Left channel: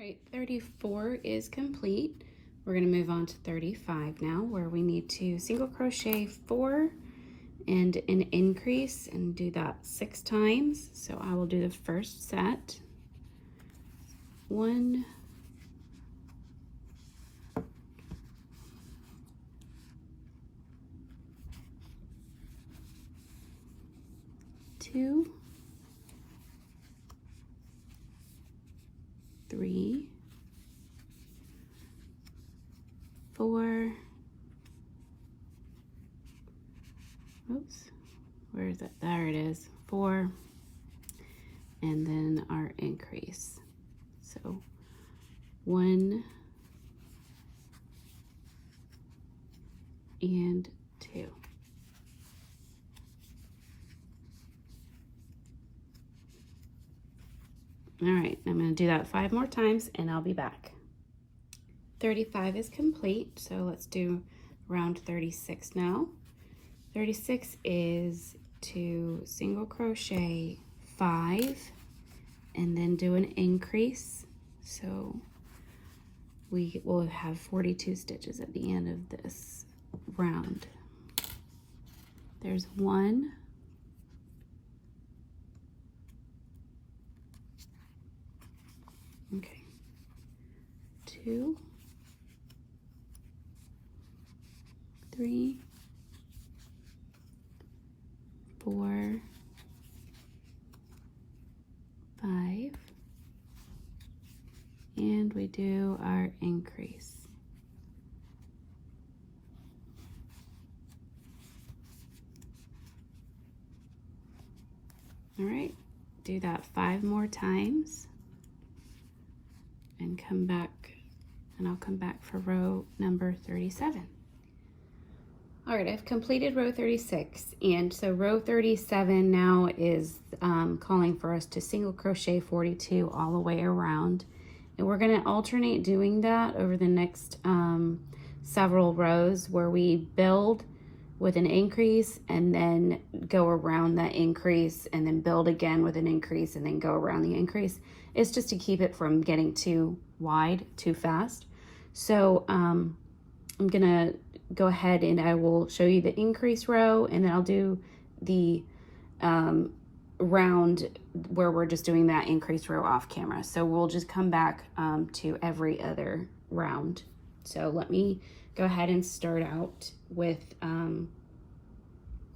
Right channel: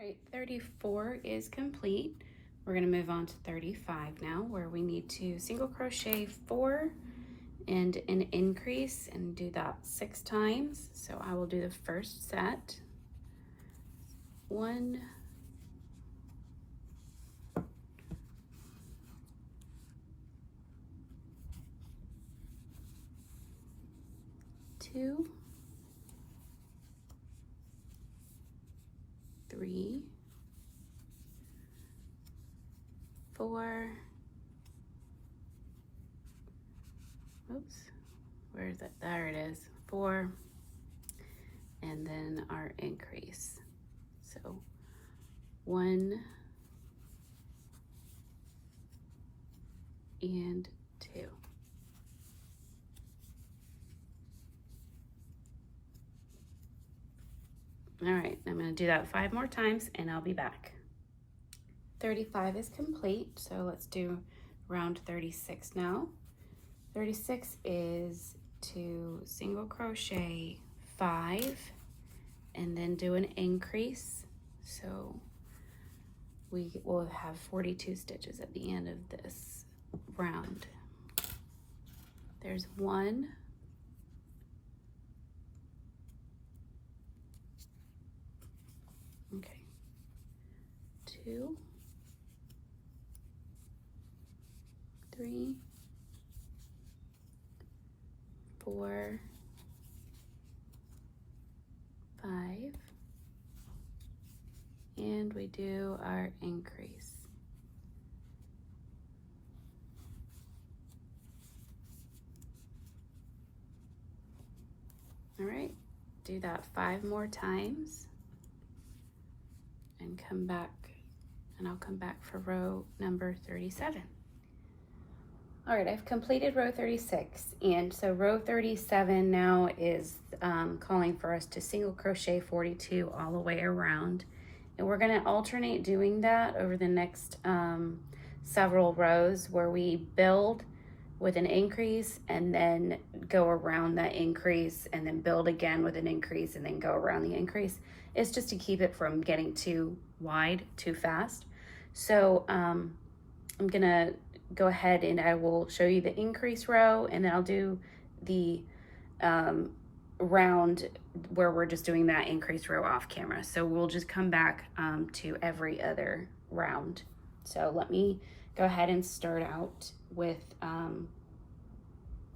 All right, 34 is complete. We're going to move on to 35 now, where we need to single crochet 4 and an increase and do that 6 times. So I will do the first set. 1, 2, 3, 4, oops, where is it? There it is, 4, and then our increase. So 1 and 2. All right, I'm going to do that 5 more times and I'll be back. 35 is complete, so let's do round 36 now. 36 is to single crochet 5 and then do an increase. So we will have 42 stitches at the end of this round. There's 1, 2, 3, 4, 5, and we do our increase. All right, do that 5 more times and come back, and I'll come back for row number 37. All right, I've completed row 36, and so row 37 now is calling for us to single crochet 42 all the way around, and we're going to alternate doing that over the next several rows, where we build with an increase and then go around that increase and then build again with an increase and then go around the increase. It's just to keep it from getting too wide too fast. So I'm gonna go ahead and I will show you the increase row, and then I'll do the round where we're just doing that increase row off camera. So we'll just come back to every other round. So let me go ahead and start out with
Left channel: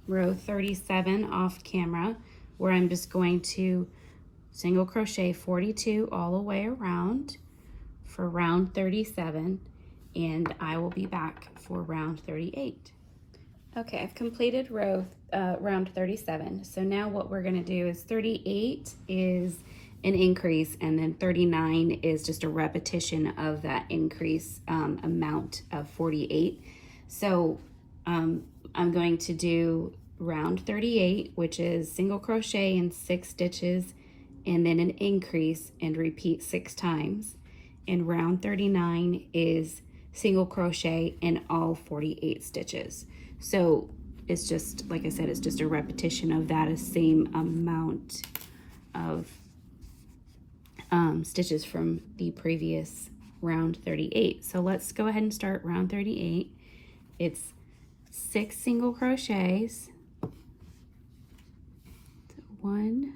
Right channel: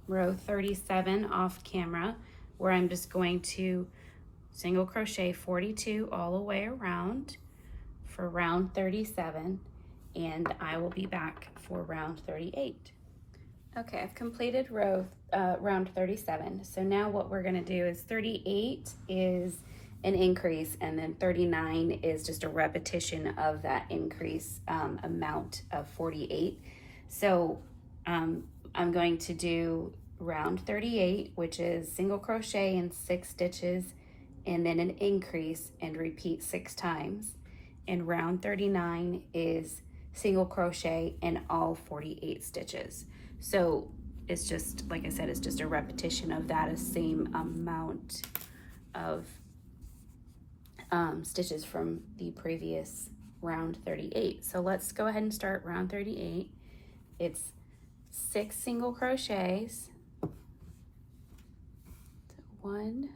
row 37 off camera, where I'm just going to single crochet 42 all the way around for round 37, and I will be back for round 38. Okay, I've completed round 37. So now what we're going to do is 38 is an increase, and then 39 is just a repetition of that increase amount of 48. So I'm going to do round 38, which is single crochet in 6 stitches and then an increase and repeat 6 times. And round 39 is single crochet in all 48 stitches. So it's just, like I said, it's just a repetition of that same amount of stitches from the previous round 38. So let's go ahead and start round 38. It's 6 single crochets, 1,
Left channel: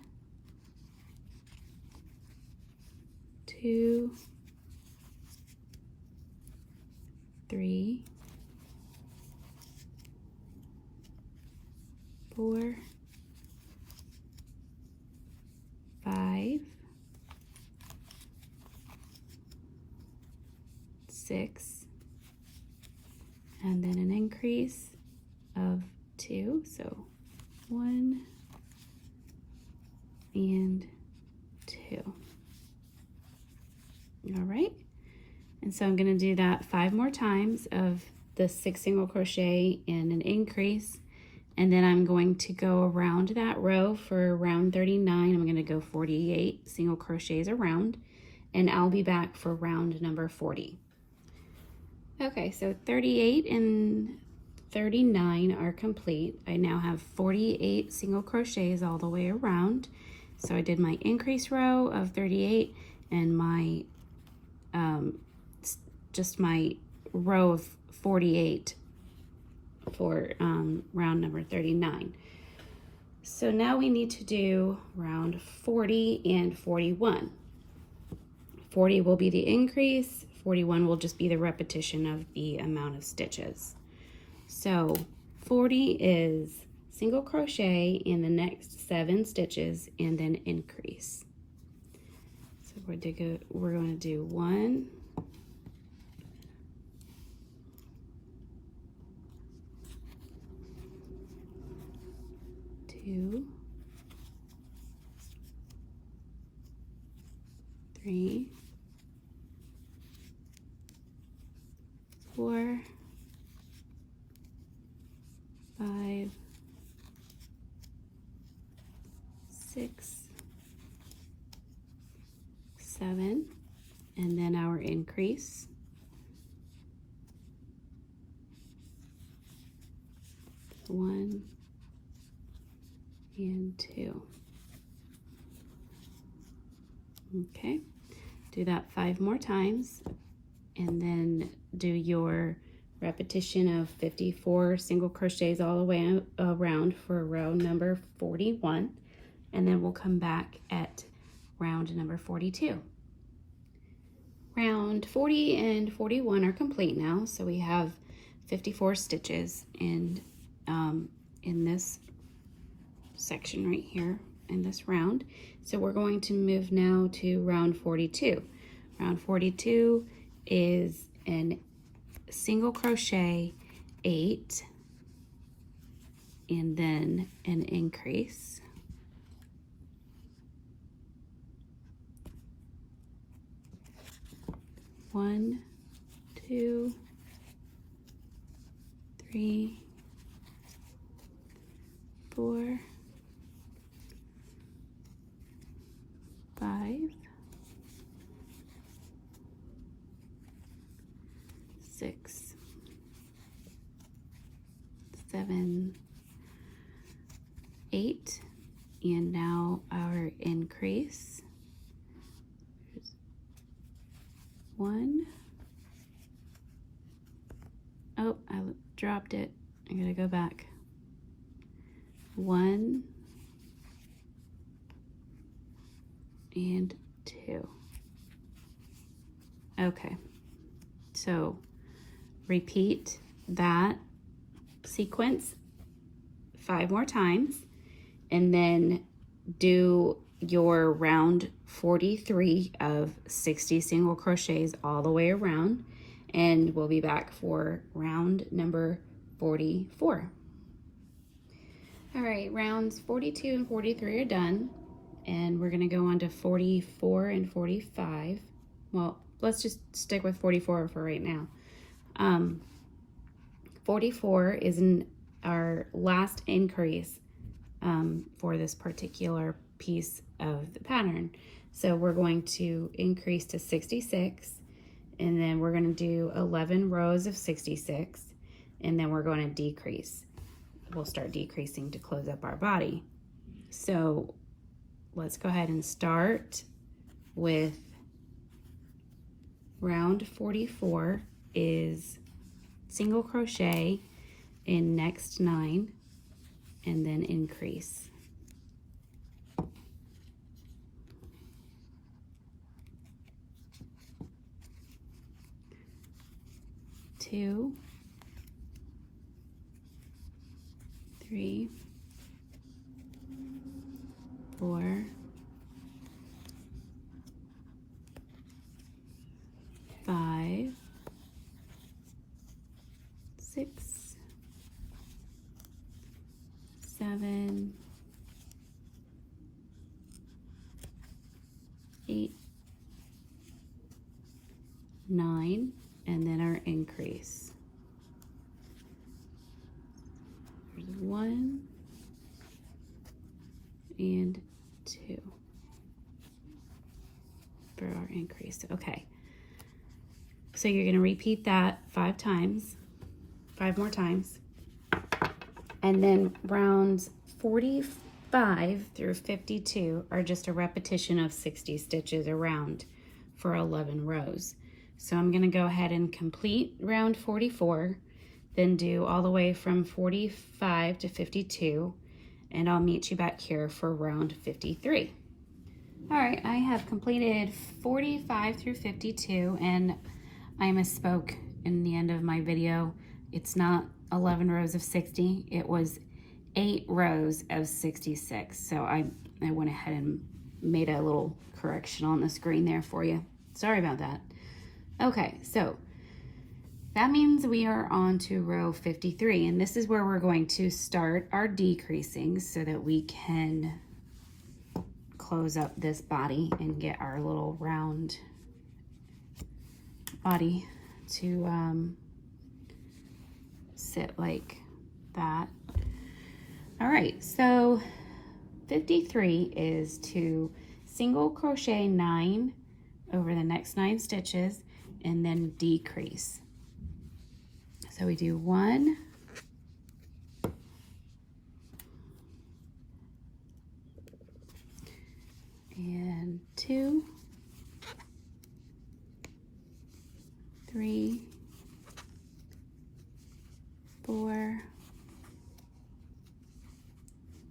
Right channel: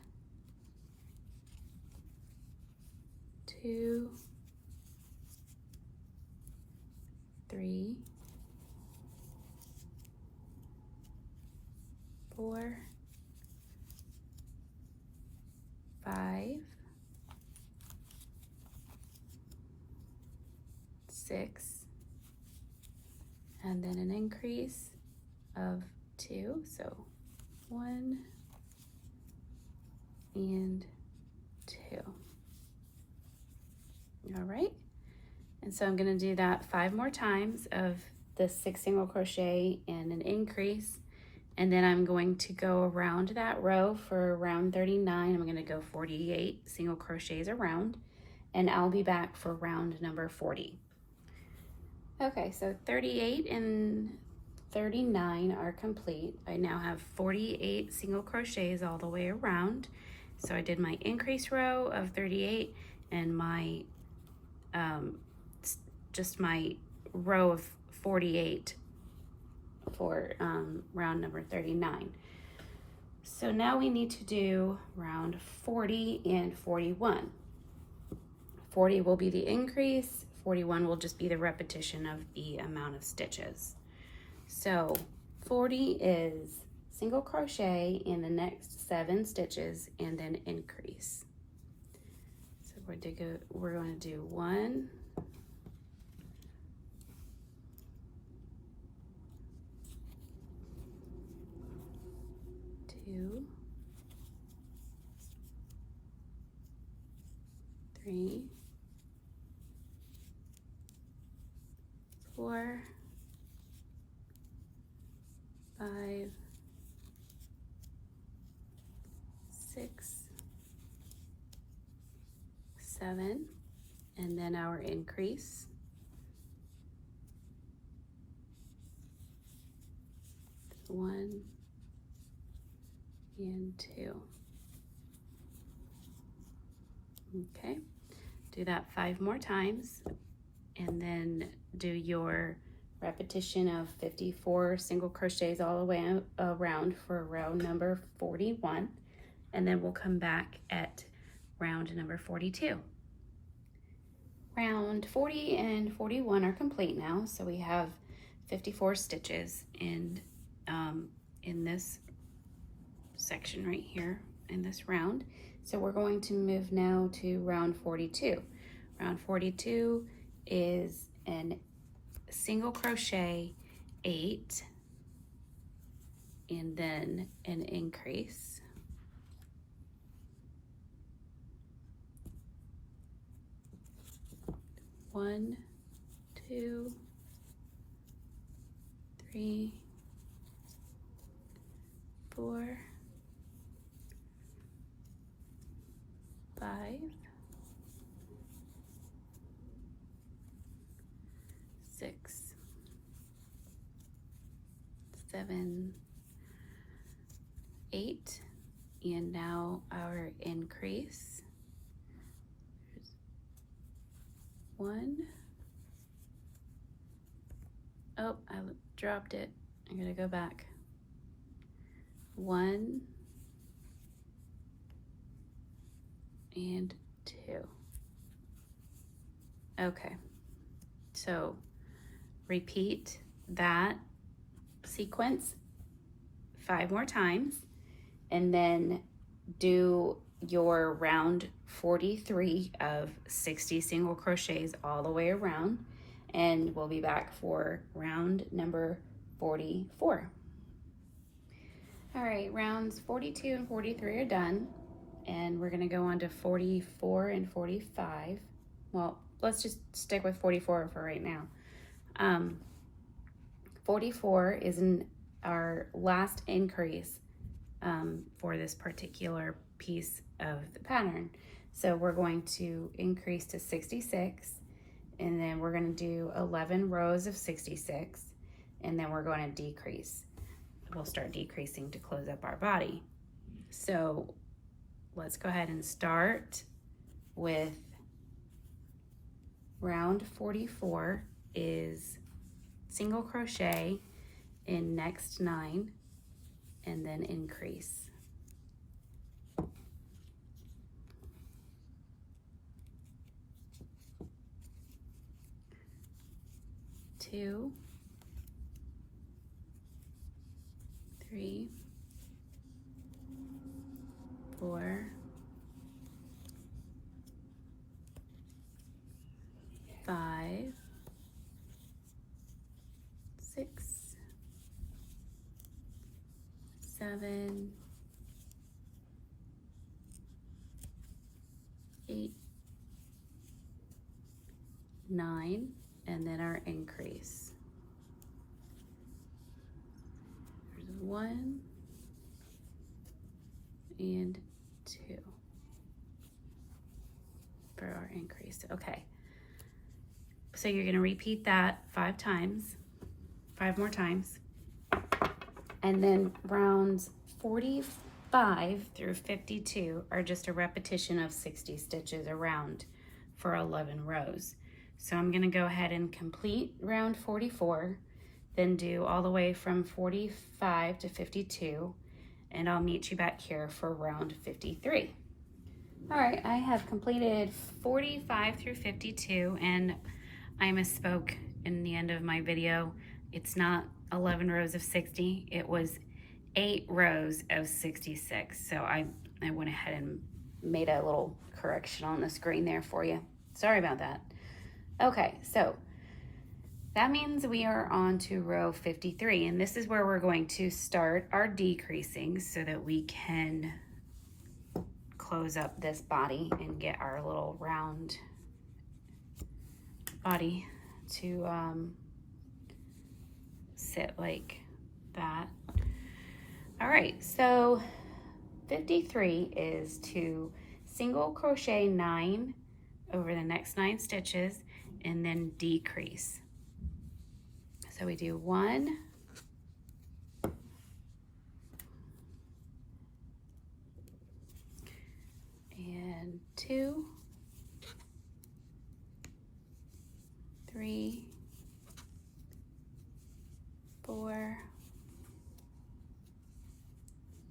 2, 3, 4, 5, 6, and then an increase of 2, so 1 and 2. All right, and so I'm going to do that 5 more times of the 6 single crochet and an increase, and then I'm going to go around that row for round 39. I'm going to go 48 single crochets around, and I'll be back for round number 40. Okay, so 38 and 39 are complete. I now have 48 single crochets all the way around. So I did my increase row of 38 and my just my row of 48 for round number 39. So now we need to do round 40 and 41. 40 will be the increase, 41 will just be the repetition of the amount of stitches. So 40 is single crochet in the next 7 stitches and then increase. So we're going to do 1, 2, 3, 4, 5, 6, 7, and then our increase. 1 and 2. Okay, do that 5 more times, and then do your repetition of 54 single crochets all the way around for round number 41, and then we'll come back at round number 42. Round 40 and 41 are complete now, so we have 54 stitches in this section right here in this round. So we're going to move now to round 42. Round 42 is an single crochet 8 and then an increase. One, 2, 3, 4, 5, 6, 7, 8, and now our increase. 1. Oh, I dropped it. I'm gonna go back. 1 and 2. Okay, so repeat that sequence 5 more times, and then do your round 43 of 60 single crochets all the way around, and we'll be back for round number 44. All right, rounds 42 and 43 are done, and we're gonna go on to 44 and 45. Well, let's just stick with 44 for right now. 44 is our last increase for this particular piece of the pattern. So we're going to increase to 66, and then we're going to do 11 rows of 66, and then we're going to decrease. We'll start decreasing to close up our body. So let's go ahead and start with round 44 is single crochet in next 9 and then increase. 2, 3, 4, 5, 6, 7, 8, 9, and then our increase. There's 1 and 2 for our increase. Okay, so you're going to repeat that 5 more times, and then rounds 45 through 52 are just a repetition of 60 stitches around for 11 rows. So I'm going to go ahead and complete round 44, then do all the way from 45 to 52, and I'll meet you back here for round 53. All right, I have completed 45 through 52, and I misspoke in the end of my video. It's not 11 rows of 60, it was 8 rows of 66. So I went ahead and made a little correction on the screen there for you. Sorry about that. Okay, so that means we are on to row 53, and this is where we're going to start our decreasing so that we can close up this body and get our little round body to sit like that. All right, so 53 is to single crochet 9 over the next 9 stitches and then decrease. So we do 1, and 2, 3, 4,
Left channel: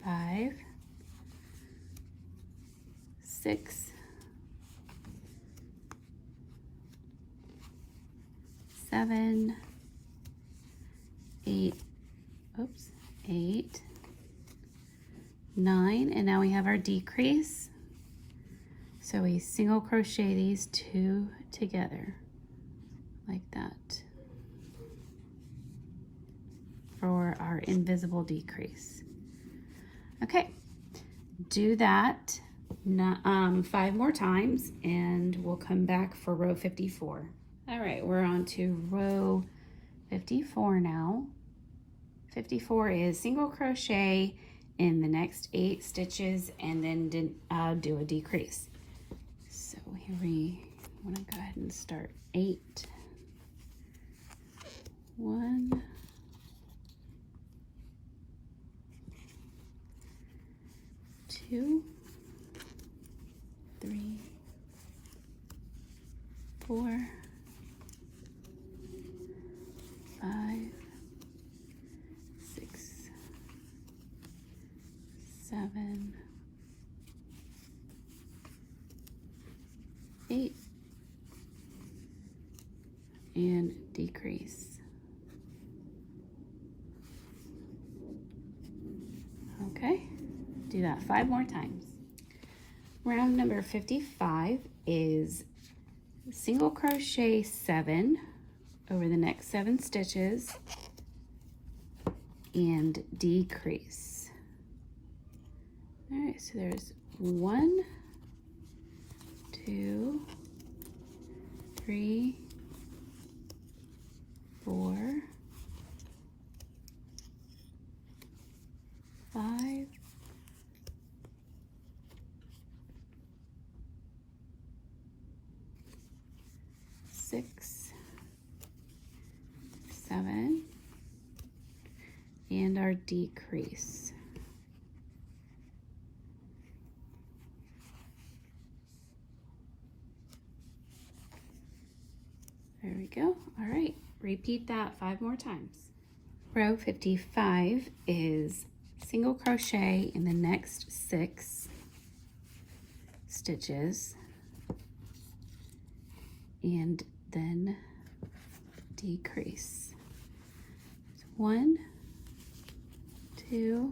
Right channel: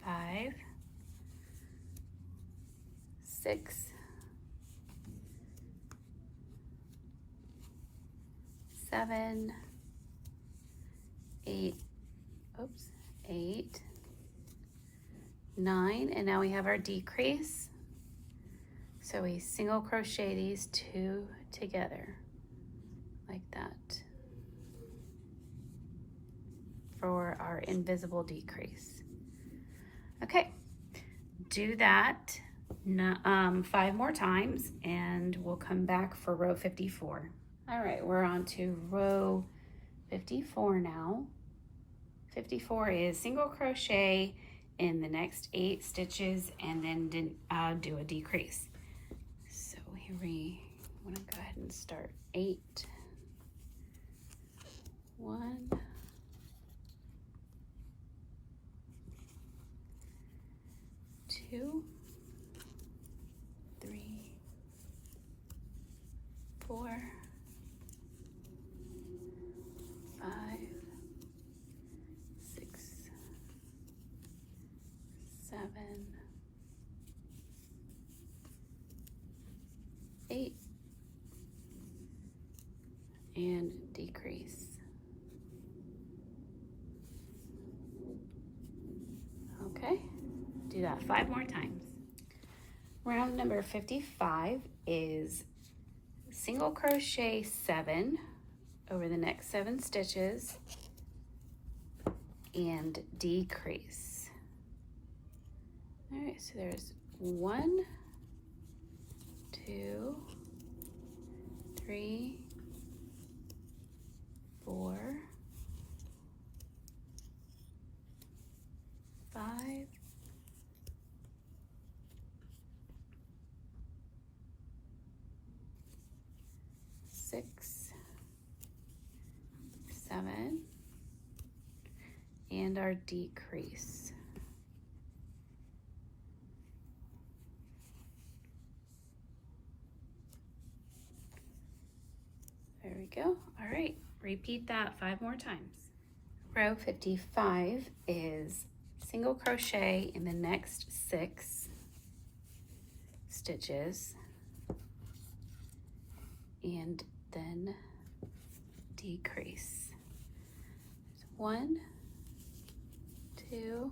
5, 6, 7, 8, 8, 9, and now we have our decrease. So we single crochet these 2 together like that for our invisible decrease. Okay, do that 5 more times and we'll come back for row 54. All right, we're on to row 54 now. 54 is single crochet in the next 8 stitches and then do a decrease. So here I'm gonna go ahead and start 8, 1, 2, 3, 4, 5, 6, 7, 8, and decrease. Okay, do that 5 more times. Round number 55 is single crochet 7 over the next 7 stitches and decrease. All right, so there's 1, 2, 3, 4, 5, 6, 7, and our decrease. There we go. All right, repeat that 5 more times. Row 55 is single crochet in the next 6 stitches and then decrease. 1, 2,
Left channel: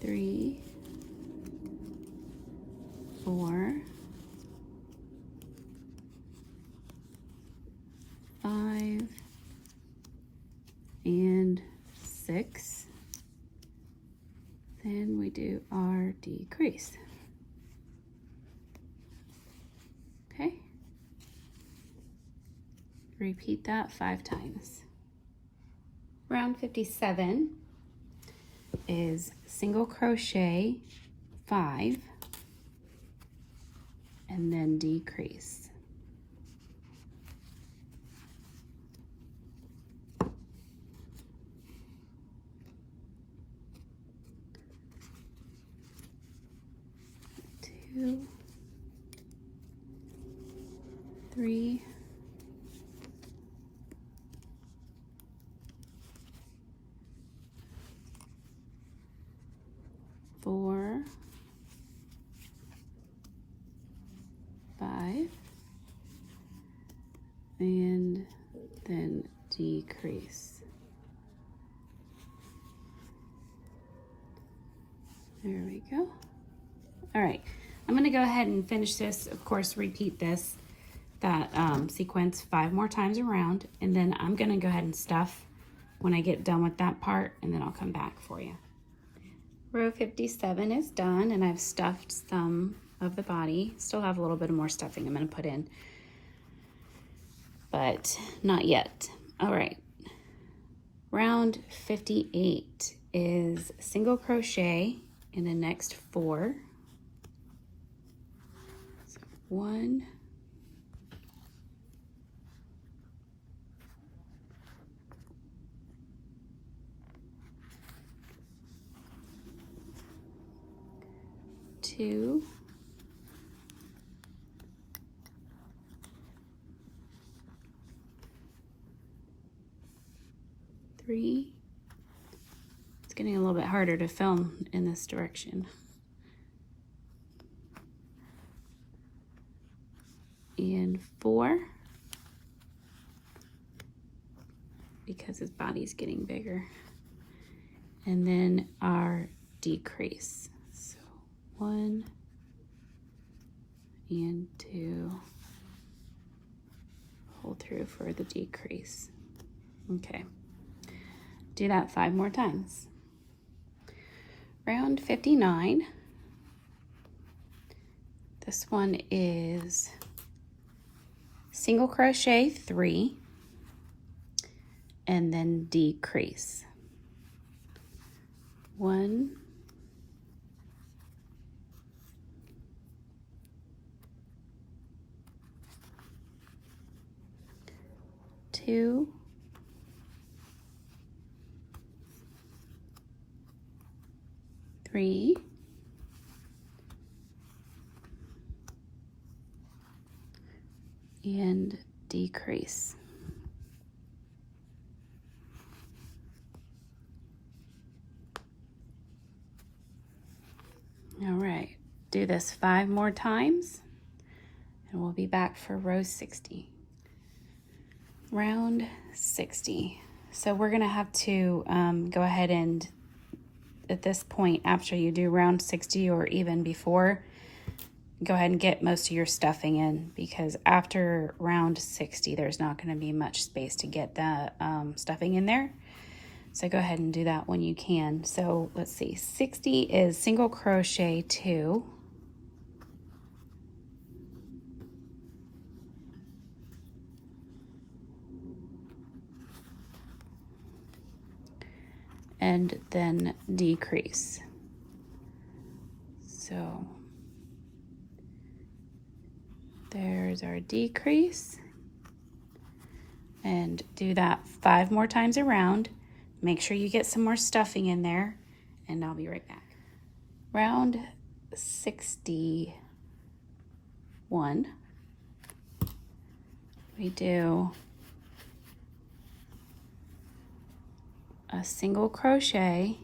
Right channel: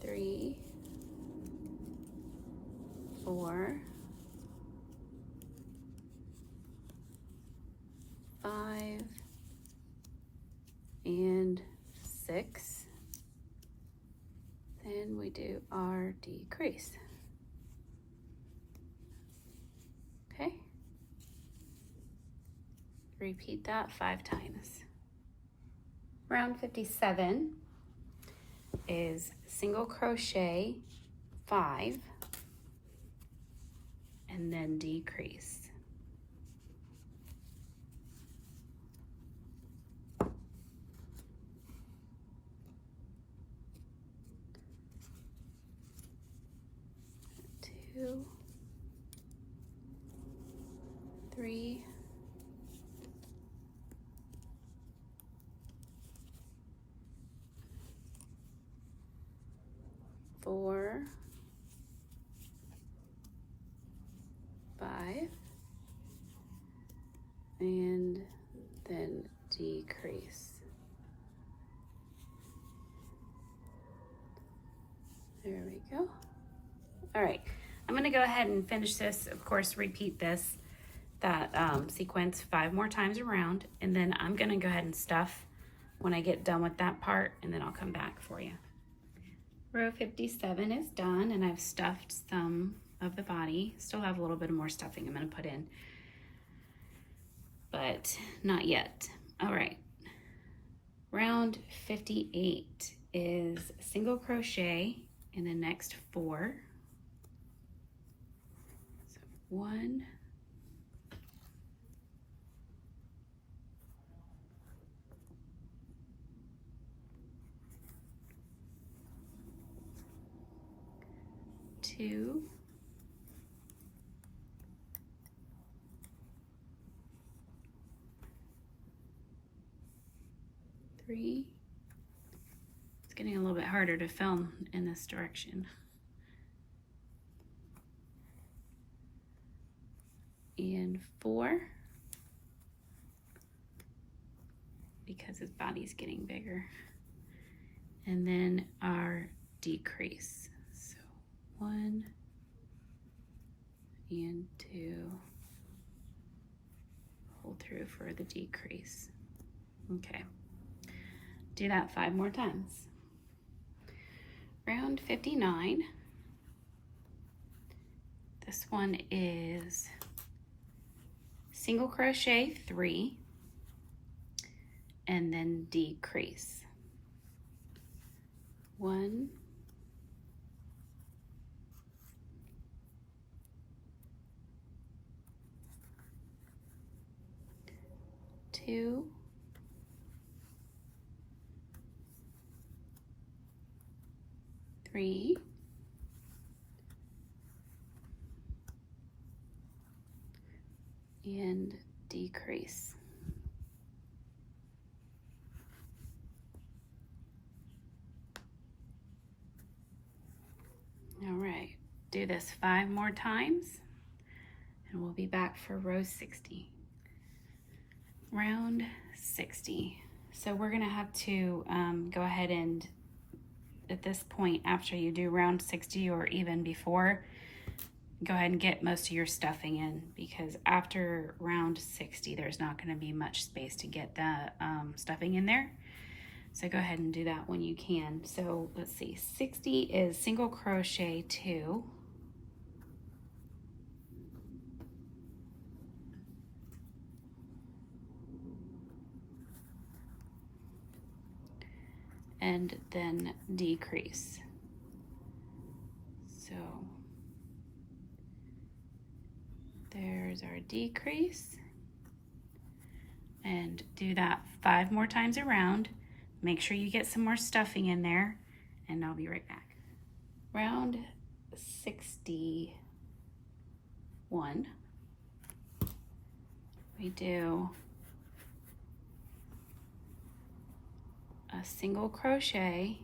3, 4, 5, and 6. Then we do our decrease. Okay. Repeat that 5 times. Round 57 is single crochet 5 and then decrease. 3, 4, 5, and then decrease. There we go. All right, I'm gonna go ahead and finish this. Of course, repeat that sequence 5 more times around, and then I'm gonna go ahead and stuff when I get done with that part, and then I'll come back for you. Row 57 is done, and I've stuffed some of the body. Still have a little bit of more stuffing I'm gonna put in, but not yet. All right, round 58 is single crochet in the next 4. So 1, 2, 3. It's getting a little bit harder to film in this direction. And 4, because his body's getting bigger. And then our decrease. So 1 and 2. Pull through for the decrease. Okay. Do that 5 more times. Round 59. This one is single crochet 3 and then decrease. 1, 2, 3, 4, and decrease. All right, do this 5 more times, and we'll be back for row 60. Round 60. So we're gonna have to go ahead and, at this point, after you do round 60 or even before, go ahead and get most of your stuffing in, because after round 60 there's not going to be much space to get the stuffing in there. So go ahead and do that when you can. So let's see, 60 is single crochet 2, and then decrease. So there's our decrease, and do that 5 more times around. Make sure you get some more stuffing in there, and I'll be right back. Round 61, we do a single crochet,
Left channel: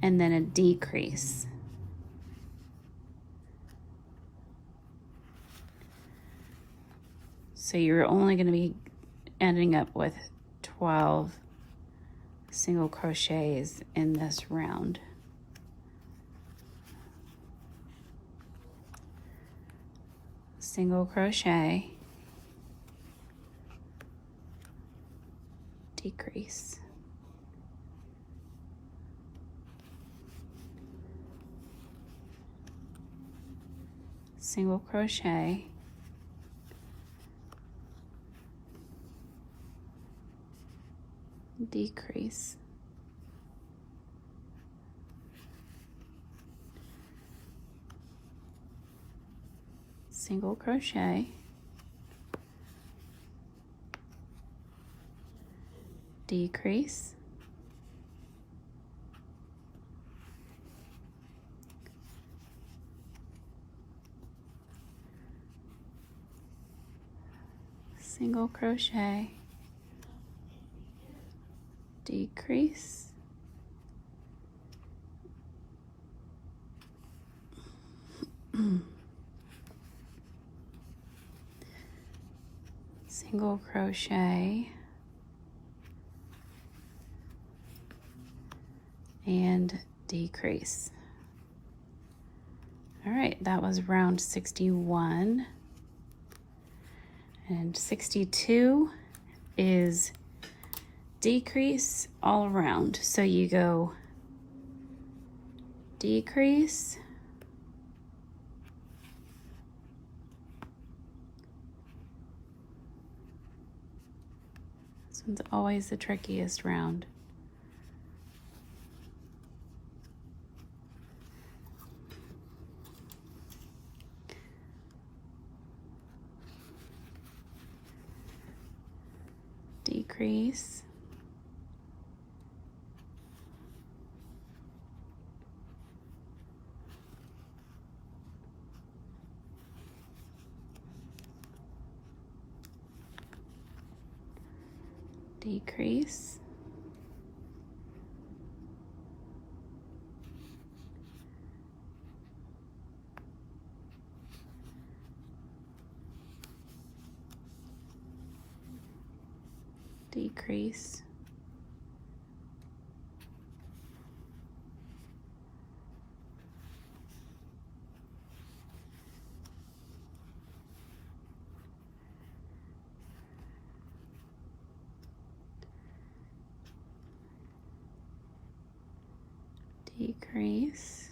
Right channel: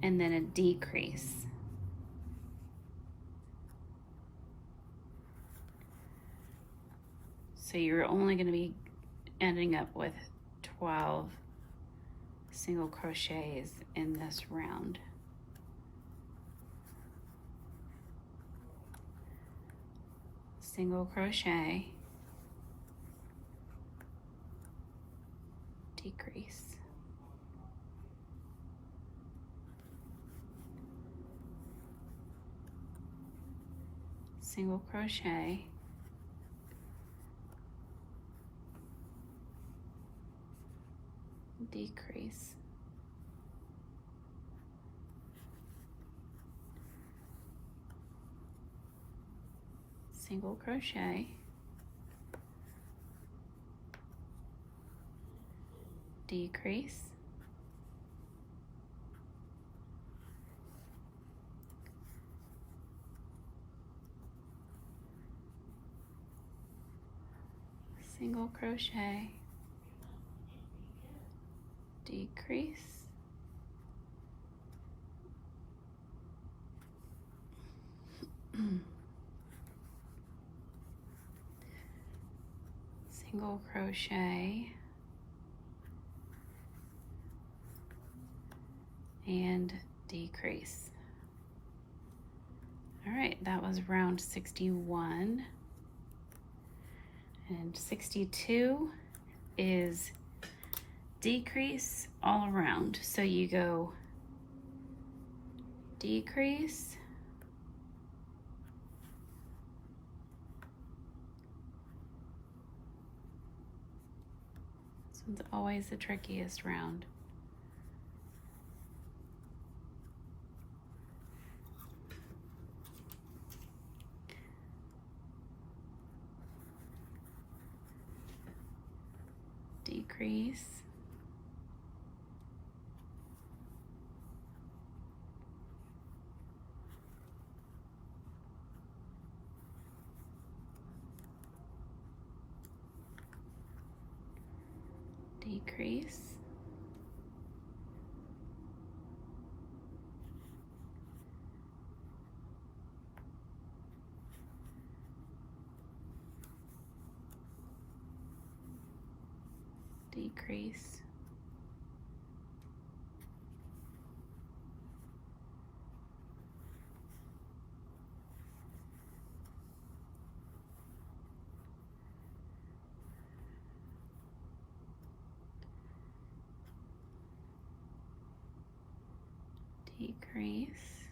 and then a decrease. So you're only going to be ending up with 12 single crochets in this round. Single crochet, decrease. Single crochet, decrease. Single crochet, decrease. single crochet, decrease, single crochet, and decrease. All right, that was round 61. And 62 is decrease all around. So you go decrease, this one's always the trickiest round. Decrease, decrease, decrease, decrease,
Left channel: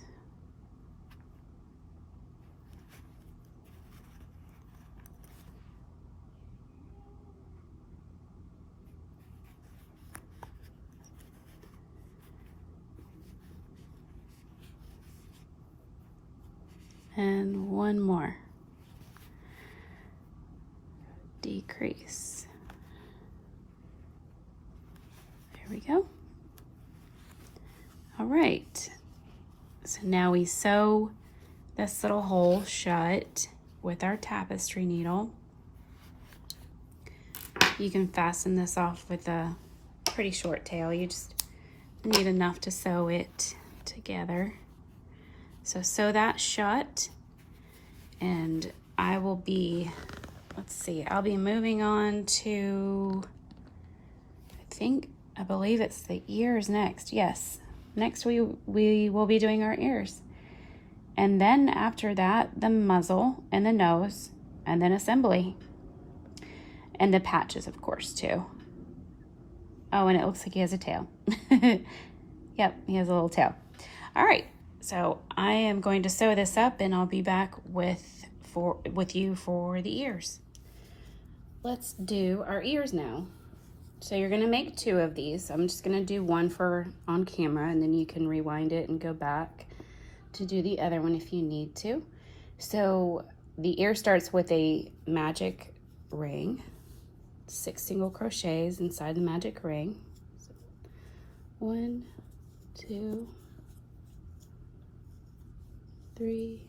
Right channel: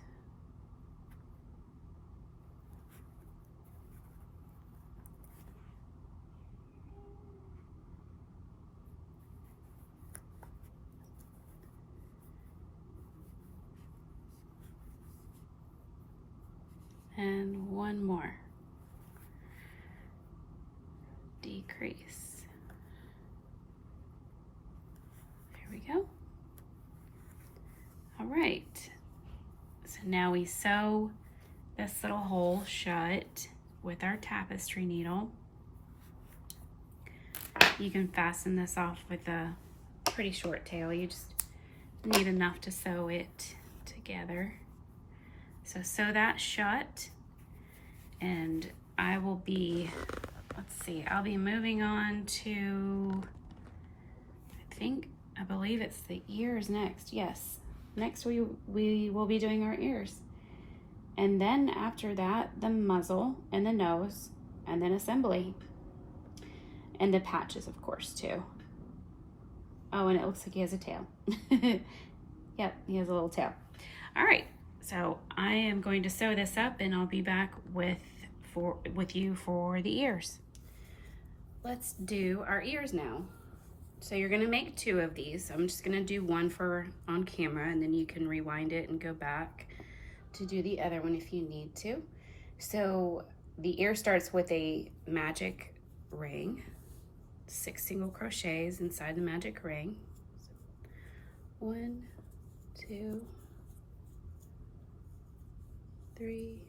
and one more. Decrease. There we go. All right. So now we sew this little hole shut with our tapestry needle. You can fasten this off with a pretty short tail. You just need enough to sew it together. So sew that shut, and I will be, let's see, I'll be moving on to, I believe it's the ears next. Yes, next we will be doing our ears. And then after that, the muzzle and the nose, and then assembly. And the patches, of course, too. Oh, and it looks like he has a tail. Yep, he has a little tail. All right. So I am going to sew this up, and I'll be back with you for the ears. Let's do our ears now. So you're gonna make 2 of these. I'm just gonna do one for on camera, and then you can rewind it and go back to do the other one if you need to. So the ear starts with a magic ring, 6 single crochets inside the magic ring. 1, 2, 3,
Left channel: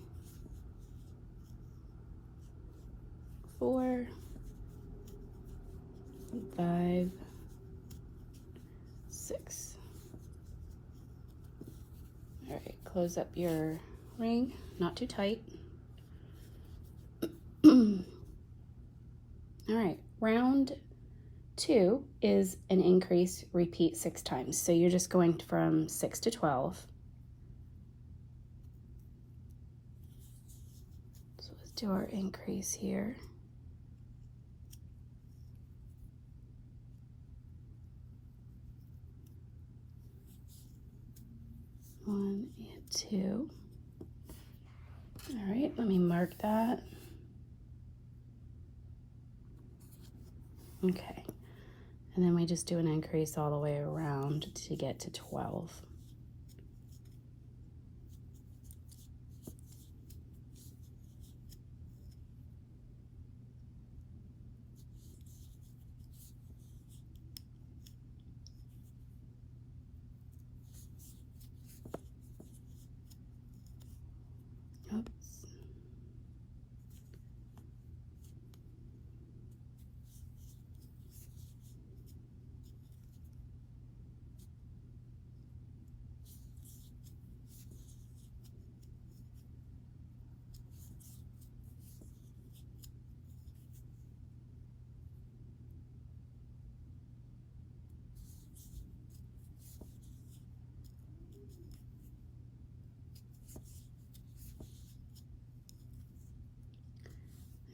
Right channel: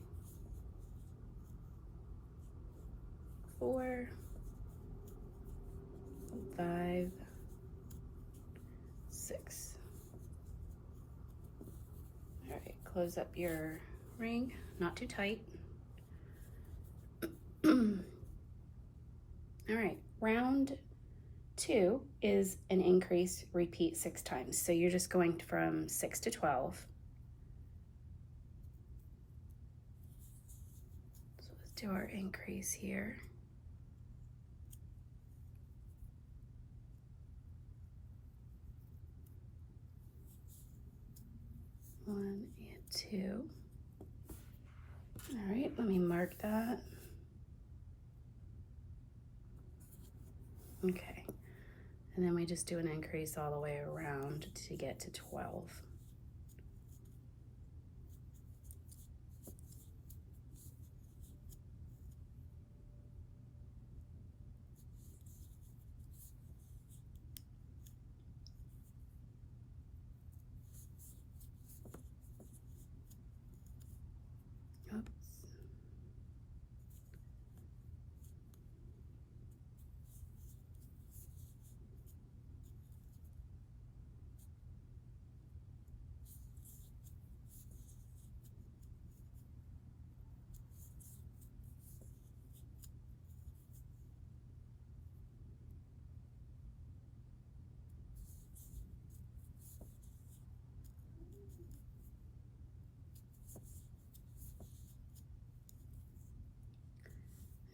4, 5, 6. All right, close up your ring, not too tight. All right, round 2 is an increase, repeat 6 times. So you're just going from 6 to 12. Do our increase here. 1 and 2. All right, let me mark that. Okay, and then we just do an increase all the way around to get to 12. Oops.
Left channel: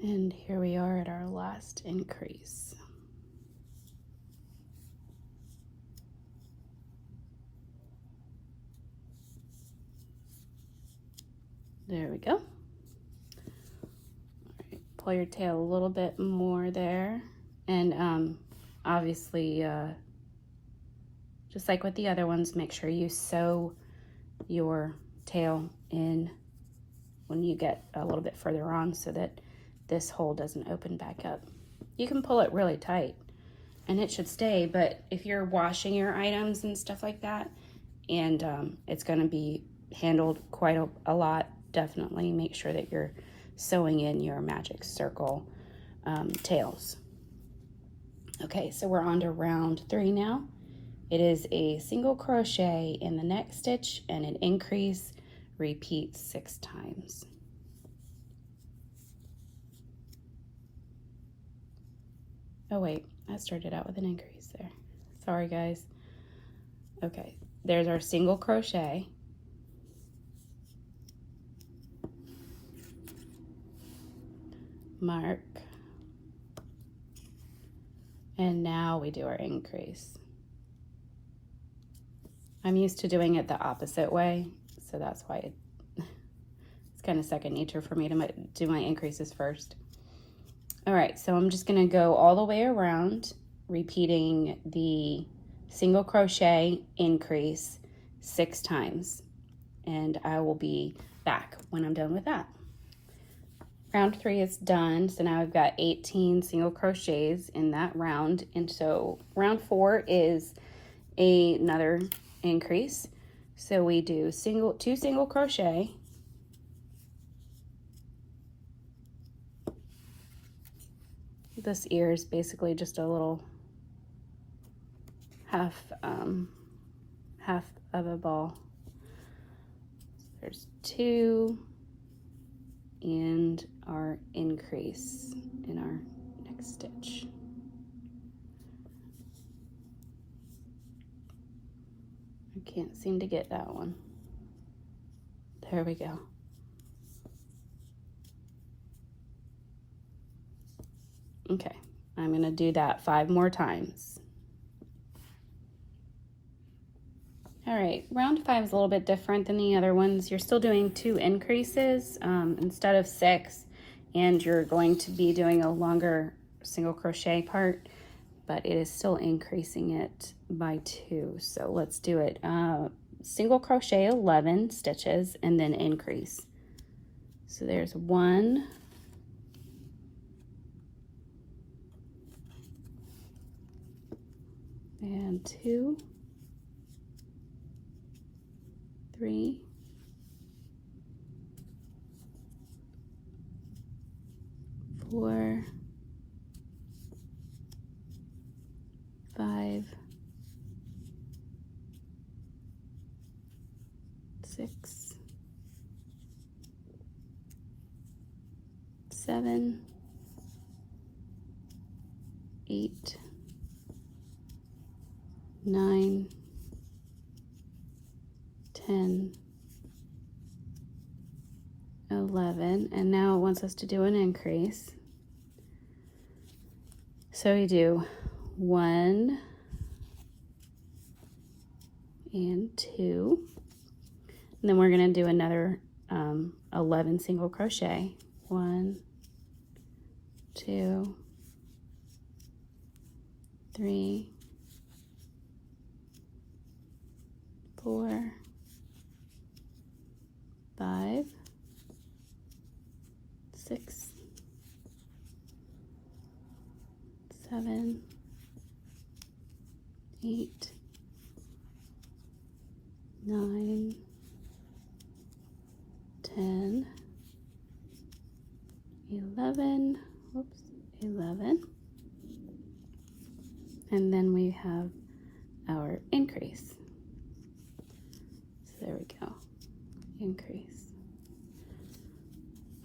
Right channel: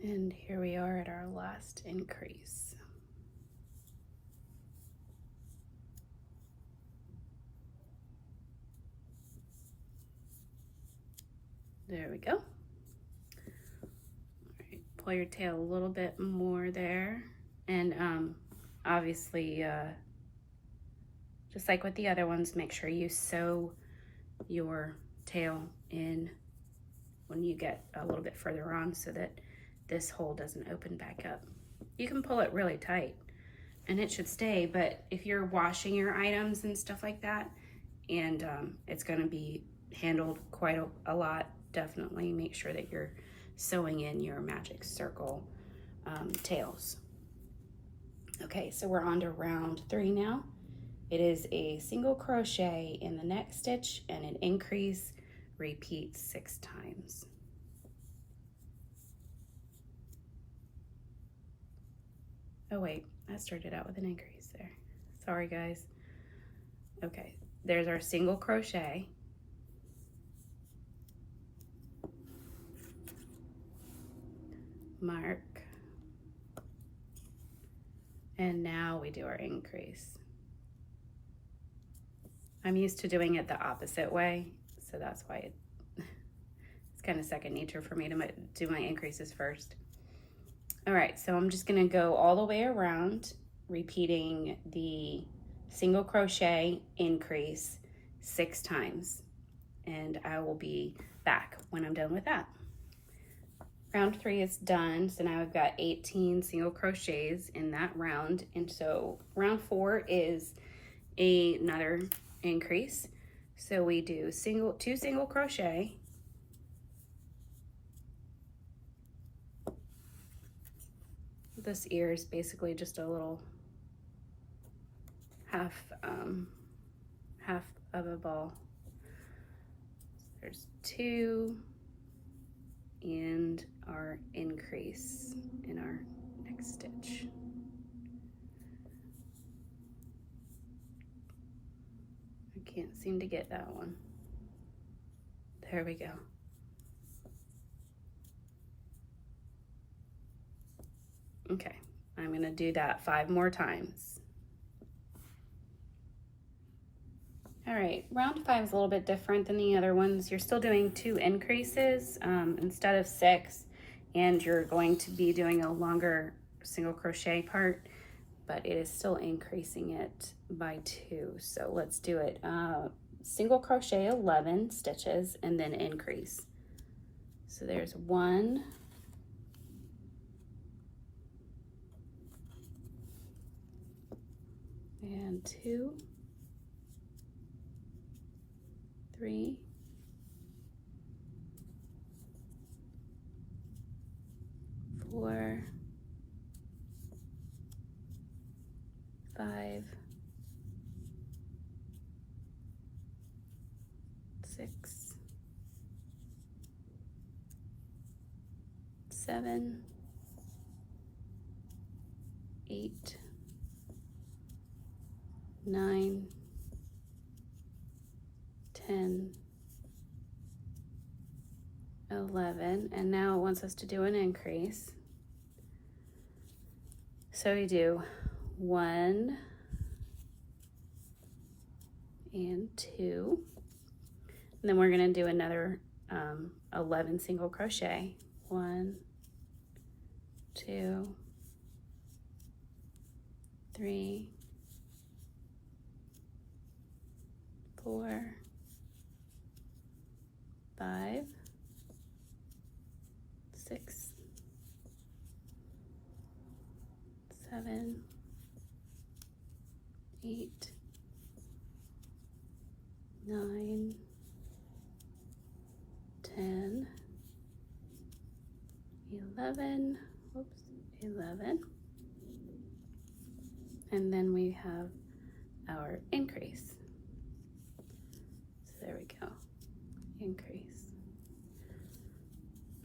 And here we are at our last increase. There we go. All right, pull your tail a little bit more there. And obviously, just like with the other ones, make sure you sew your tail in when you get a little bit further on so that this hole doesn't open back up. You can pull it really tight and it should stay, but if you're washing your items and stuff like that, and it's gonna be handled quite a lot, definitely make sure that you're sewing in your magic circle tails. Okay, so we're on to round 3 now. It is a single crochet in the next stitch and an increase, repeat 6 times. Oh wait, I started out with an increase there. Sorry guys. Okay, there's our single crochet. Mark. And now we do our increase. I'm used to doing it the opposite way, so that's why it's kind of second nature for me to do my increases first. All right, so I'm just gonna go all the way around, repeating the single crochet increase 6 times, and I will be back when I'm done with that. Round 3 is done, so now I've got 18 single crochets in that round, and so round 4 is another increase. So we do 2 single crochet, this ear is basically just a little half of a ball. There's 2 and our increase in our next stitch. I can't seem to get that one. There we go. Okay, I'm gonna do that 5 more times. All right, round 5 is a little bit different than the other ones. You're still doing 2 increases instead of 6, and you're going to be doing a longer single crochet part, but it is still increasing it by 2. So let's do it. Single crochet 11 stitches and then increase. So there's 1, and 2, 3, 4, 5, 6, 7, 8, 9, 10, 11, and now it wants us to do an increase. So we do 1 and 2, and then we're going to do another 11 single crochet. 1, 2, 3, 4, 5, 6, 7, 8, 9, 10, 11, 11, and then we have our increase. So there we go, increase.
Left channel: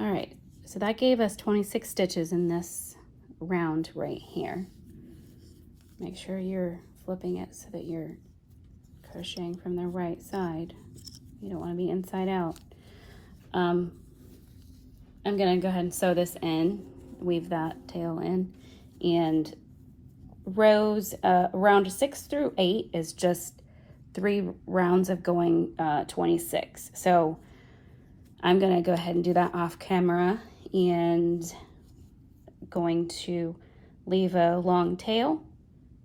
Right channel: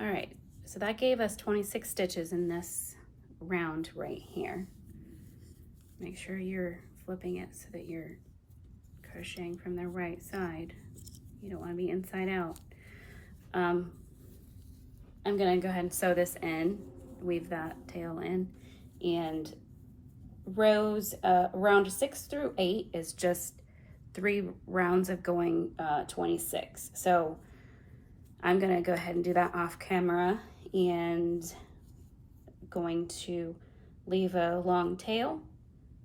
All right, so that gave us 26 stitches in this round right here. Make sure you're flipping it so that you're crocheting from the right side. You don't want to be inside out. I'm gonna go ahead and sew this in weave that tail in. And rows round 6 through 8 is just 3 rounds of going 26. So I'm gonna go ahead and do that off camera, and going to leave a long tail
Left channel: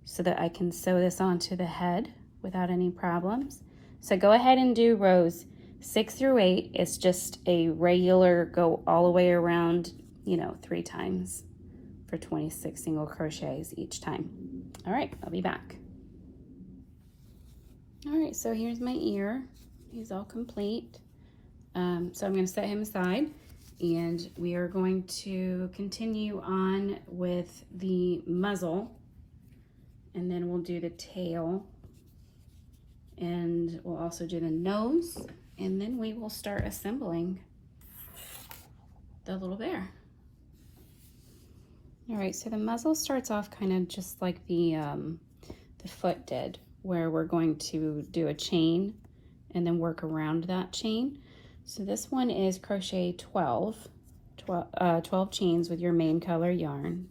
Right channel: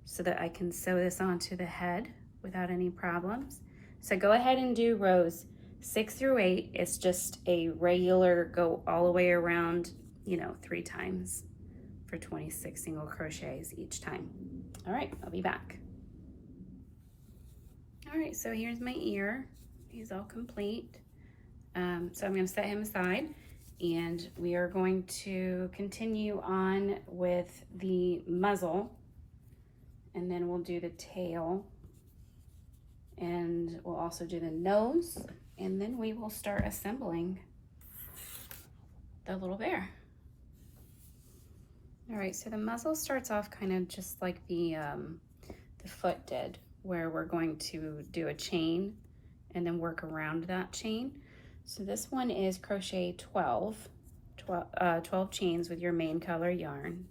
so that I can sew this onto the head without any problems. So go ahead and do rows 6 through 8. It's just a regular go all the way around, you know, 3 times for 26 single crochets each time. All right, I'll be back. All right, so here's my ear. He's all complete. So I'm going to set him aside, and we are going to continue on with the muzzle, and then we'll do the tail, and we'll also do the nose, and then we will start assembling the little bear. All right, so the muzzle starts off kind of just like the foot did, where we're going to do a chain and then work around that chain. So this one is crochet 12 chains with your main color yarn.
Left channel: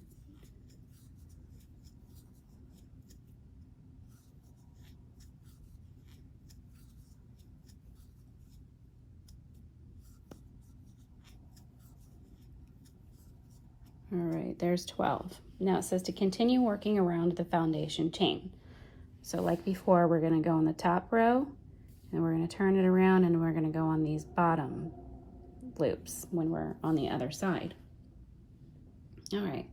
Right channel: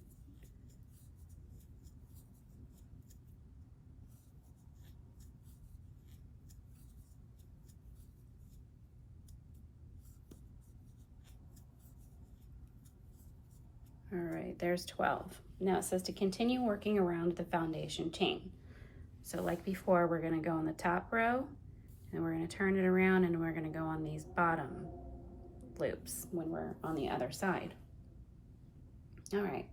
All right, there's 12. Now it says to continue working around the foundation chain. So like before, we're going to go on the top row, and we're going to turn it around, and we're going to go on these bottom loops when we're on the other side. All right,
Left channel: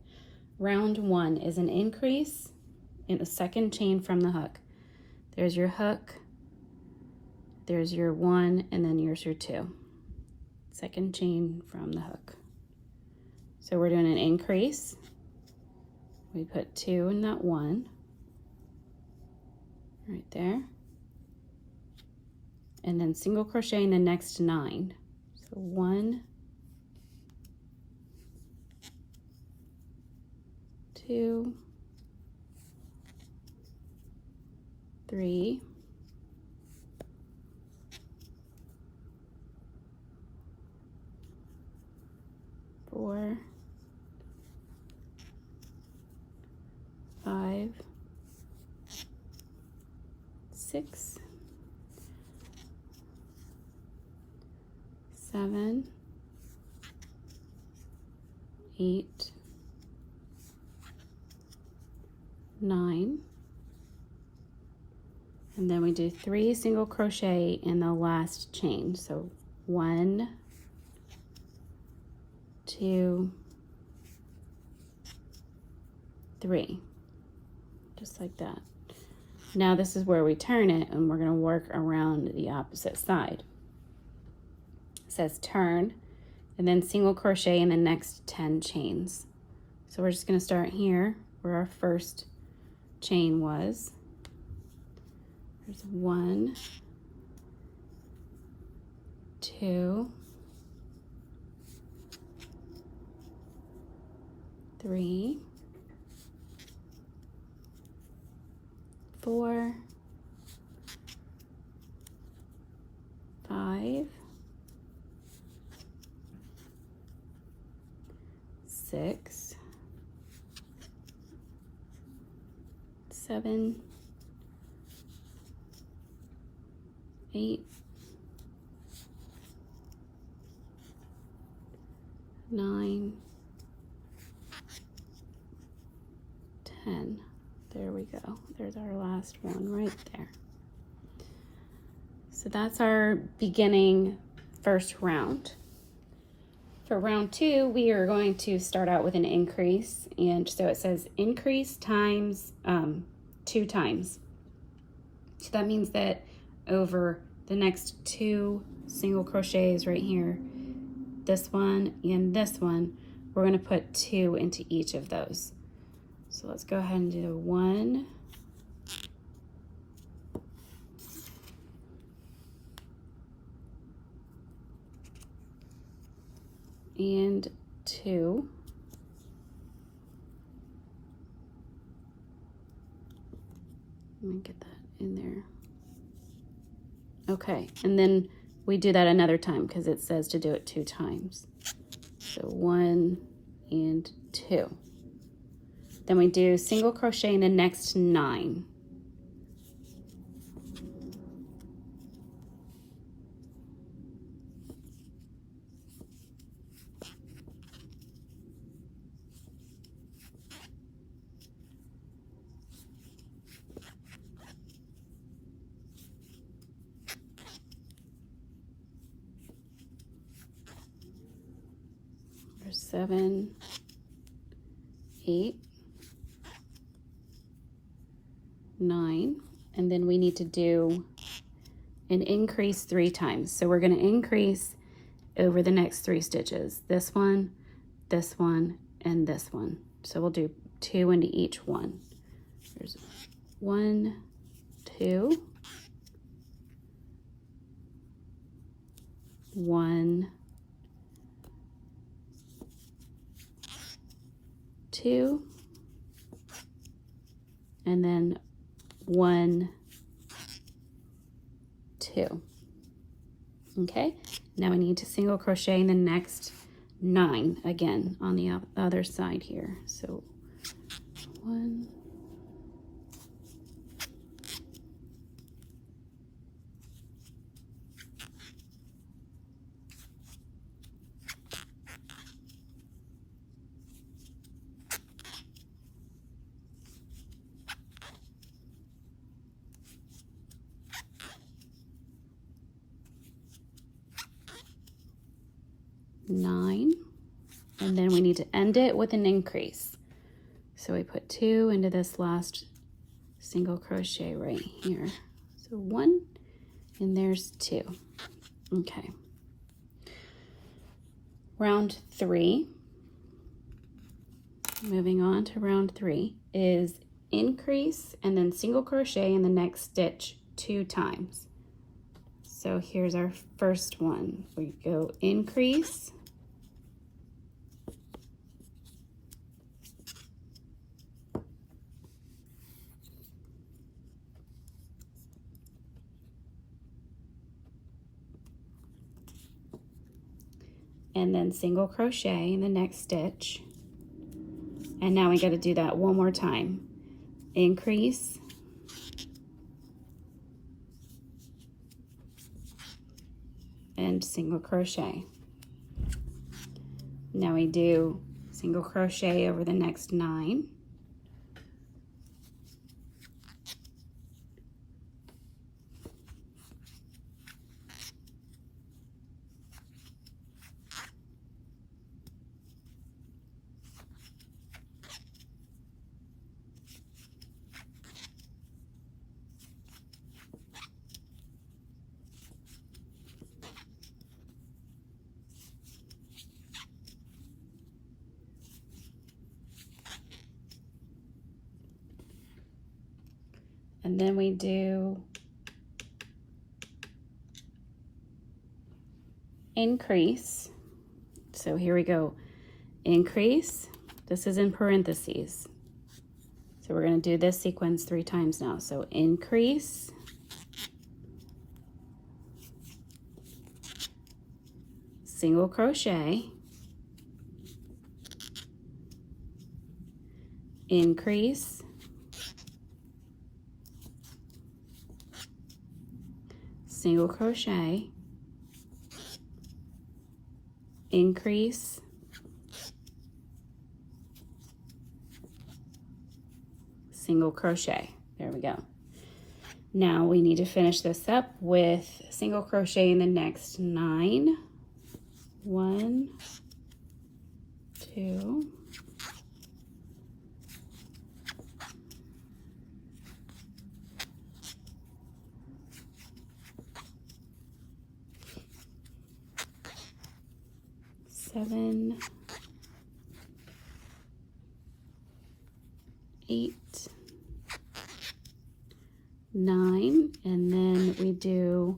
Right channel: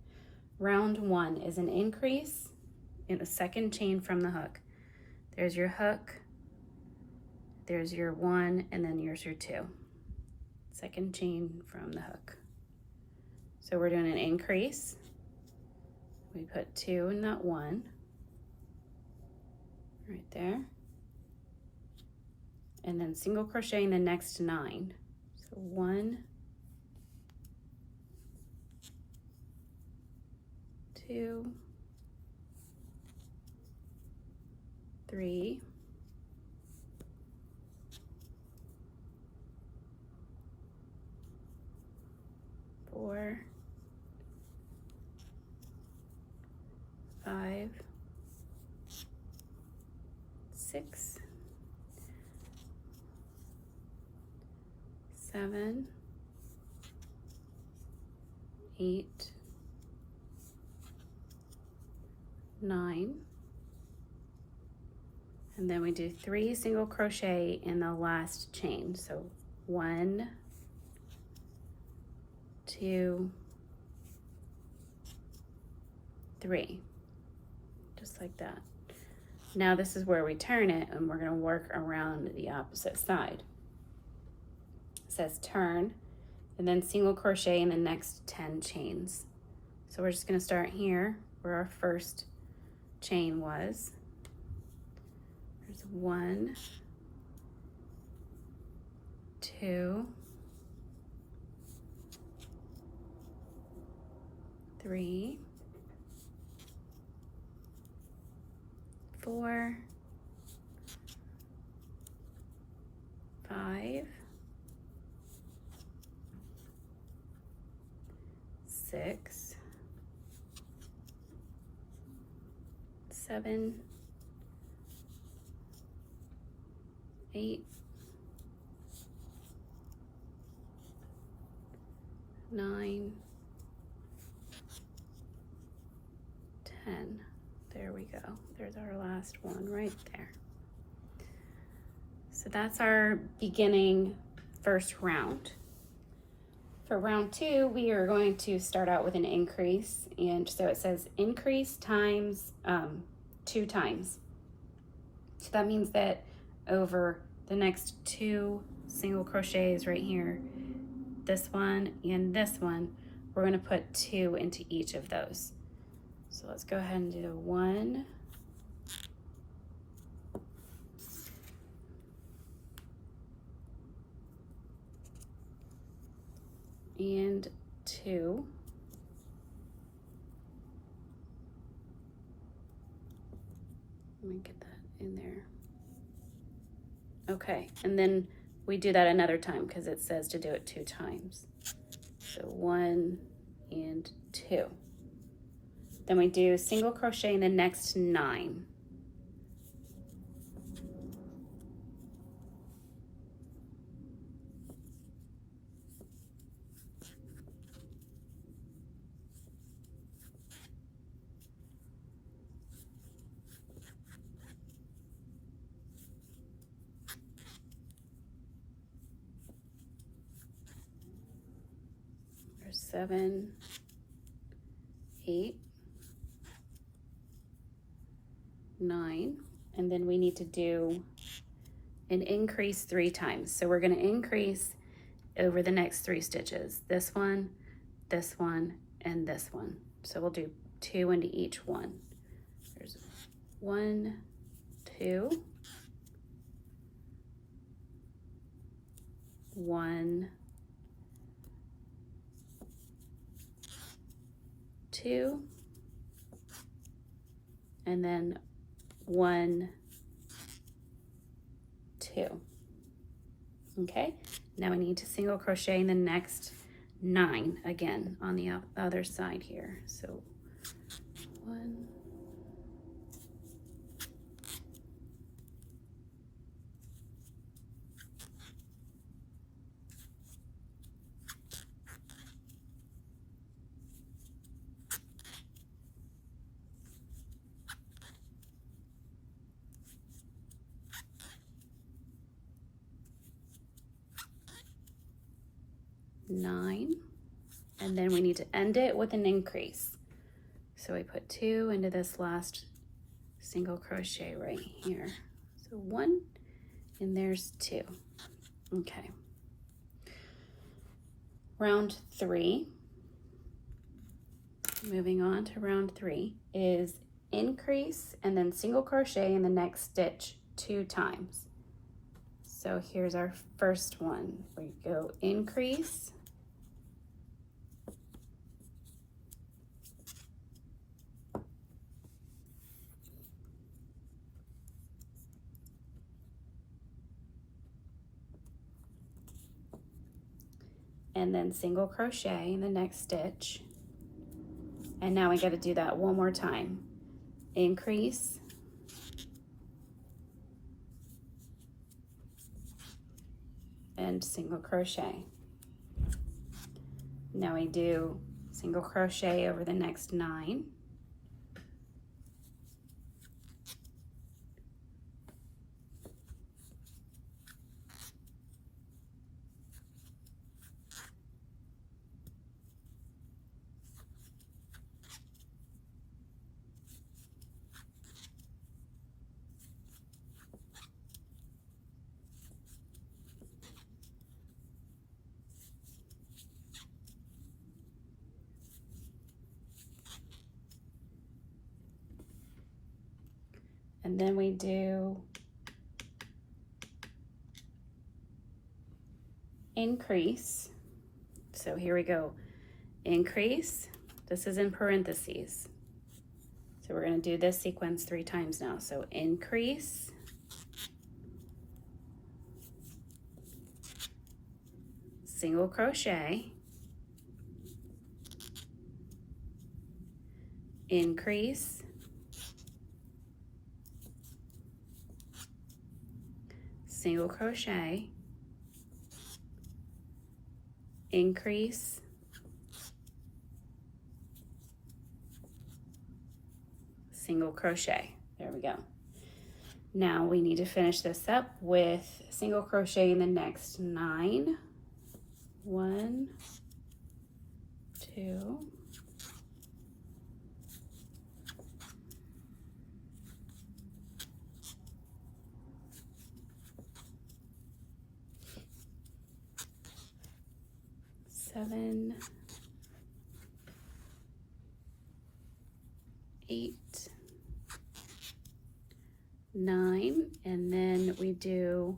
round 1 is an increase in the second chain from the hook. There's your hook, there's your 1, and then here's your 2. Second chain from the hook. So we're doing an increase. We put 2 in that 1, right there. And then single crochet in the next 9. So 1, 2, 3, 4, 5, 6, 7, 8, 9, and then we do 3 single crochet in the last chain. So 1, 2, 3, just like that. Now this is where we turn it, and we're going to work around the opposite side. It says turn, and then single crochet in the next 10 chains. So we're just going to start here where our first chain was. There's 1, 2, 3, 4, 5, 6, 7, 8, 9, 10. There we go. There's our last one right there. So that's our beginning first round. For round 2, we are going to start out with an increase, and so it says increase times 2 times. So that means that over the next 2 single crochets right here, this one and this one, we're going to put 2 into each of those. So let's go ahead and do 1, and 2, let me get that in there. Okay, and then we do that another time because it says to do it 2 times. So 1 and 2. Then we do single crochet in the next 9. There's 7, 8, 9, and then we need to do an increase 3 times. So we're going to increase over the next 3 stitches. This one, and this one. So we'll do 2 into each one. There's 1, 2, 1, 2, and then 1, 2. Okay, now I need to single crochet in the next 9 again on the other side here. So 1, 9, and then we need to end it with an increase. So we put 2 into this last single crochet right here. So 1, and there's 2. Okay. Round 3, moving on to round 3, is increase and then single crochet in the next stitch 2 times. So here's our first one. We go increase, and then single crochet in the next stitch. And now we got to do that one more time. Increase, and single crochet. Now we do single crochet over the next 9. And then we do increase. So here we go. Increase. This is in parentheses. So we're going to do this sequence 3 times now. So increase, single crochet, increase, single crochet, increase, single crochet. There we go. Now we need to finish this up with single crochet in the next 9. 1, 2, 7, 8, 9, and then we do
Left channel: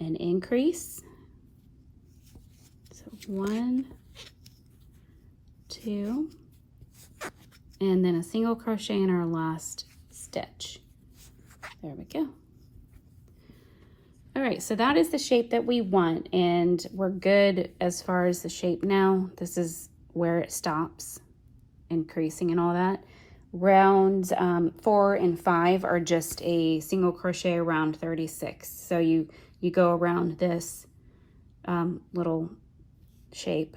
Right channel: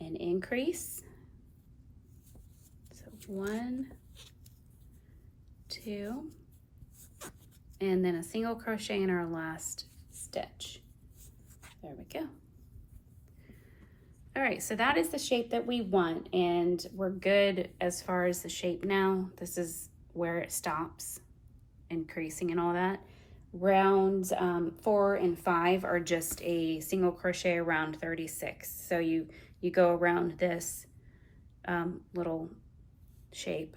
an increase. So 1, 2, and then a single crochet in our last stitch. There we go. All right, so that is the shape that we want, and we're good as far as the shape now. This is where it stops, increasing and all that. Rounds 4 and 5 are just a single crochet around 36. So you go around this little shape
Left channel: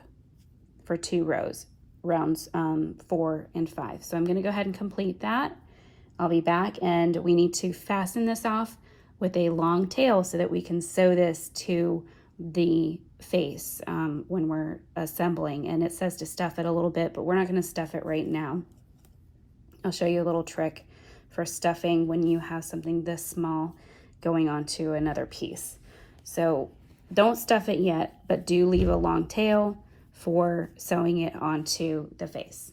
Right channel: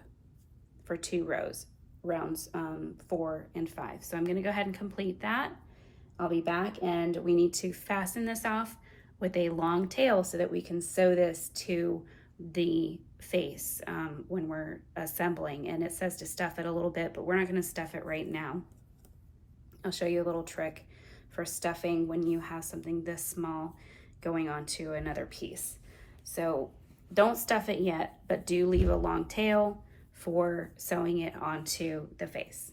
for 2 rows, rounds 4 and 5. So I'm going to go ahead and complete that. I'll be back, and we need to fasten this off with a long tail so that we can sew this to the face when we're assembling. And it says to stuff it a little bit, but we're not going to stuff it right now. I'll show you a little trick for stuffing when you have something this small going onto another piece. So don't stuff it yet, but do leave a long tail for sewing it onto the face.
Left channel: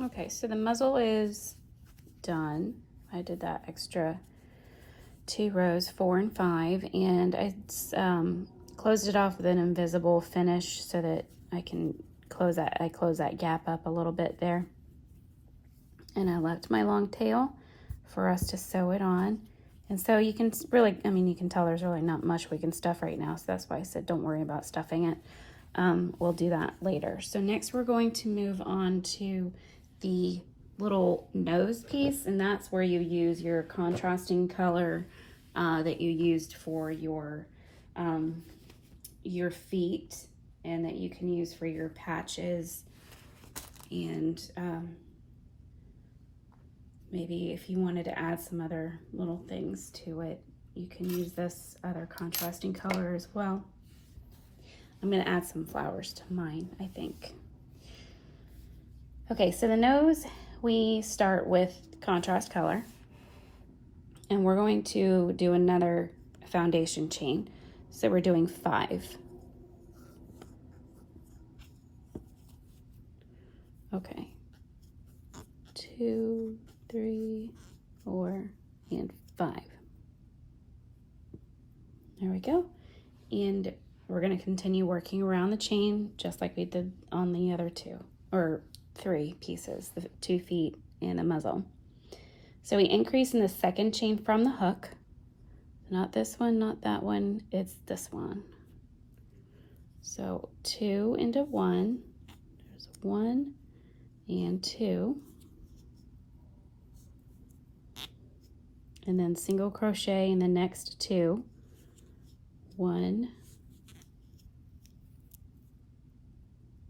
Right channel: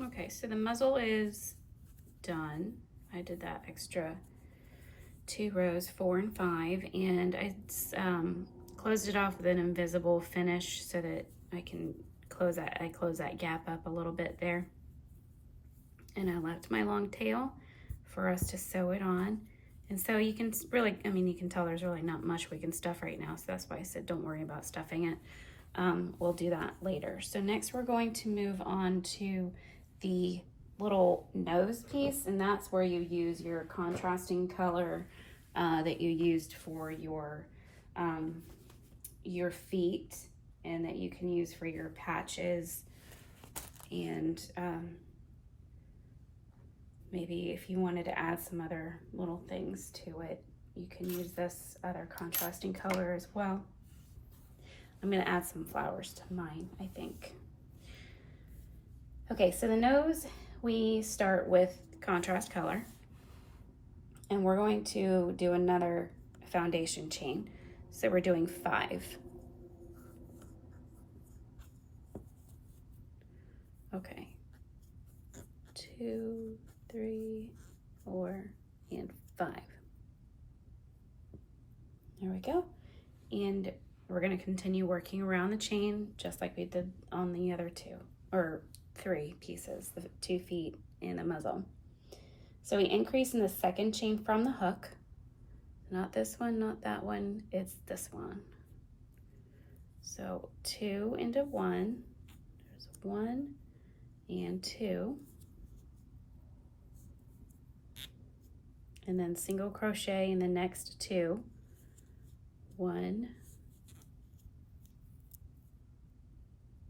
Okay, so the muzzle is done. I did that extra 2 rows, 4 and 5, and I closed it off with an invisible finish so that I can close that gap up a little bit there. And I left my long tail for us to sew it on. And so you can really, I mean, you can tell there's really not much we can stuff right now, so that's why I said don't worry about stuffing it. We'll do that later. So next we're going to move on to the little nose piece, and that's where you use your contrasting color that you used for your feet, and that you can use for your patches, and maybe if you wanted to add some other little things to it, you can use this other contrasting color as well. I'm going to add some flowers to mine, I think. Okay, so the nose, we start with contrast color, and we're going to do another foundation chain. So we're doing 5. Okay, 2, 3, 4, and 5. There we go. And we're going to continue working around the chain just like we did on the other 2, or 3 pieces, the 2 feet and the muzzle. So we increase in the second chain from the hook. Not this one, not that one, it's this one. So 2 into 1, there's 1 and 2. And then single crochet in the next 2. 1,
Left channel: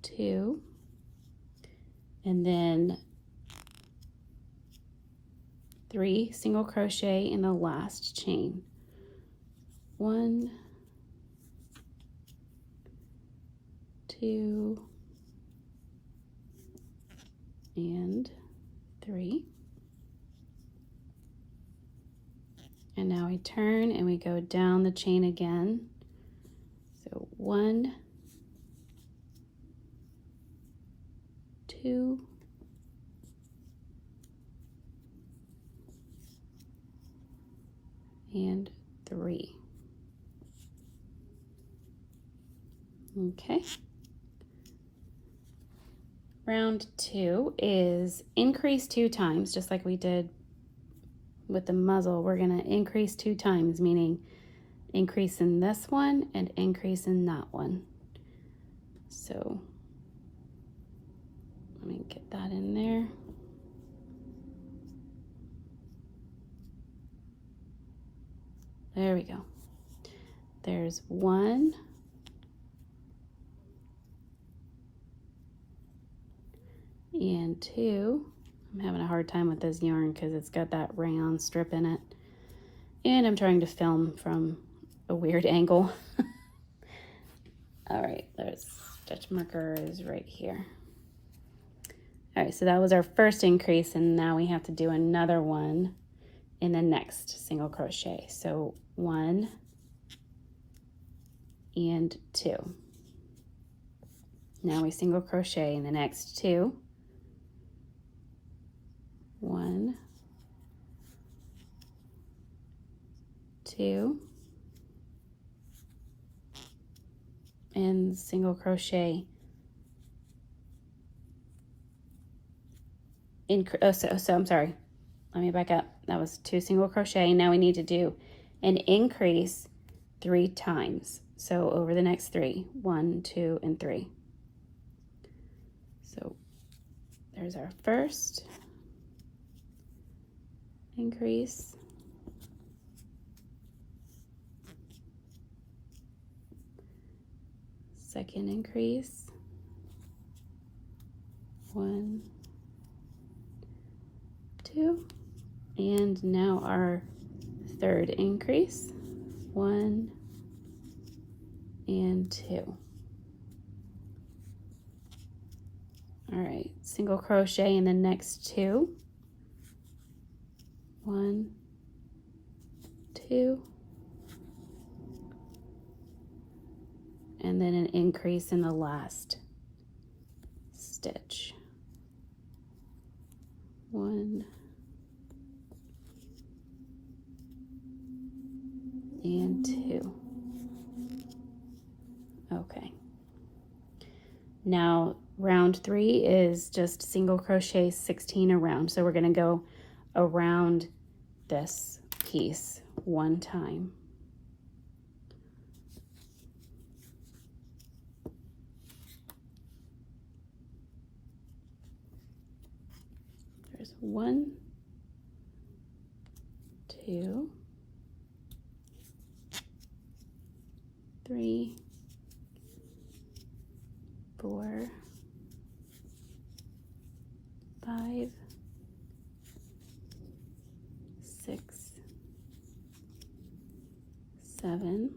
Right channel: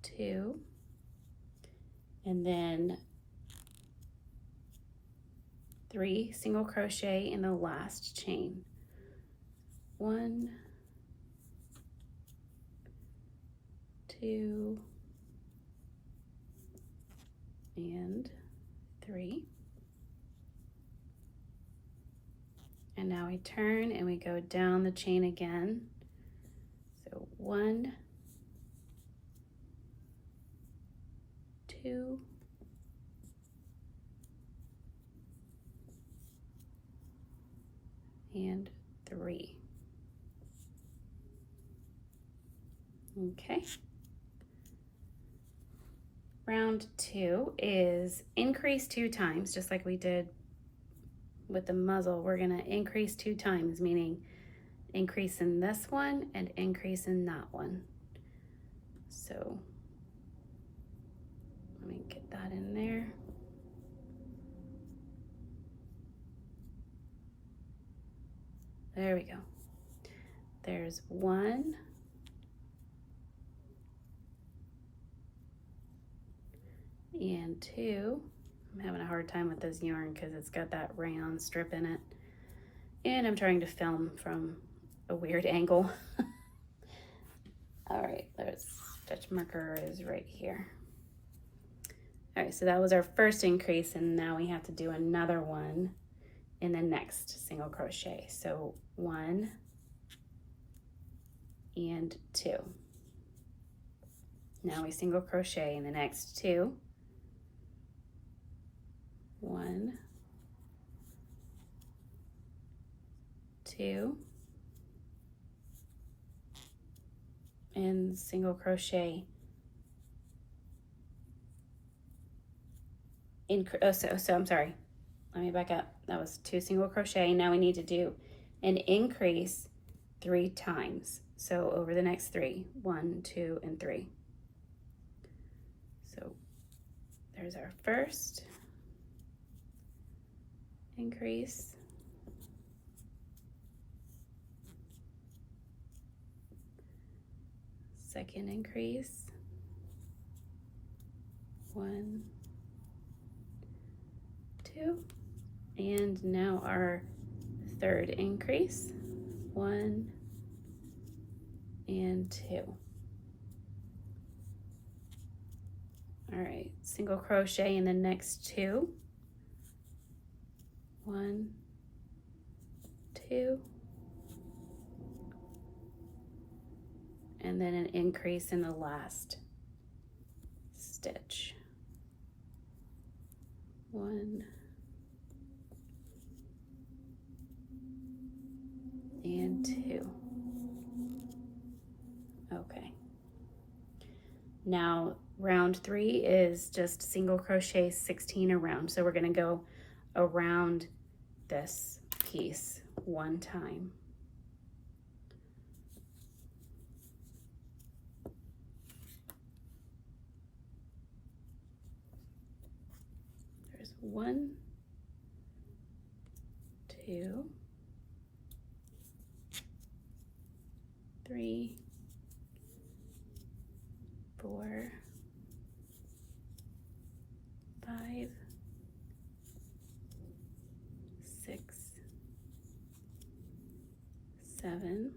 2, and then 3 single crochet in the last chain. 1, 2, and 3. And now we turn and we go down the chain again. So 1, 2, and 3. Okay. Round 2 is increase 2 times, just like we did with the muzzle. We're going to increase 2 times, meaning increase in this one and increase in that one. So let me get that in there. There we go. There's 1, and 2. I'm having a hard time with this yarn because it's got that rayon strip in it, and I'm trying to film from a weird angle. All right, there's stitch marker is right here. All right, so that was our first increase, and now we have to do another one in the next single crochet. So 1 and 2. Now we single crochet in the next 2. 1, 2, and single crochet in, so I'm sorry, let me back up. That was 2 single crochet. Now we need to do an increase 3 times. So over the next 3, 1, 2, and 3. So there's our first increase, second increase, 1, 2, and now our third increase, 1 and 2. All right, single crochet in the next 2, 1, 2, and then an increase in the last stitch, 1 and 2. Okay. Now round 3 is just single crochet 16 around. So we're going to go around this piece one time. There's 1, 2, 3, 4, 5, 6, 7,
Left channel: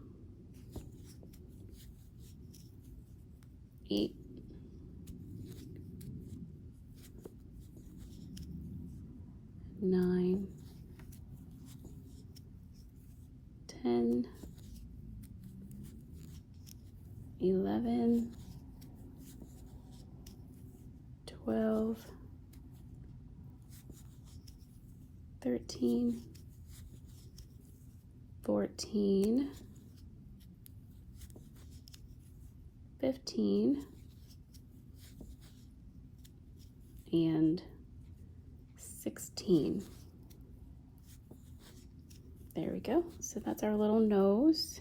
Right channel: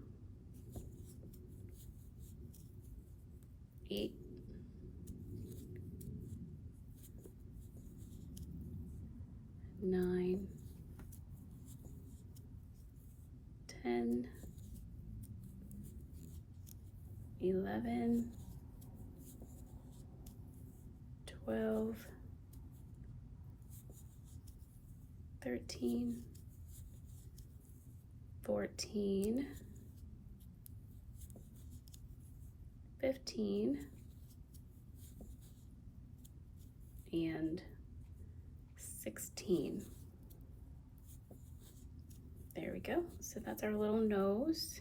8, 9, 10, 11, 12, 13, 14, 15, and 16. There we go. So that's our little nose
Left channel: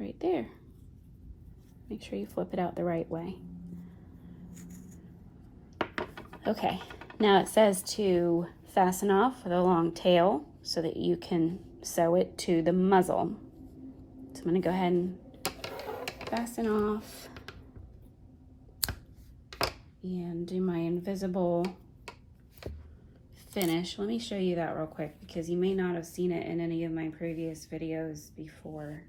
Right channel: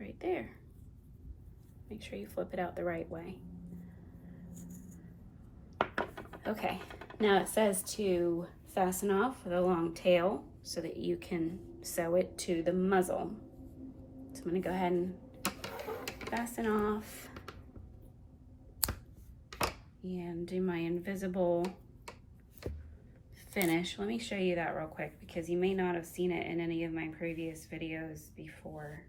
right there. Make sure you flip it out the right way. Okay, now it says to fasten off the long tail so that you can sew it to the muzzle. So I'm going to go ahead and fasten off and do my invisible finish. Let me show you that real quick because you may not have seen it in any of my previous videos before.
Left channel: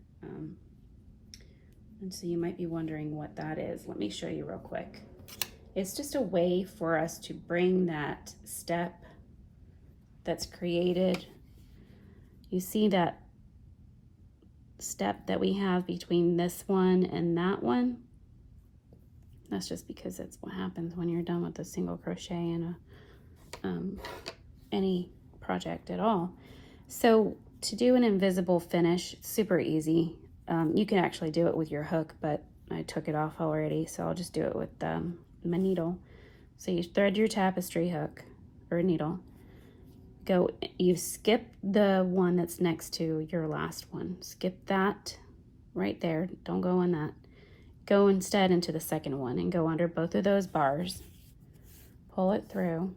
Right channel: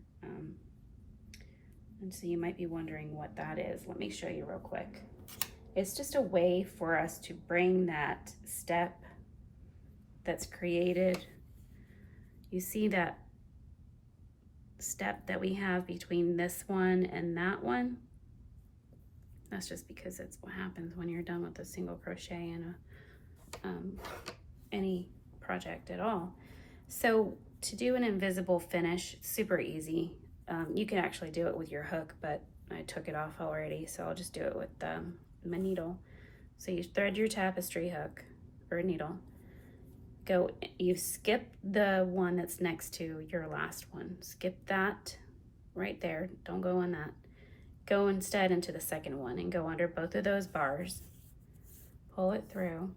And so you might be wondering what that is. Let me show you real quick. It's just a way for us to bring that step that's created. You see that step that we have between this one and that one? That's just because it's what happens when you're done with a single crochet in any project at all. So to do an invisible finish, it's super easy. You can actually do it with your hook, but I took it off already, so I'll just do it with my needle. So you thread your tapestry hook or needle. You skip the one that's next to your last one. Skip that right there. Don't go on that. Go instead into the second one and go under both of those bars. Pull it through.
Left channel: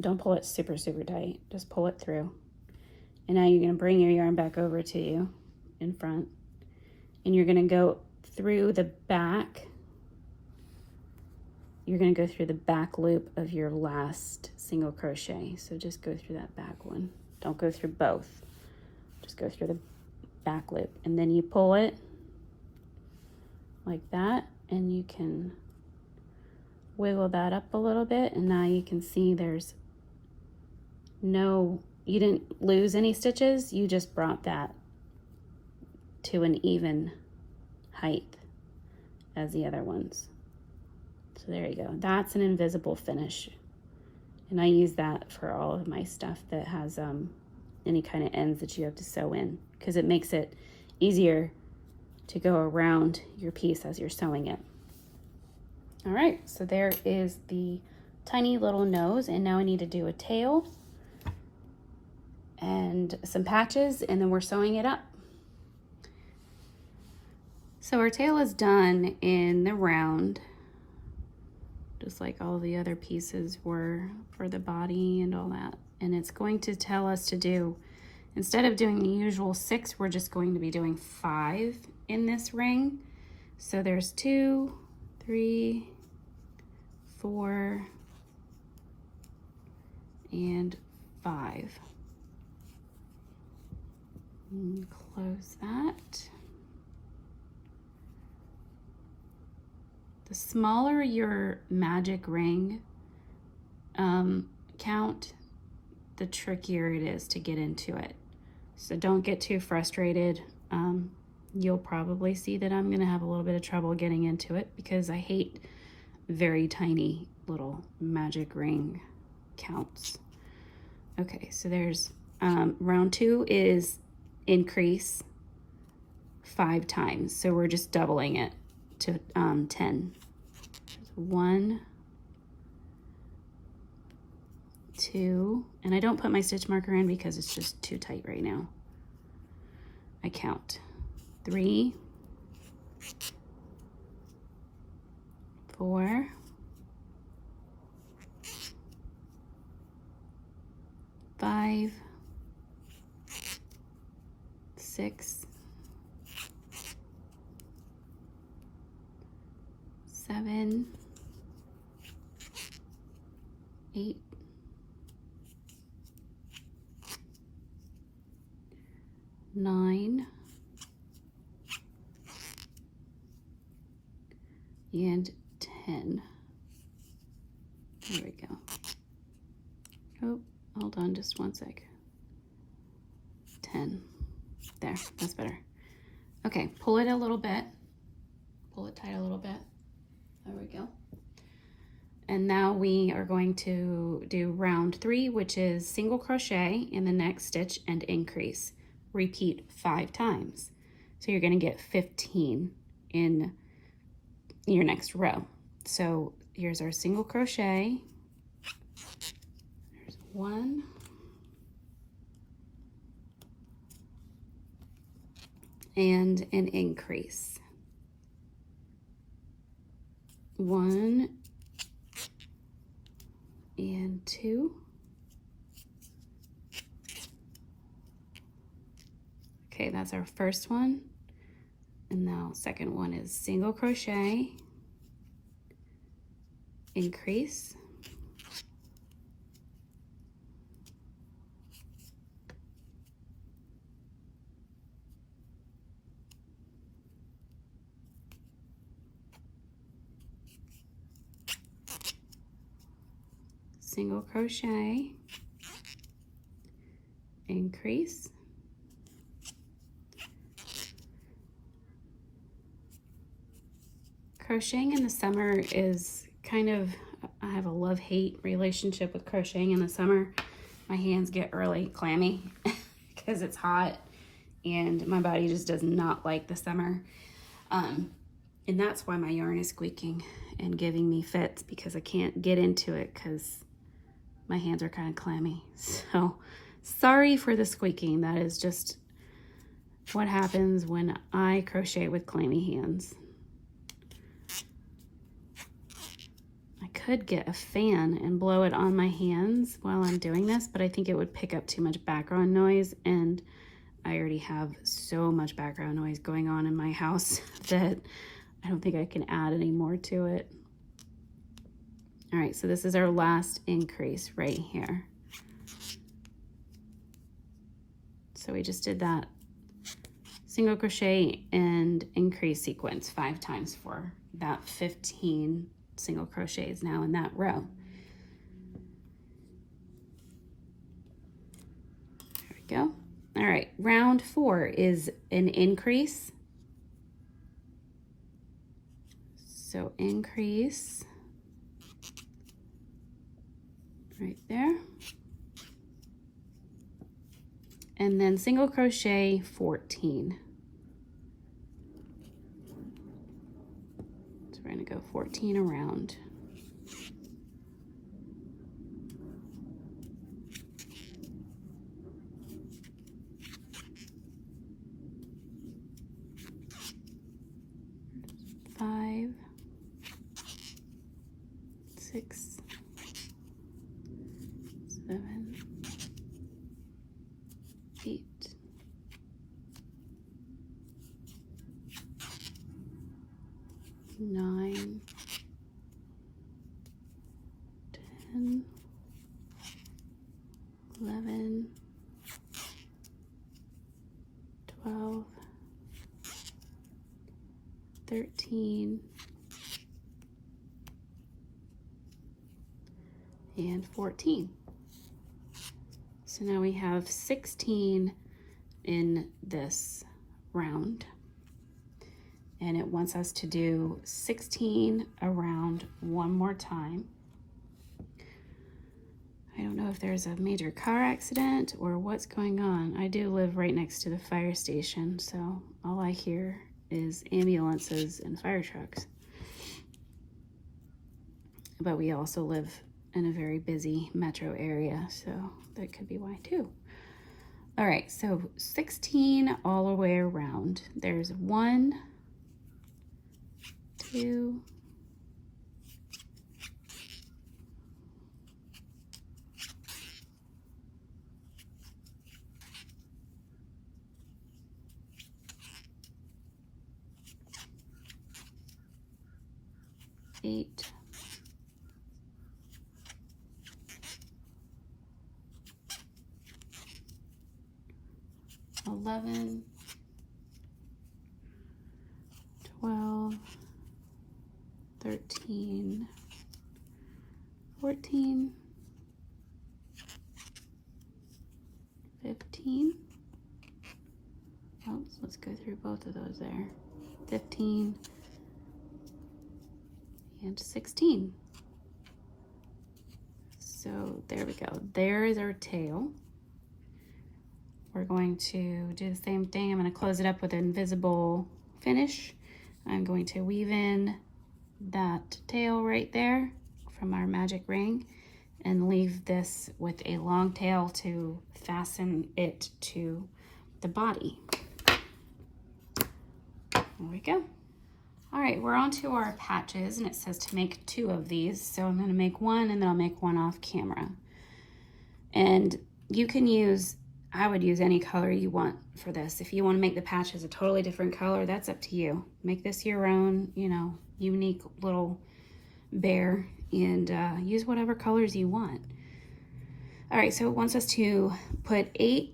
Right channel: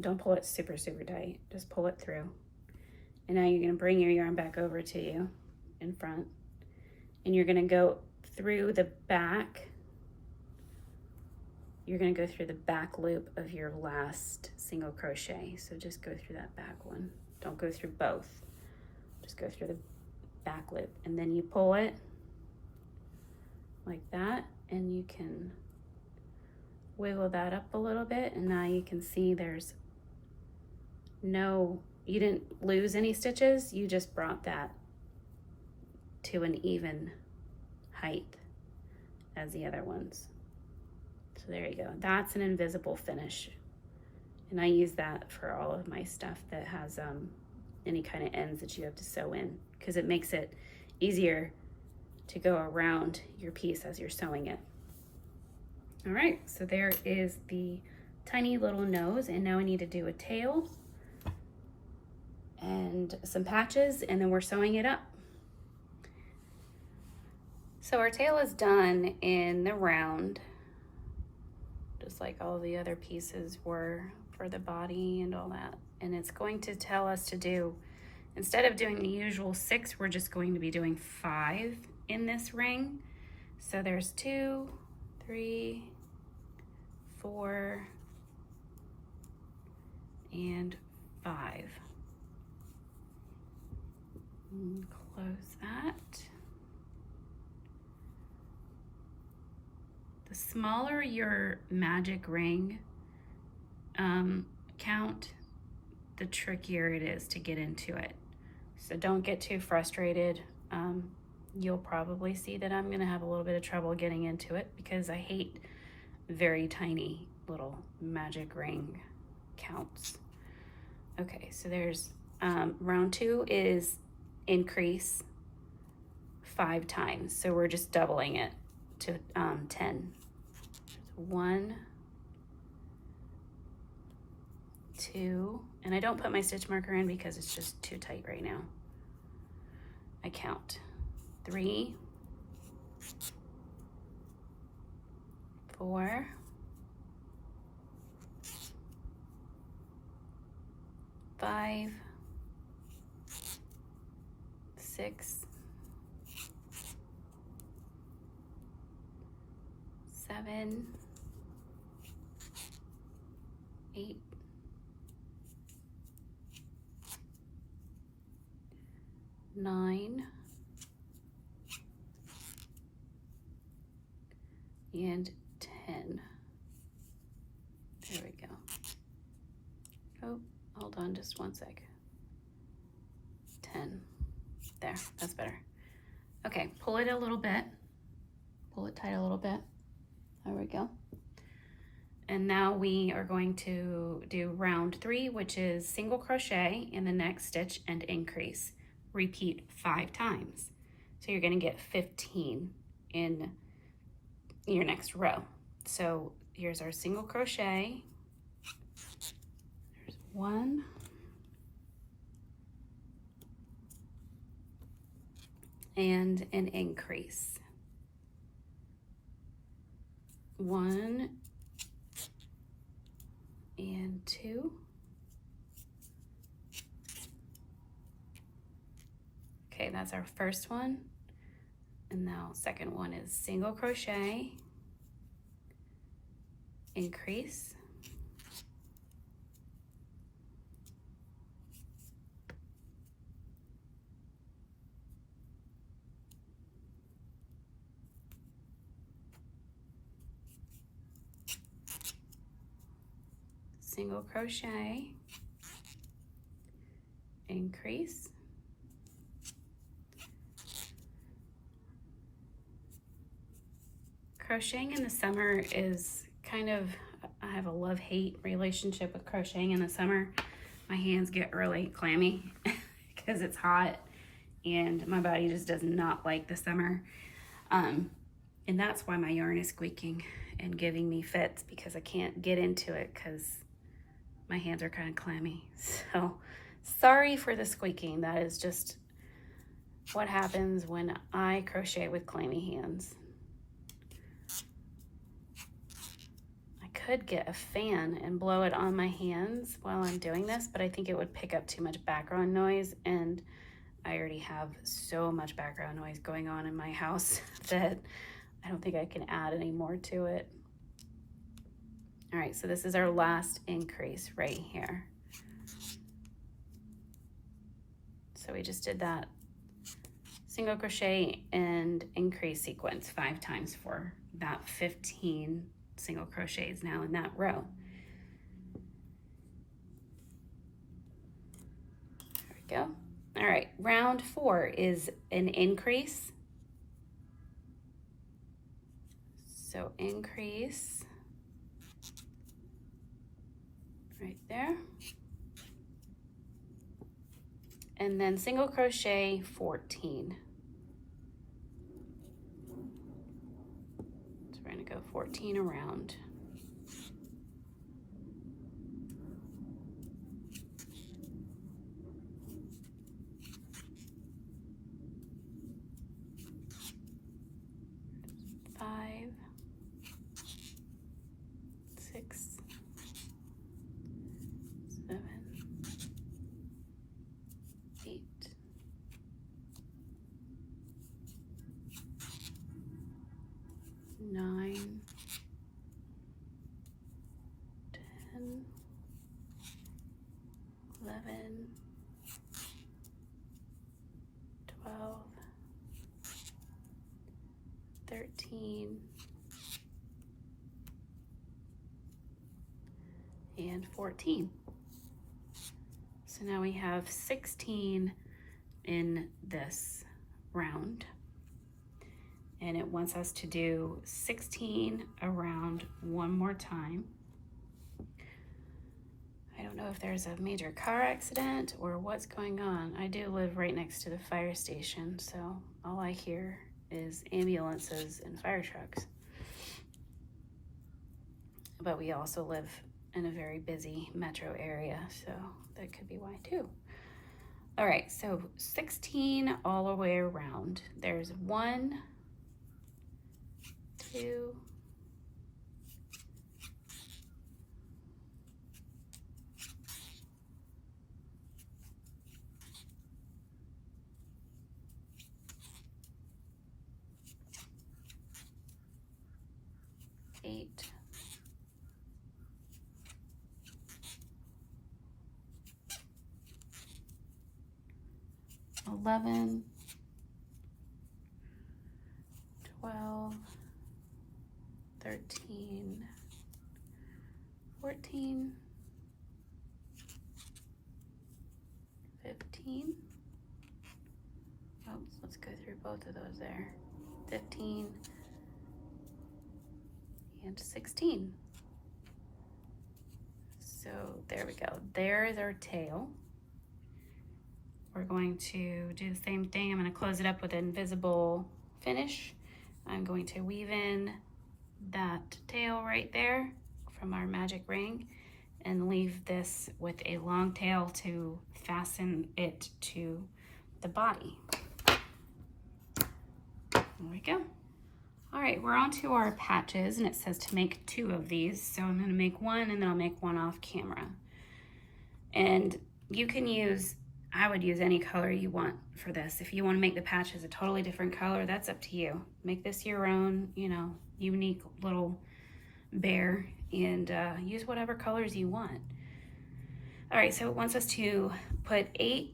Don't pull it super, super tight. Just pull it through. And now you're going to bring your yarn back over to you in front. And you're going to go through the back. You're going to go through the back loop of your last single crochet. So just go through that back one. Don't go through both. Just go through the back loop. And then you pull it like that. And you can wiggle that up a little bit. And now you can see there's you didn't lose any stitches. You just brought that to an even height as the other ones. So there you go. That's an invisible finish. And I use that for all of my stuff that has any kind of ends that you have to sew in, because it makes it easier to go around your piece as you're sewing it. All right, so there is the tiny little nose, and now I need to do a tail. and some patches, and then we're sewing it up. So our tail is done in the round, just like all the other pieces were for the body and all that. And it's going to tell us to do, instead of doing the usual 6, we're just going to be doing 5 in this ring. So there's 2, 3, 4, and 5. And close that. The smaller your magic ring count, the trickier it is to get into it. So don't get too frustrated. You'll probably see that I'm gonna have a little bit of trouble getting into it because I hate very tiny little magic ring counts. Okay, so there's round 2 is increase 5 times. So we're just doubling it to 10. 1, 2, and I don't put my stitch marker in because it's just too tight right now. I count 3, 4, 5, 6, 7, 8, 9, and 10. There we go. Oh, hold on just one sec. 10. There, that's better. Okay, pull it a little bit. Pull it tight a little bit. There we go. And now we are going to do round 3, which is single crochet in the next stitch and increase. Repeat 5 times. So you're going to get 15 in your next row. So here's our single crochet. There's 1. And an increase. 1 and 2. Okay, that's our first one. And now second one is single crochet, increase, single crochet, increase, crocheting in the summer is kind of, I have a love-hate relationship with crocheting in the summer. My hands get really clammy because it's hot and my body just does not like the summer. And that's why my yarn is squeaking and giving me fits, because I can't get into it because my hands are kind of clammy. So sorry for the squeaking. That is just what happens when I crochet with clammy hands. Could get a fan and blow it on my hands while I'm doing this, but I think it would pick up too much background noise, and I already have so much background noise going on in my house that I don't think I can add any more to it. All right, so this is our last increase right here. So we just did that single crochet and increase sequence 5 times for that 15 single crochets now in that row. There we go. All right, round 4 is an increase. So increase right there. And then single crochet 14. We're going to go 14 around. 6, 7, 8, 9, 10, 11, 12, 13, and 14. So now we have 16 in this round, and it wants us to do 16 around one more time. I don't know if there's a major car accident or what's going on. I do live right next to the fire station, so all I hear is ambulances and fire trucks. But we also live in a very busy metro area, so that could be why too. All right, so 16 all the way around. There's 1, 2, 8, 11, 12, 13, 14, 15. Oh, so let's go through both of those there. 15 and 16. So there we go. There's our tail. We're going to do the same thing. I'm going to close it up with an invisible finish. I'm going to weave in that tail right there from our magic ring and leave this with a long tail to fasten it to the body. There we go. All right, we're on to our patches, and it says to make 2 of these. So I'm gonna make 1 and then I'll make 1 off camera. And you can use, I would use any color you want for this. If you wanna make the patches a totally different color, that's up to you. Make this your own, you know, unique little bear, and use whatever colors you want. All right, so it wants us to put 8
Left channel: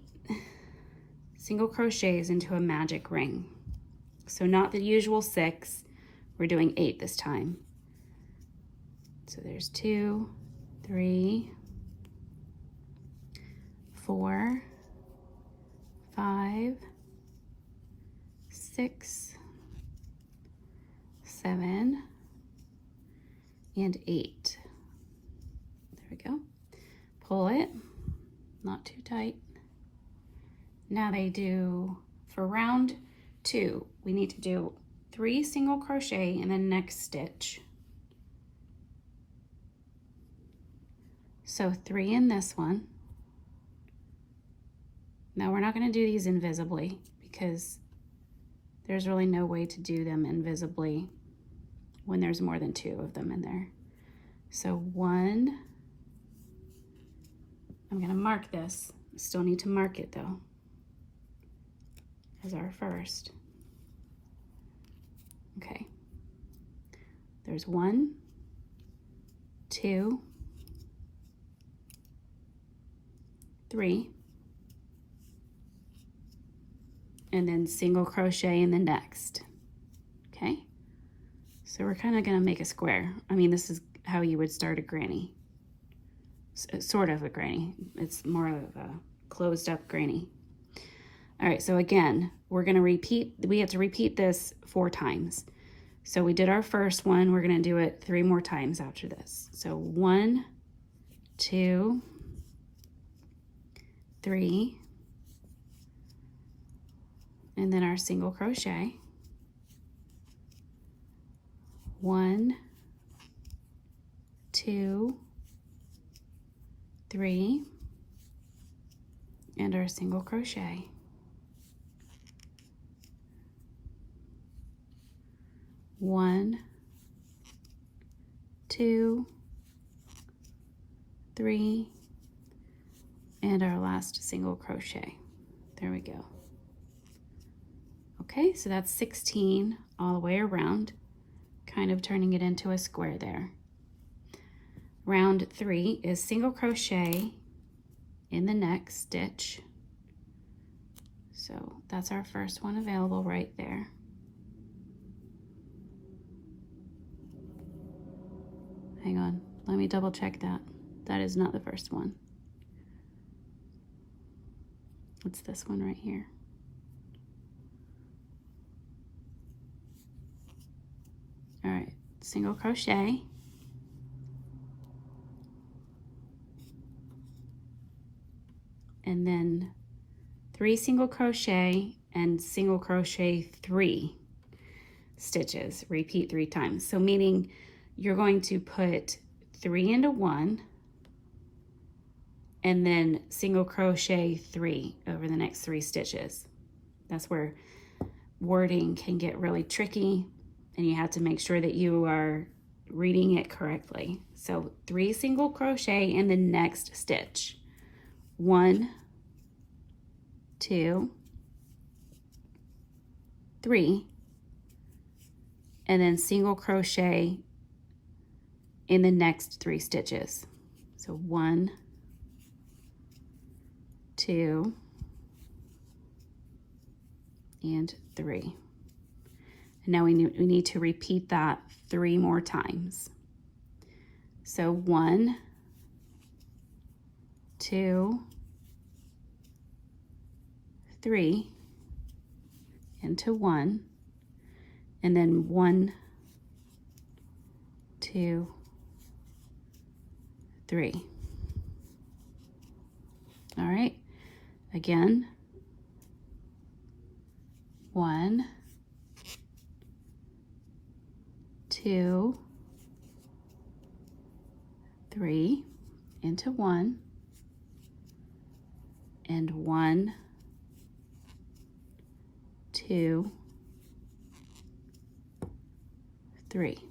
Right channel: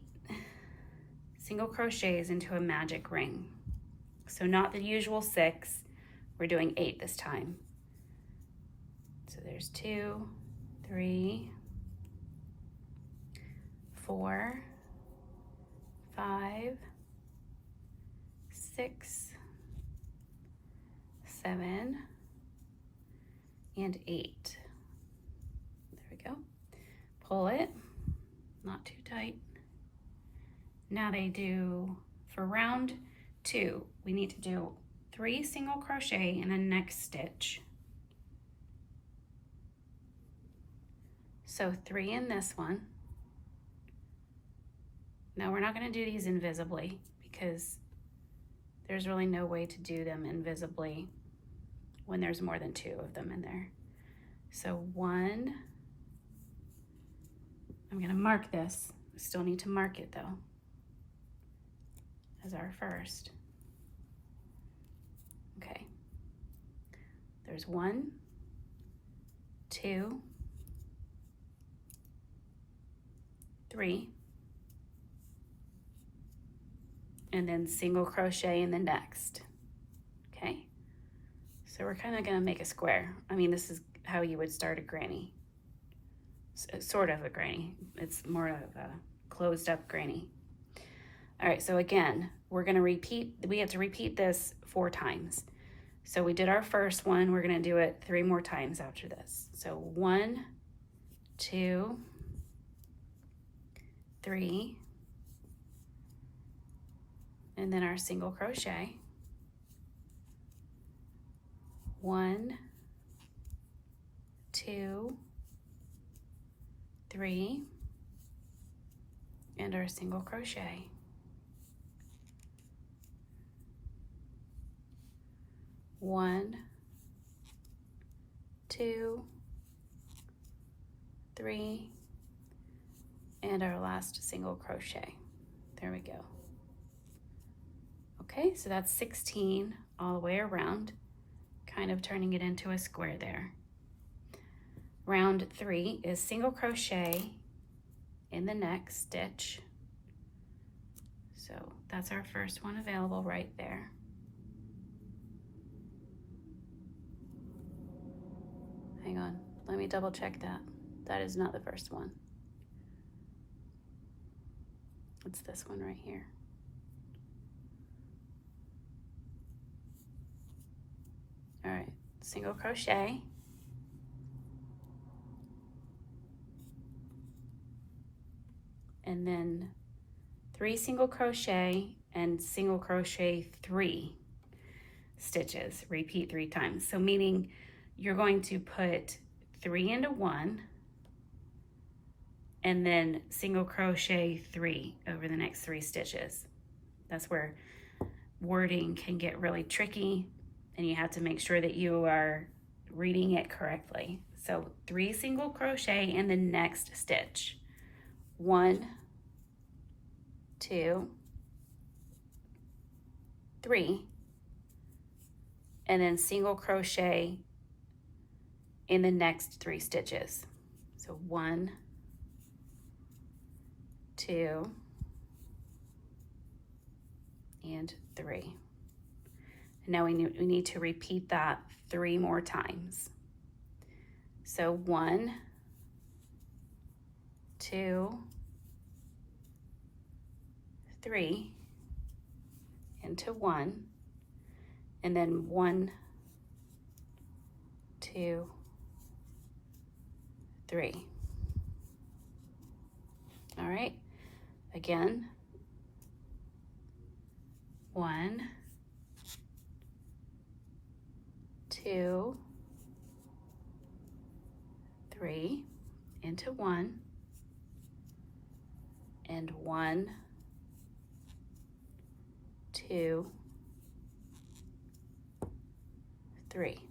single crochets into a magic ring. So not the usual 6, we're doing 8 this time. So there's 2, 3, 4, 5, 6, 7, and 8. There we go. Pull it, not too tight. Now they do, for round 2, we need to do 3 single crochet in the next stitch. So 3 in this one. Now we're not going to do these invisibly because there's really no way to do them invisibly when there's more than 2 of them in there. So 1, I'm going to mark this. I still need to mark it though as our first. Okay, there's 1, 2, 3, and then single crochet in the next. Okay, so we're kind of going to make a square. I mean, this is how you would start a granny. Sort of a granny. It's more of a closed up granny. All right, so again, we're going to repeat, we have to repeat this 4 times. So we did our first one, we're going to do it 3 more times after this. So 1, 2, 3, and then our single crochet. 1, 2, 3, and our single crochet. 1, 2, 3, and our last single crochet. There we go. Okay, so that's 16 all the way around, kind of turning it into a square there. Round 3 is single crochet in the next stitch. So that's our first one available right there. Hang on, let me double check that. That is not the first one. It's this one right here. All right, single crochet. And then 3 single crochet and single crochet 3 stitches. Repeat 3 times. So meaning you're going to put 3 into 1 and then single crochet 3 over the next 3 stitches. That's where wording can get really tricky, and you have to make sure that you are reading it correctly. So 3 single crochet in the next stitch. 1, 2, 3, and then single crochet in the next 3 stitches. So 1, 2, and 3. And now we need to repeat that 3 more times. So 1, 2, 3 into 1, and then 1, 2, 3. All right, again, 1, 2, 3 into 1, and 1, 2, 3.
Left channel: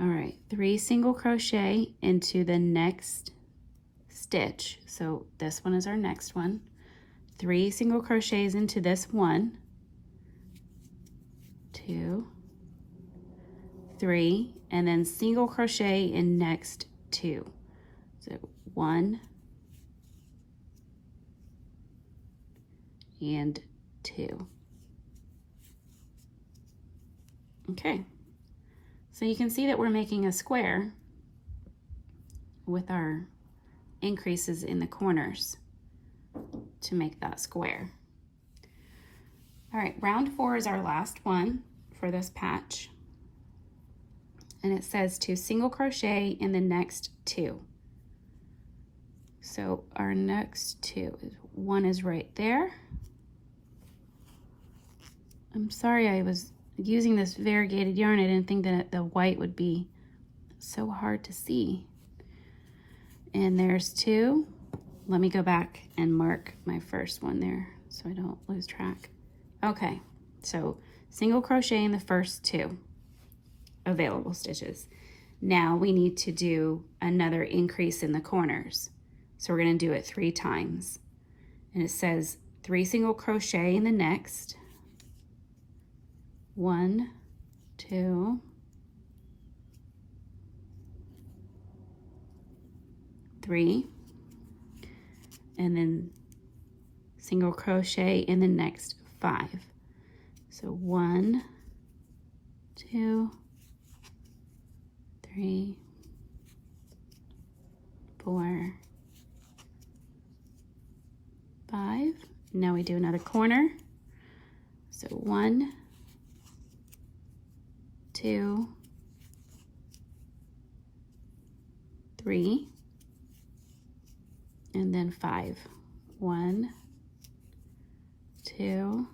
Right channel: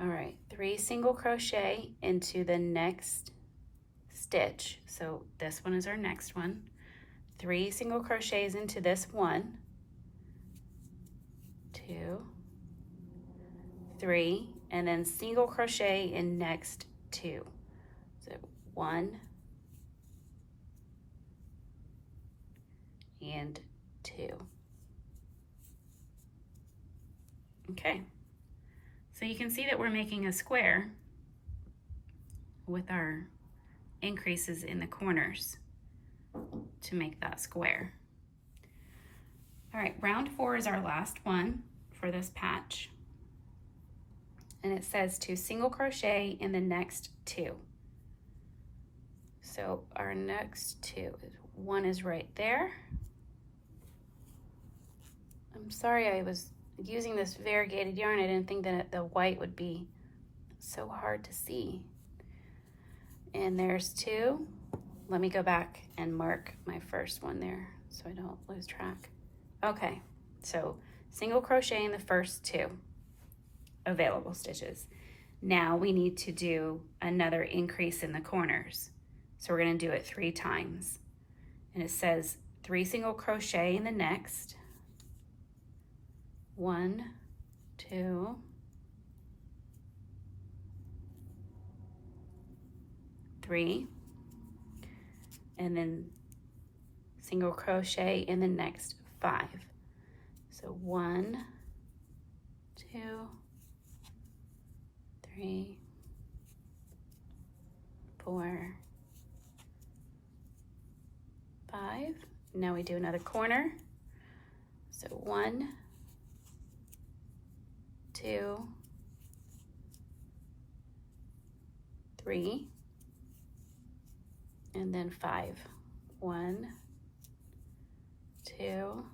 All right, 3 single crochet into the next stitch. So this one is our next one. 3 single crochets into this one, 2, 3, and then single crochet in next 2. So 1 and 2. Okay, so you can see that we're making a square with our increases in the corners to make that square. All right, round 4 is our last one for this patch. And it says to single crochet in the next 2. So our next 2, one is right there. I'm sorry, I was using this variegated yarn. I didn't think that the white would be so hard to see. And there's 2. Let me go back and mark my first one there so I don't lose track. Okay, so single crochet in the first 2 available stitches. Now we need to do another increase in the corners. So we're going to do it 3 times. And it says 3 single crochet in the next. 1, 2, 3, and then single crochet in the next 5. So 1, 2, 3, 4, 5. Now we do another corner. So 1, 2, 3, and then 5. 1, 2,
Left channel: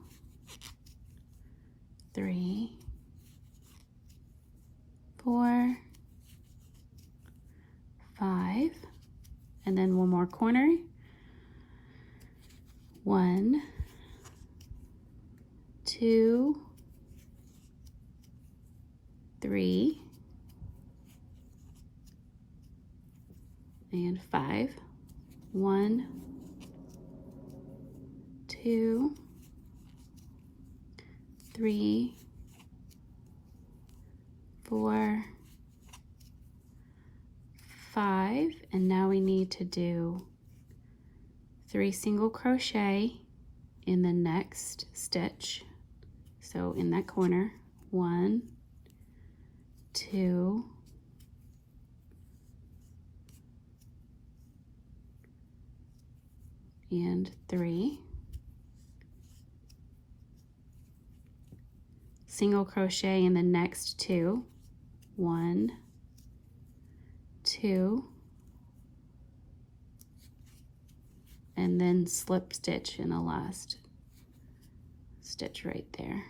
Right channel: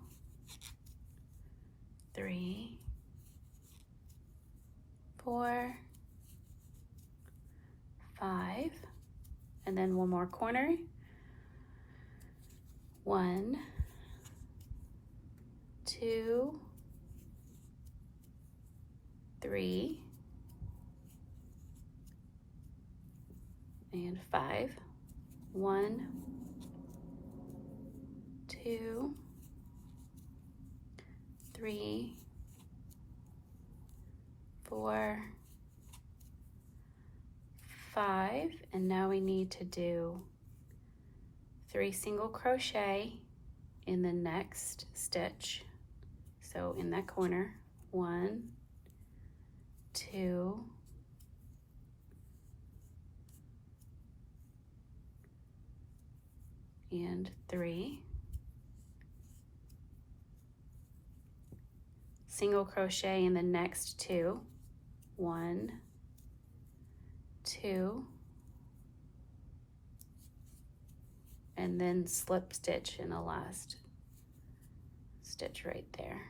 3, 4, 5, and then one more corner. 1, 2, 3, and 5. 1, 2, 3, 4, 5, and now we need to do 3 single crochet in the next stitch. So in that corner, 1, 2, and 3. Single crochet in the next 2. 1, 2, and then slip stitch in the last stitch right there.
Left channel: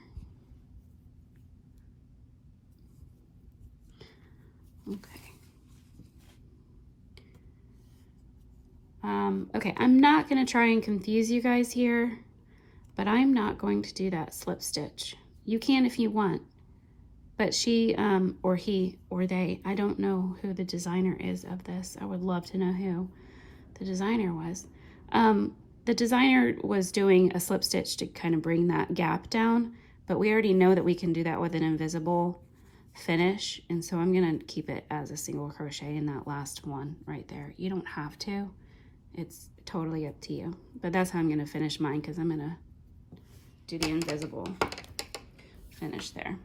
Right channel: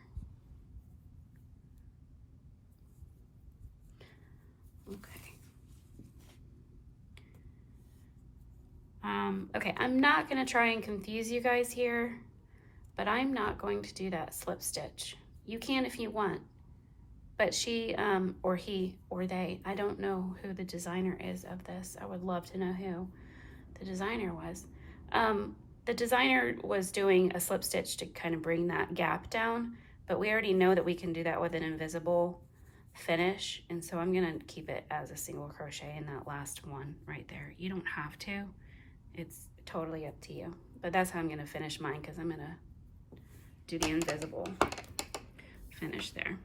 Okay. Okay, I'm not going to try and confuse you guys here, but I'm not going to do that slip stitch. You can if you want, but she, or he, or they, I don't know who the designer is of this. I would love to know who the designer was. The designer was doing a slip stitch to kind of bring that gap down, but we already know that we can do that with an invisible finish, and so I'm going to keep it as a single crochet in that last one right there. You don't have to. It's totally up to you, but that's how I'm going to finish mine, because I'm going to do the invisible finish there.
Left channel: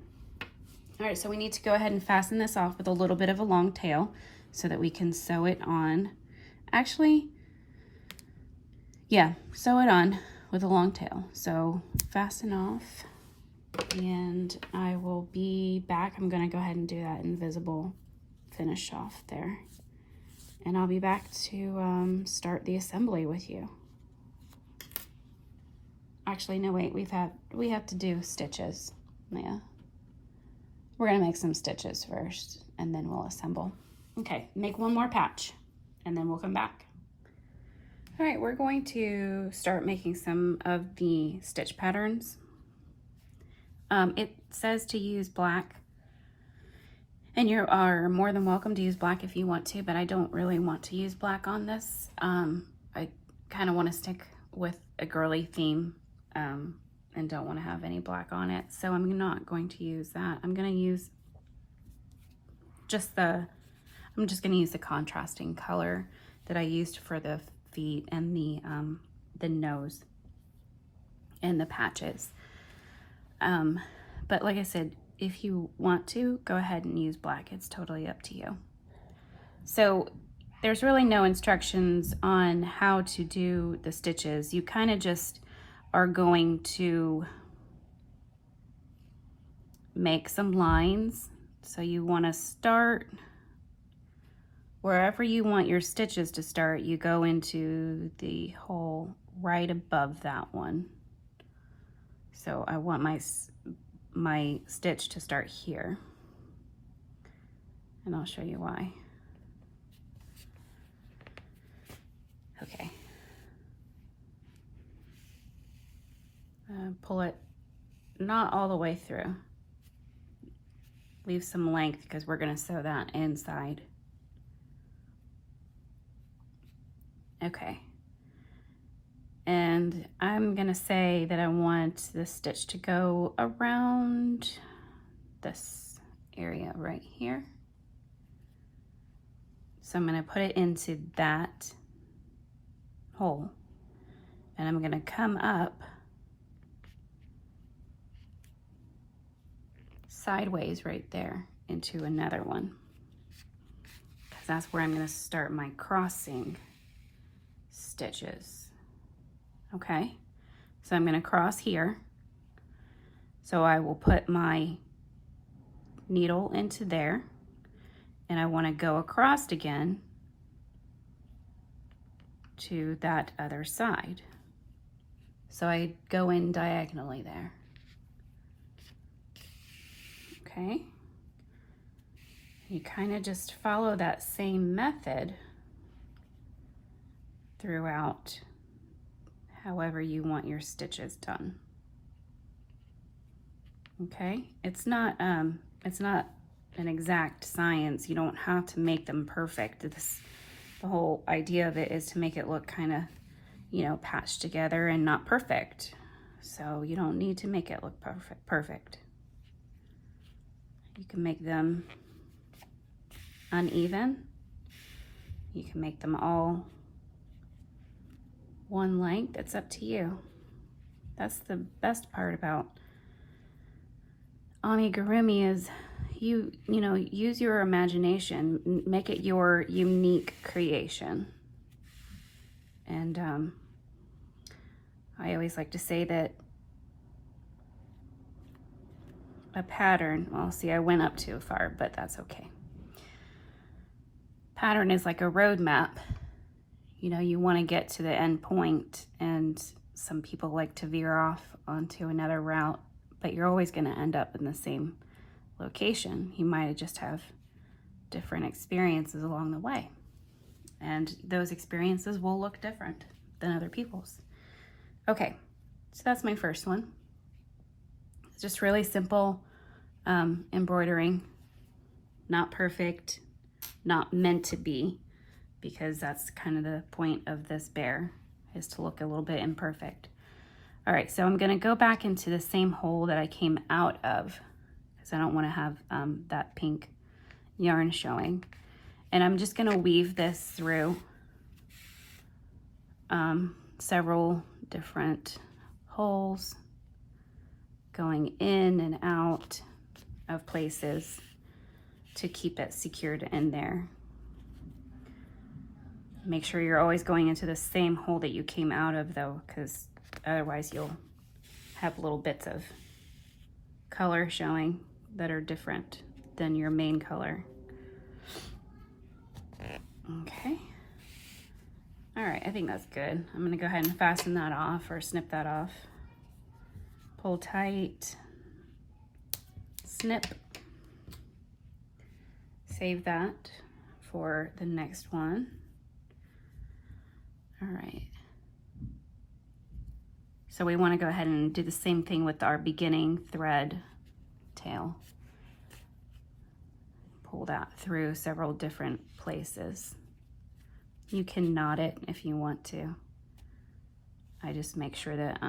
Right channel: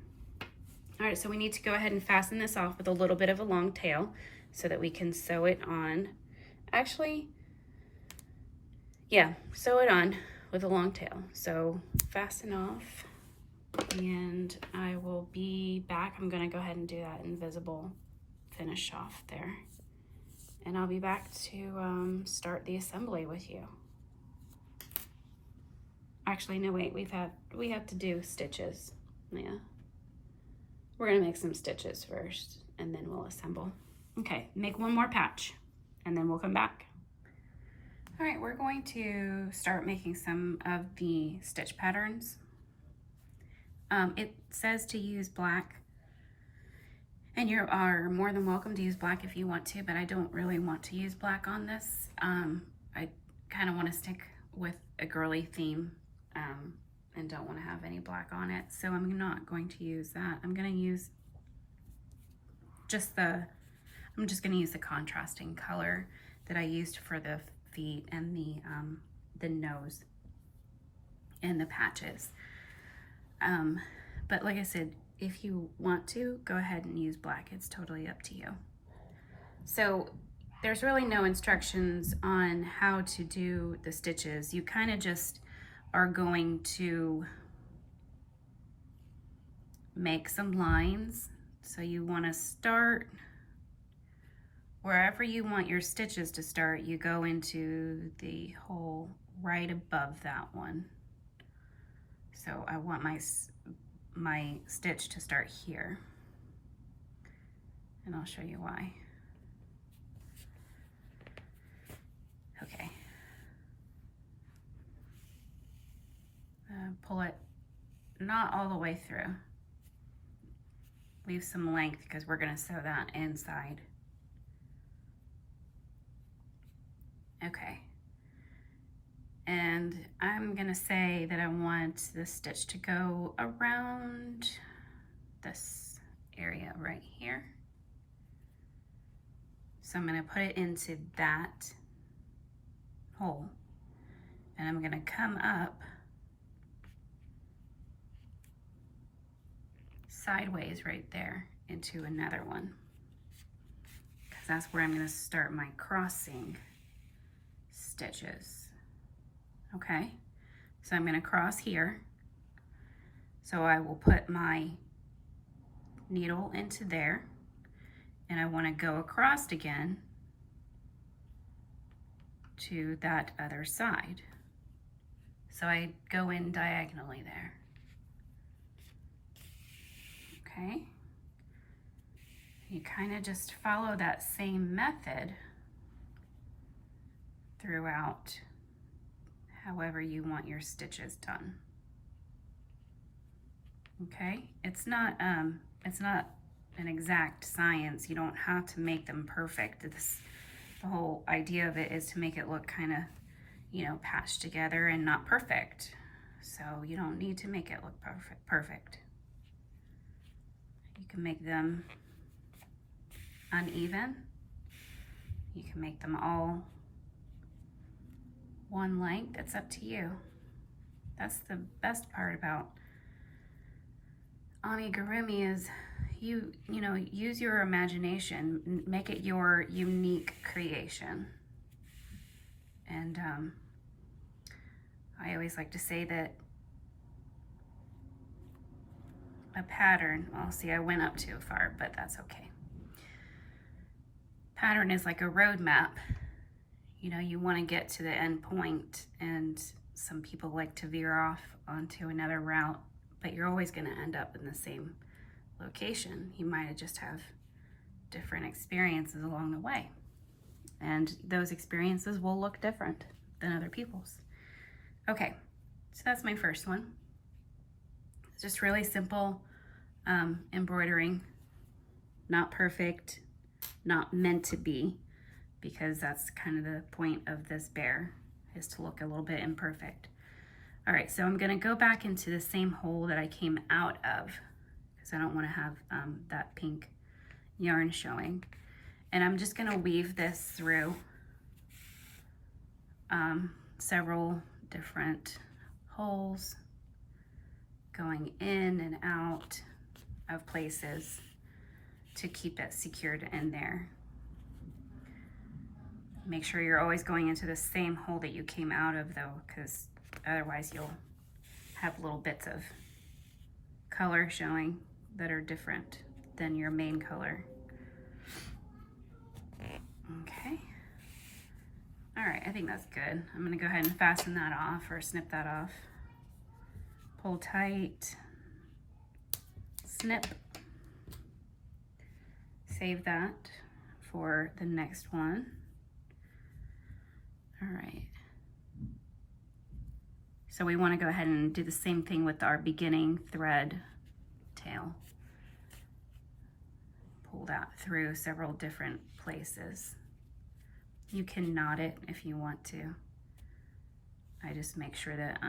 All right, so we need to go ahead and fasten this off with a little bit of a long tail so that we can sew it on. Actually, yeah, sew it on with a long tail. So fasten off, and I will be back. I'm going to go ahead and do that invisible finish off there, and I'll be back to start the assembly with you. Actually, no, wait, we have to do stitches. Yeah, we're gonna make some stitches first, and then we'll assemble. Okay, make one more patch, and then we'll come back. All right, we're going to start making some of the stitch patterns. It says to use black, and you are more than welcome to use black if you want to, but I don't really want to use black on this. I kind of want to stick with a girly theme, and don't want to have any black on it, so I'm not going to use that. I'm going to use I'm just going to use the contrasting color that I used for the feet and the nose and the patches. But like I said, if you want to, go ahead and use black. It's totally up to you. So there's really no instructions on how to do the stitches. You kind of just are going to make some lines. So you want to start wherever you want your stitches to start. You go into the hole right above that one. So I want my stitch to start here, and I'll show you why. Okay. Pull it not all the way through. Leave some length because we're going to sew that inside. Okay. And I'm going to say that I want the stitch to go around this area right here. So I'm going to put it into that hole, and I'm going to come up sideways right there into another one, because that's where I'm going to start my crossing stitches. Okay, so I'm going to cross here. So I will put my needle into there, and I want to go across again to that other side. So I go in diagonally there. Okay, you kind of just follow that same method throughout however you want your stitches done. Okay, it's not an exact science. You don't have to make them perfect. The whole idea of it is to make it look kind of, you know, patched together and not perfect. So you don't need to make it look perfect. You can make them uneven. You can make them all one length. It's up to you. That's the best part about amigurumi is you know, use your imagination, make it your unique creation. And I always like to say that a pattern, well, see, I went up too far, but that's okay. Pattern is like a roadmap. You know, you want to get to the end point, and some people like to veer off onto another route, but you're always going to end up in the same location. You might just have different experiences along the way, and those experiences will look different than other people's. Okay, so that's my first one. It's just really simple embroidering, not perfect, not meant to be, because that's kind of the point of this bear, is to look a little bit imperfect. All right, so I'm gonna go back into the same hole that I came out of, because I don't wanna have that pink yarn showing. And I'm just gonna weave this through several different holes, going in and out of places to keep it secured in there. Make sure you're always going into the same hole that you came out of though, because otherwise you'll have little bits of color showing that are different than your main color. Okay. All right, I think that's good. I'm gonna go ahead and fasten that off, or snip that off. Pull tight, snip. Save that for the next one. All right. So we want to go ahead and do the same thing with our beginning thread tail. Pull that through several different places. You can knot it if you want to. I just make sure that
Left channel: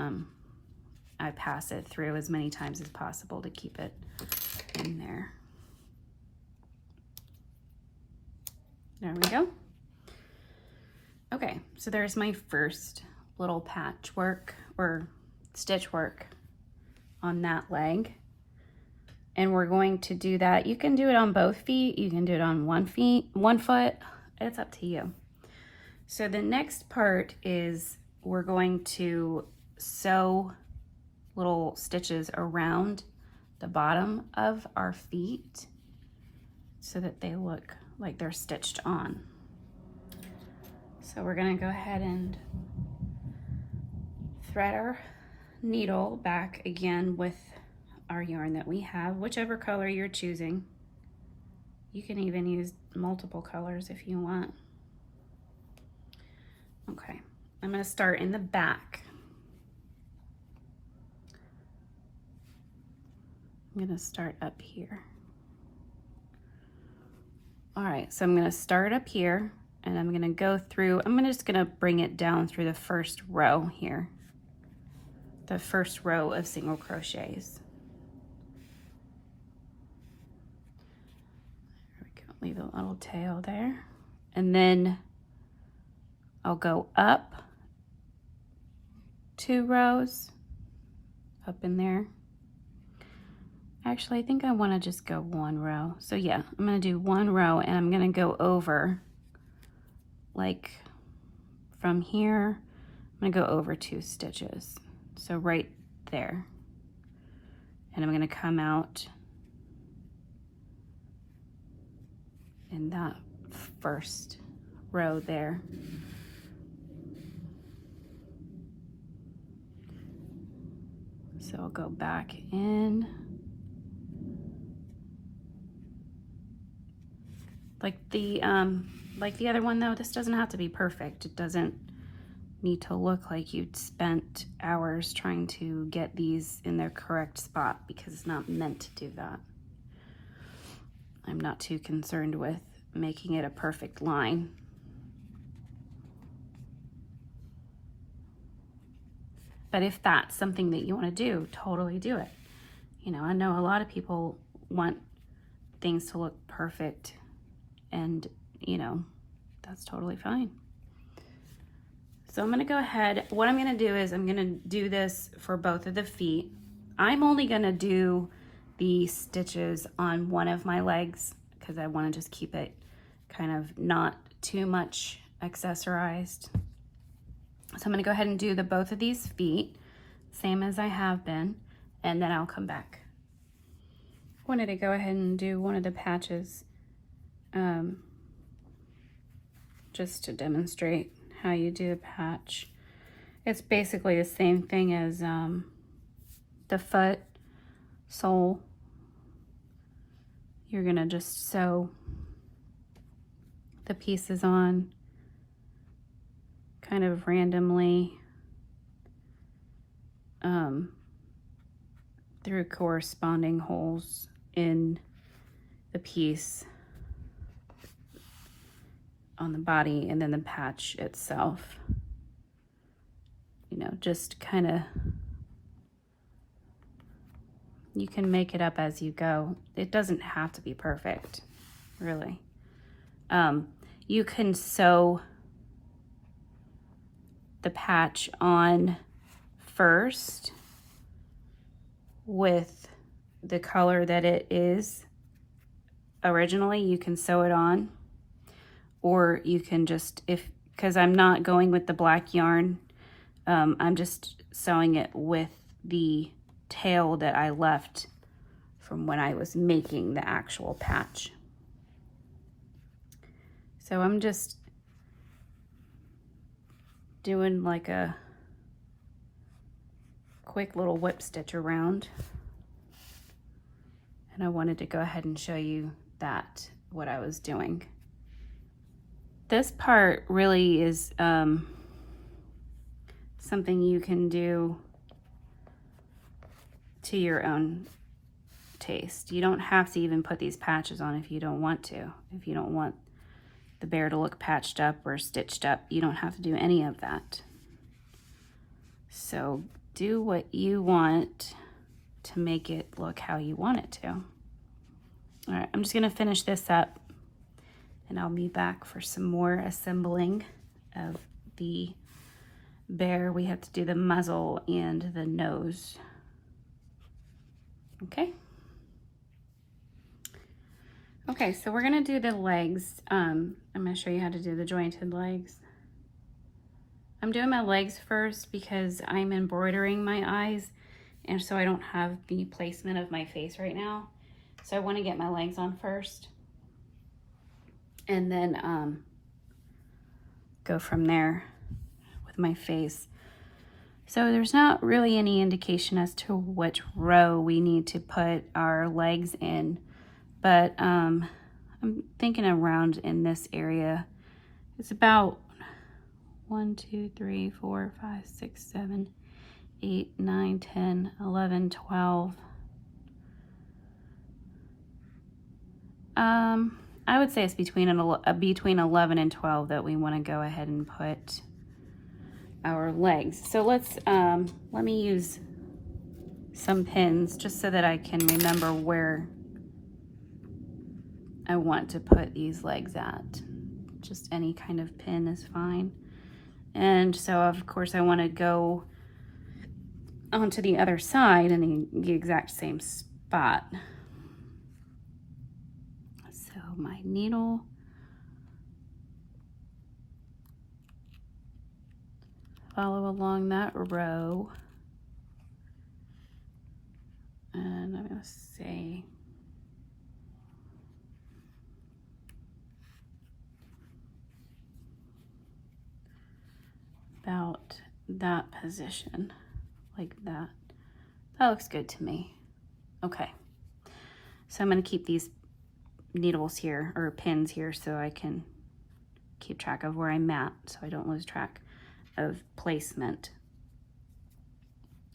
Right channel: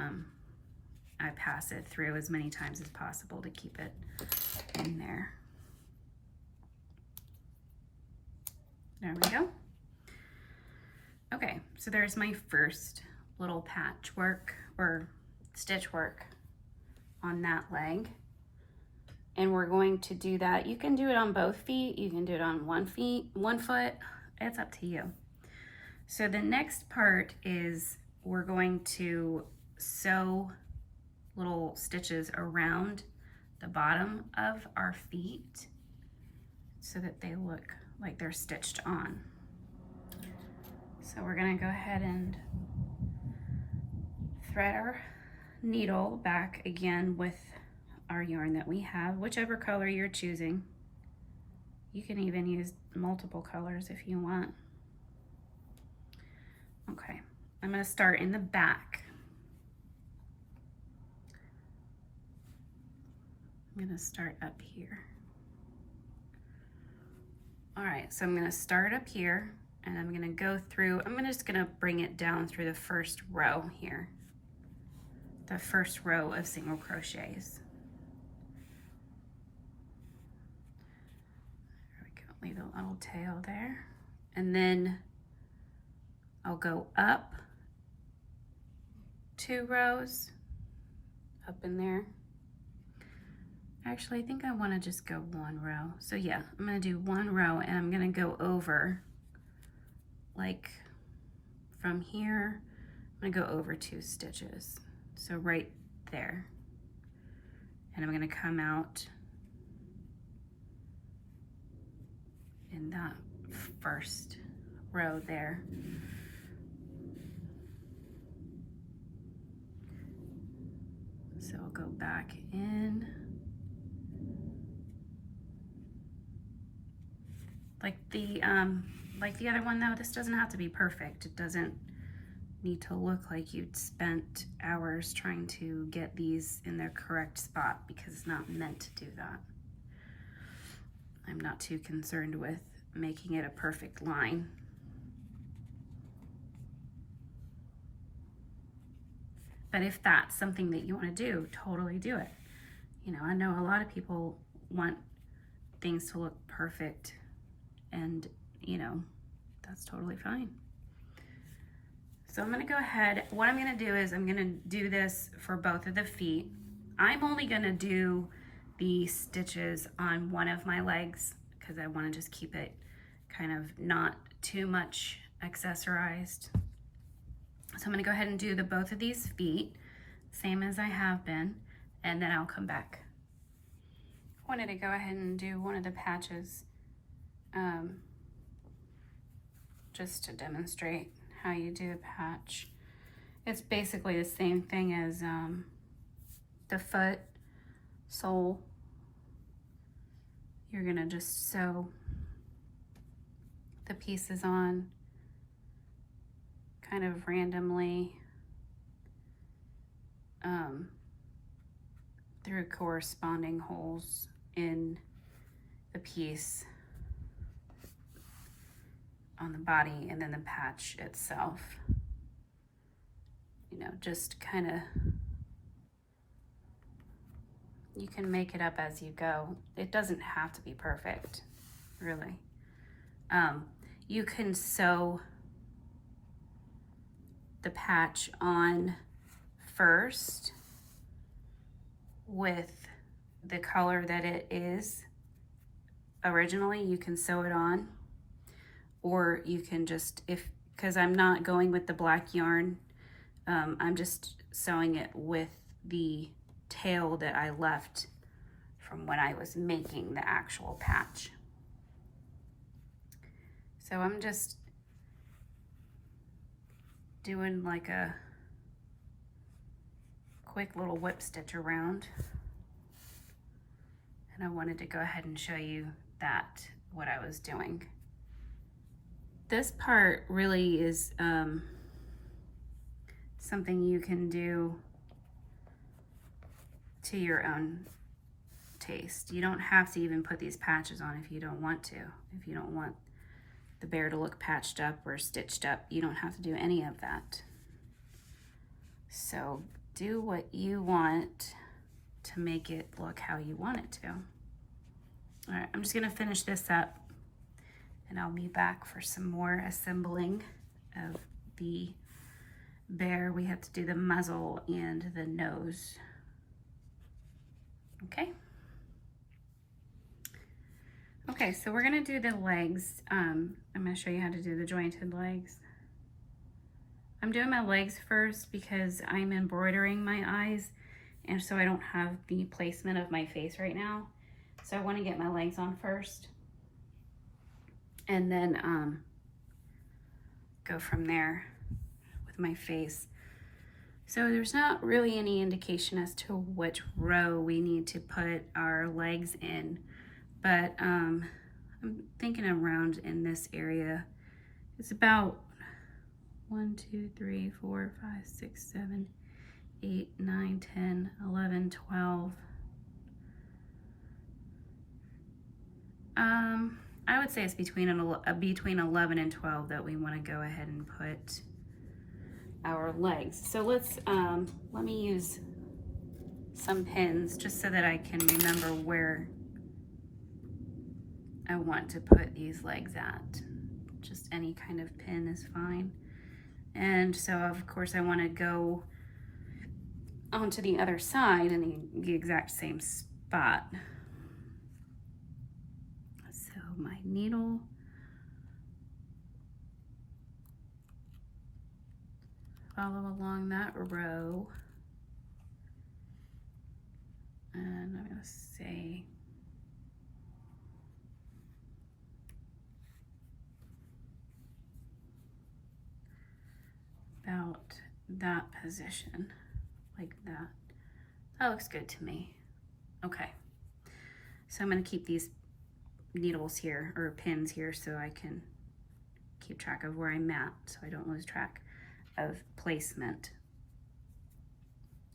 I pass it through as many times as possible to keep it in there. There we go. Okay, so there's my first little patchwork or stitch work on that leg. And we're going to do that. You can do it on both feet. You can do it on one foot. It's up to you. So the next part is we're going to sew little stitches around the bottom of our feet so that they look like they're stitched on. So we're gonna go ahead and thread our needle back again with our yarn that we have, whichever color you're choosing. You can even use multiple colors if you want. Okay, I'm gonna start in the back. I'm gonna start up here. All right, so I'm gonna start up here and I'm gonna go through, just gonna bring it down through the first row here. The first row of single crochets. There we go, leave a little tail there. And then I'll go up 2 rows, up in there. Actually, I think I wanna just go 1 row. So yeah, I'm gonna do 1 row and I'm gonna go over, like from here, I'm gonna go over 2 stitches. So right there. And I'm gonna come out in that first row there. So I'll go back in. Like the other one though, this doesn't have to be perfect. It doesn't need to look like you'd spent hours trying to get these in their correct spot, because it's not meant to do that. I'm not too concerned with making it a perfect line. But if that's something that you want to do, totally do it. You know, I know a lot of people want things to look perfect, and you know, that's totally fine. So I'm going to go ahead. What I'm going to do is I'm going to do this for both of the feet. I'm only going to do the stitches on one of my legs because I want to just keep it kind of not too much accessorized. So I'm going to go ahead and do the both of these feet, same as I have been, and then I'll come back. I wanted to go ahead and do one of the patches just to demonstrate how you do a patch. It's basically the same thing as the foot sole. You're gonna just sew the pieces on kind of randomly through corresponding holes in the piece on the body, and then the patch itself. You know, just kind of, you can make it up as you go. It doesn't have to be perfect, really. You can sew the patch on first with the color that it is originally. You can sew it on, or you can just, because I'm not going with the black yarn, I'm just sewing it with the tail that I left from when I was making the actual patch. So I'm just doing like a quick little whip stitch around, and I wanted to go ahead and show you that, what I was doing. This part really is something you can do to your own taste. You don't have to even put these patches on if you don't want to. If you don't want the bear to look patched up or stitched up, you don't have to do any of that. So do what you want to make it look how you want it to. All right, I'm just gonna finish this up, and I'll be back for some more assembling of the bear. We have to do the muzzle and the nose. Okay. Okay, so we're gonna do the legs. I'm gonna show you how to do the jointed legs. I'm doing my legs first because I'm embroidering my eyes, and so I don't have the placement of my face right now. So I wanna get my legs on first, and then go from there with my face. So there's not really any indication as to which row we need to put our legs in, but I'm thinking around in this area. It's about 1, 2, 3, 4, 5, 6, 7, 8, 9, 10, 11, 12. I would say it's between 11 and 12 that we want to go ahead and put our legs. So let's let me use some pins just so that I can remember where I want to put these legs at. Just any kind of pin is fine. And so of course I want to go onto the other side in the exact same spot. So my needle, follow along that row, and I'm going to say about that position, like that. That looks good to me. Okay, so I'm going to keep these needles here, or pins here, so I can keep track of where I'm at, so I don't lose track. of placement.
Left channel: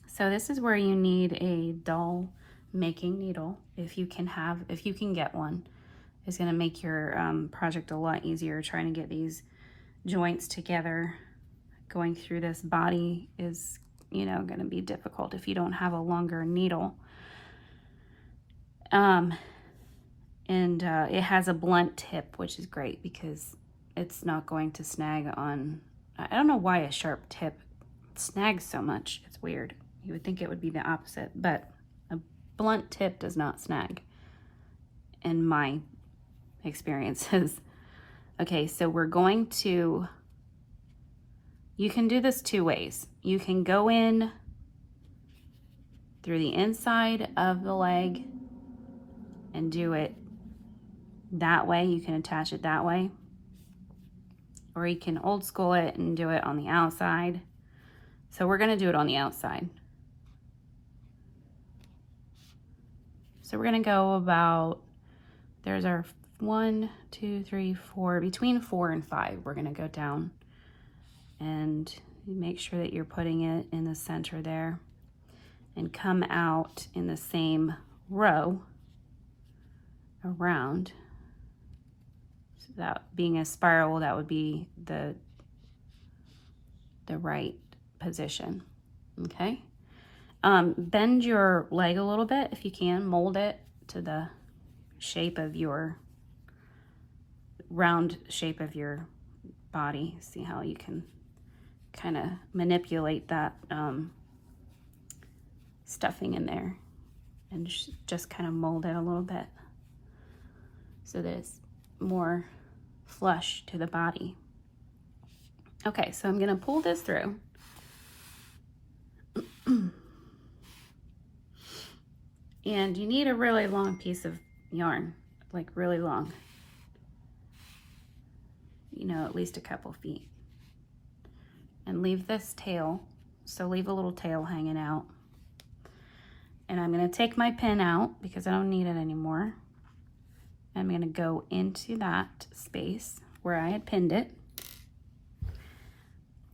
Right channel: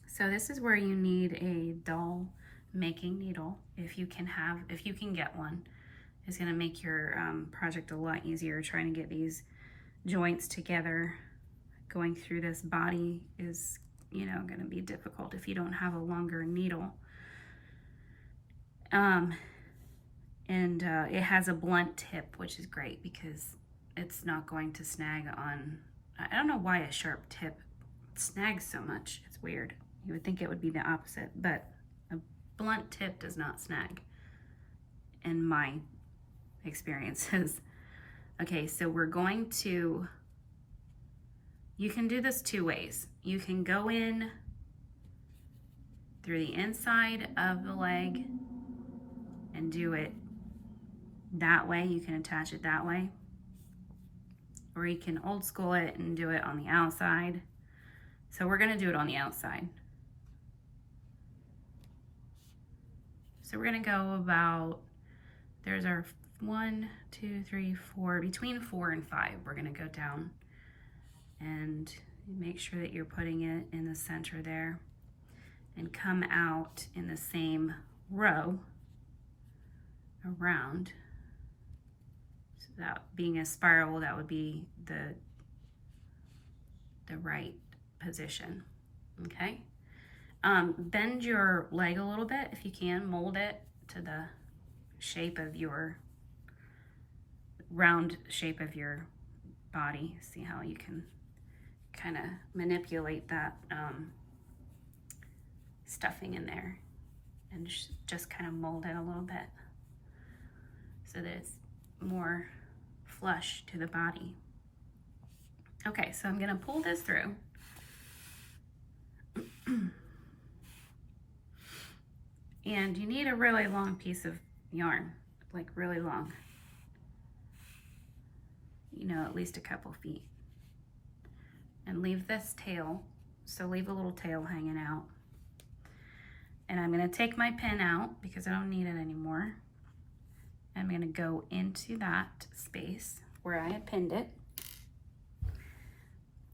So this is where you need a doll making needle, if you can get one. It's going to make your project a lot easier. Trying to get these joints together, going through this body is, you know, going to be difficult if you don't have a longer needle. It has a blunt tip, which is great because it's not going to snag on. I don't know why a sharp tip snags so much. It's weird. You would think it would be the opposite, but a blunt tip does not snag in my experiences. Okay, so we're going to, you can do this two ways. You can go in through the inside of the leg and do it that way. You can attach it that way. Or you can old school it and do it on the outside. So we're gonna do it on the outside. So we're gonna go about, there's our 1, 2, 3, 4, between 4 and 5. We're gonna go down and make sure that you're putting it in the center there and come out in the same row around. So that being a spiral, that would be the right position. Okay. Bend your leg a little bit if you can. Mold it to the shape of your round shape of your body. See how you can kind of manipulate that stuffing in there and just kind of mold it a little bit so that it's more flush to the body. Okay, so I'm gonna pull this through. And you need a really long piece of yarn, like really long. You know, at least a couple feet. And leave this tail, so leave a little tail hanging out. And I'm gonna take my pin out because I don't need it anymore. I'm gonna go into that space where I had pinned it.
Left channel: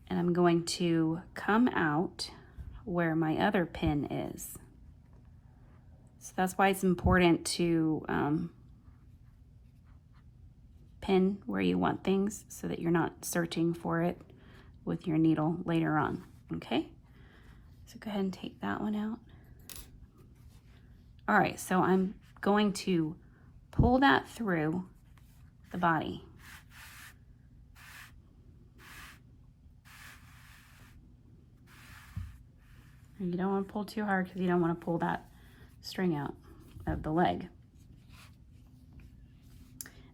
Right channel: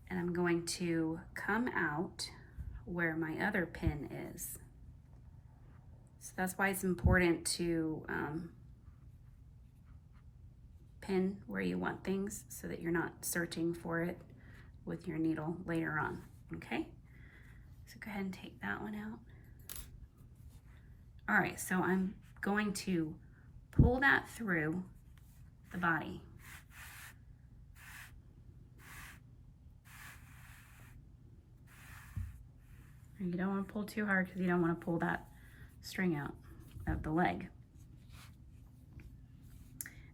And I'm going to come out where my other pin is. So that's why it's important to pin where you want things so that you're not searching for it with your needle later on, okay? So go ahead and take that one out. All right, so I'm going to pull that through the body. You don't want to pull too hard because you don't want to pull that string out of the leg.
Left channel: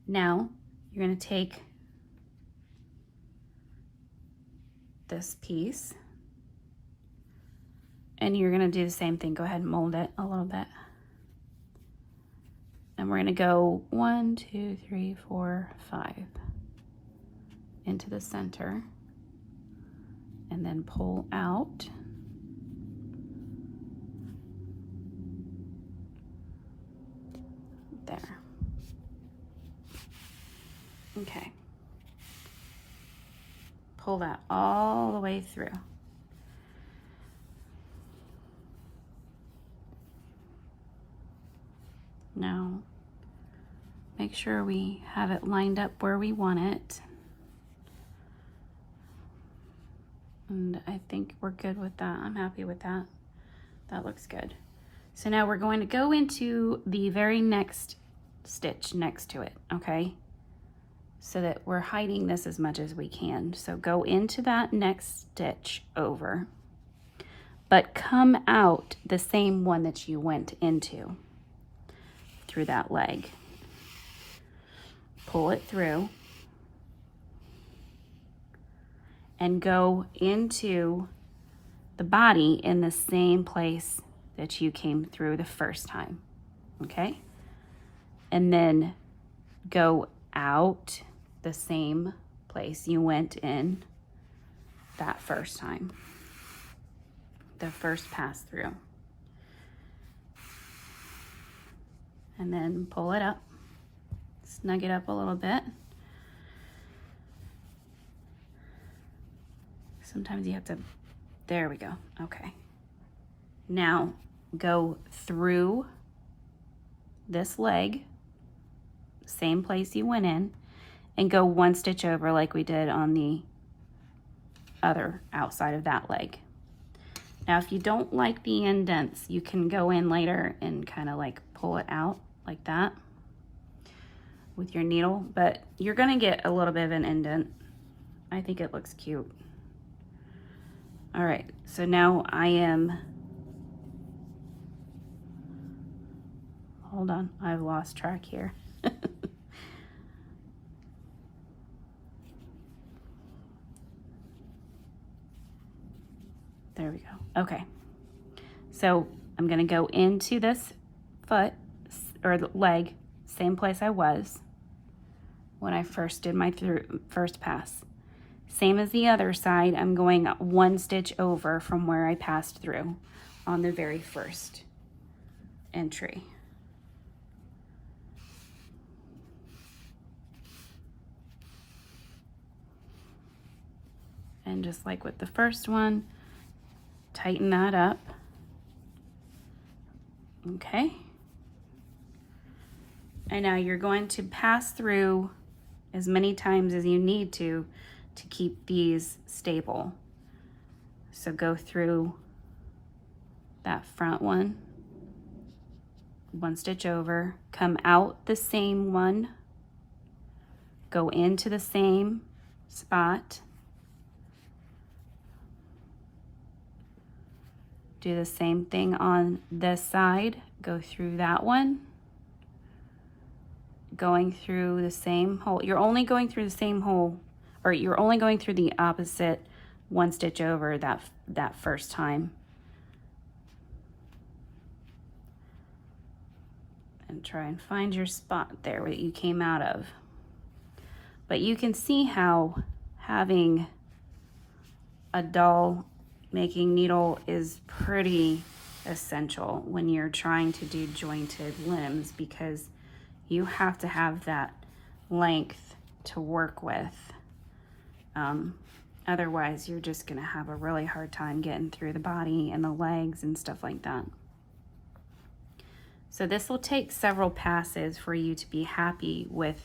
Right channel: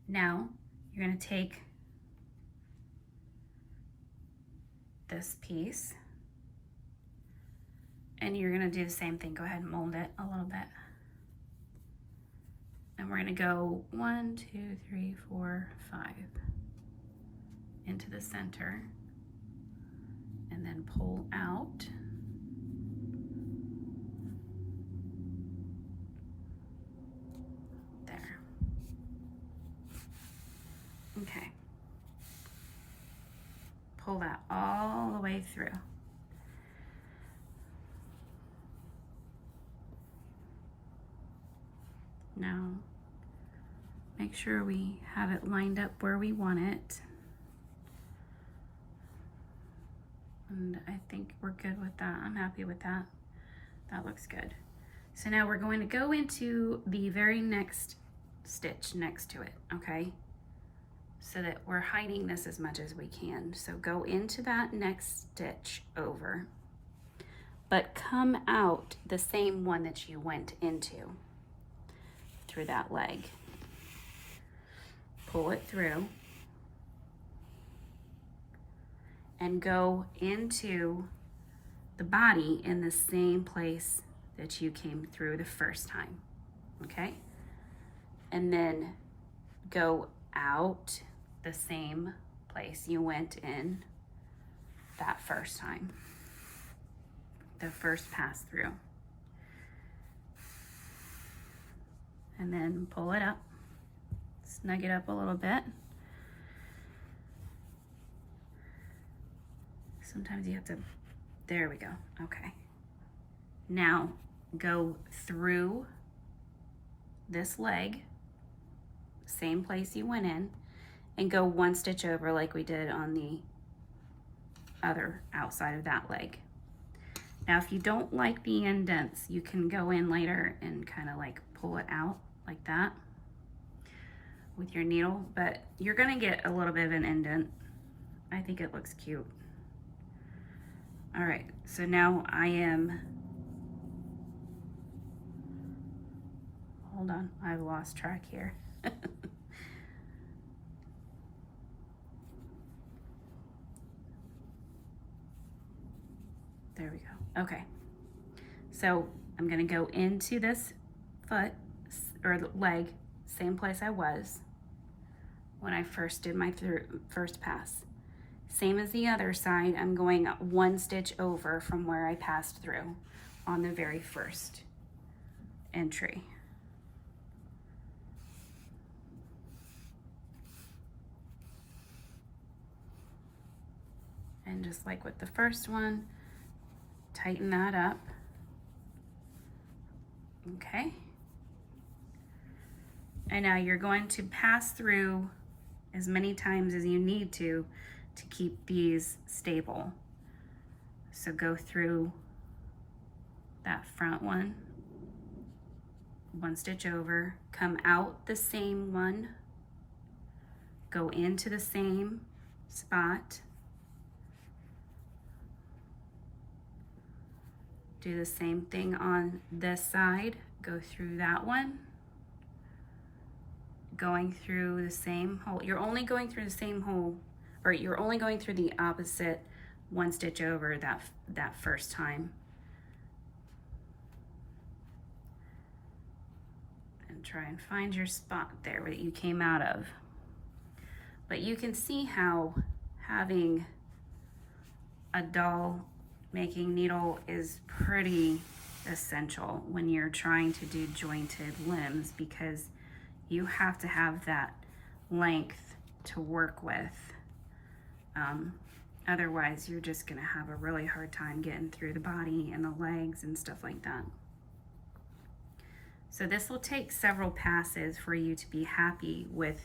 Now you're going to take this piece and you're going to do the same thing. Go ahead and mold it a little bit. And we're going to go 1, 2, 3, 4, 5 into the center and then pull out. There. Okay. Pull that all the way through. Now, make sure we have it lined up where we want it. And I think we're good with that. I'm happy with that. That looks good. So now we're going to go into the very next stitch next to it, okay? So that we're hiding this as much as we can. So go into that next stitch over, but come out the same one that you went into through that leg. Pull it through and go into the body in the same place that you came through the first time, okay? And then go out the same place you went in that first time, the first pass through. And then pull it up, snug it up a little bit Sometimes you have to, there we go, okay. Now go through this leg, same place you went in, and go 1 stitch over like we did on the other outside of that leg. Now if you don't like the indents, you can go in later and kind of like pull it out like that with your needle, but you're gonna get a little bit of an indent. I think it looks cute. All right, so now I am, hold on, I've lost track here. There we go. Okay. So I'm going to go into this foot or leg, same place I was when I first did my first pass. Same as the other side, I'm going 1 stitch over from where I passed through on the very first entry. And just like with the first one, tighten that up. Okay. And now you're going to pass through as many times as you need to keep these stable. So go through that front one, 1 stitch over, come out the same one, go into the same spot, do the same thing on this side, go through that one, going through the same hole. You're only going through the same hole, or you're only going through the opposite 1 stitch over that first time. And try and find your spot there that you came out of. But you can see how having a dull making needle is pretty essential when you're trying to do jointed limbs, because you have to have that length to work with. Otherwise, you're just gonna have a really hard time getting through the body and the legs and stuff like that. So this will take several passes for you to be happy with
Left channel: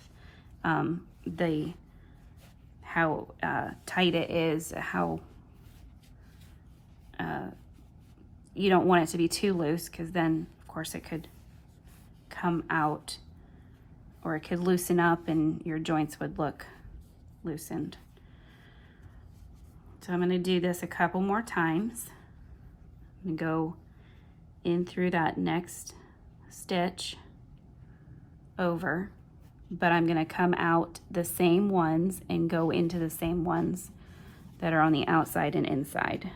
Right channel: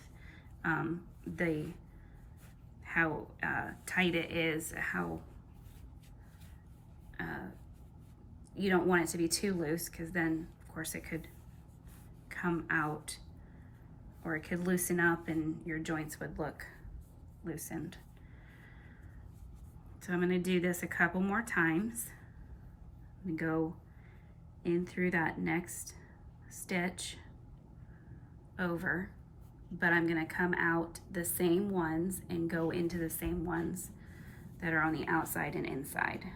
how tight it is, how you don't want it to be too loose, because then of course it could come out, or it could loosen up and your joints would look loosened. So I'm going to do this a couple more times. I'm going to go in through that next stitch over, but I'm going to come out the same ones and go into the same ones that are on the outside and inside.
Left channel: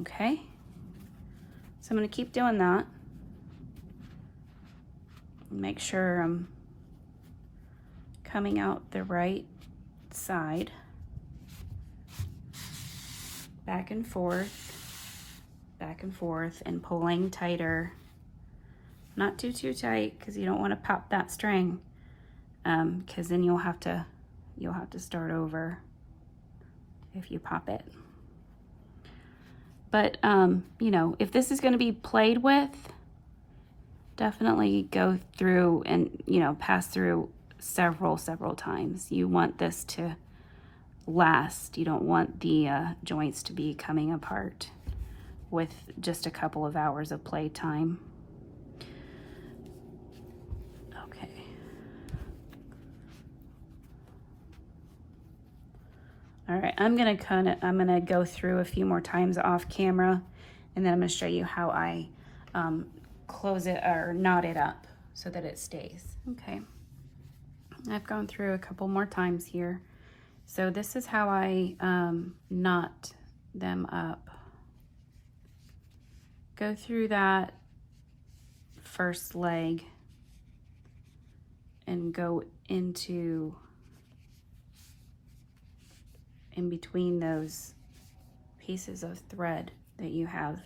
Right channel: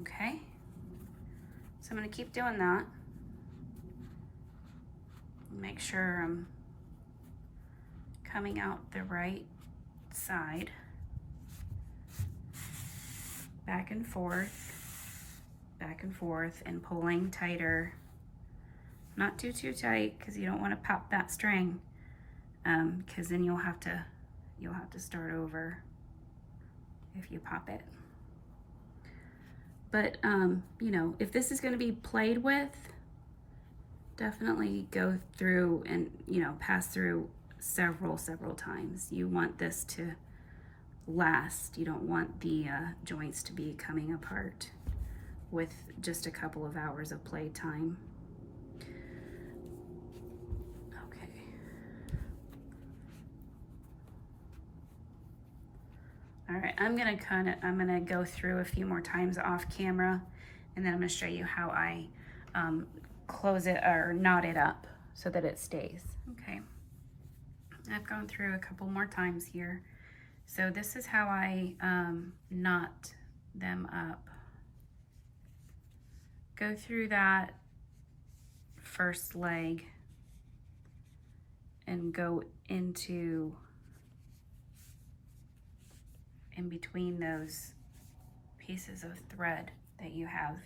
Okay, so I'm going to keep doing that. Make sure I'm coming out the right side, back and forth, and pulling tighter. Not too tight, because you don't want to pop that string, because then you'll have to start over if you pop it. But you know, if this is going to be played with, definitely go through and, you know, pass through several times. You want this to last. You don't want the joints to be coming apart with just a couple of hours of play time. Okay. All right, I'm gonna go through a few more times off camera, and then I'm gonna show you how I close it or knot it up so that it stays. Okay, I've gone through a couple more times here. So this is how I knot them up. Go through that first leg and go into in between those pieces of thread that you have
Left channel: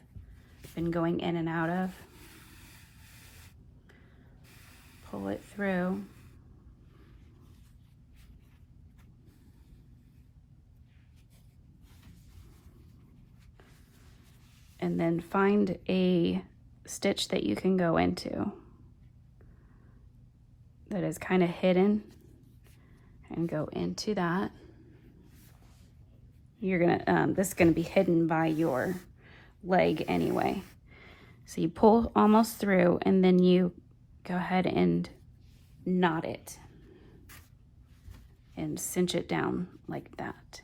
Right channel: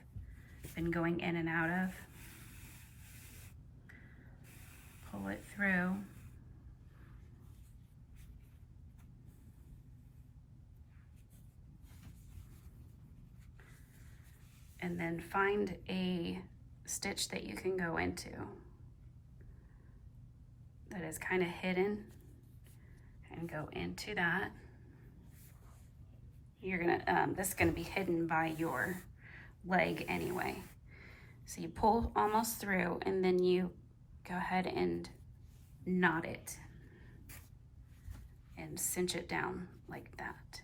been going in and out of. Pull it through. and then find a stitch that you can go into that is kind of hidden, and go into that. You're gonna, this is gonna be hidden by your leg anyway. So you pull almost through, and then you go ahead and knot it and cinch it down like that.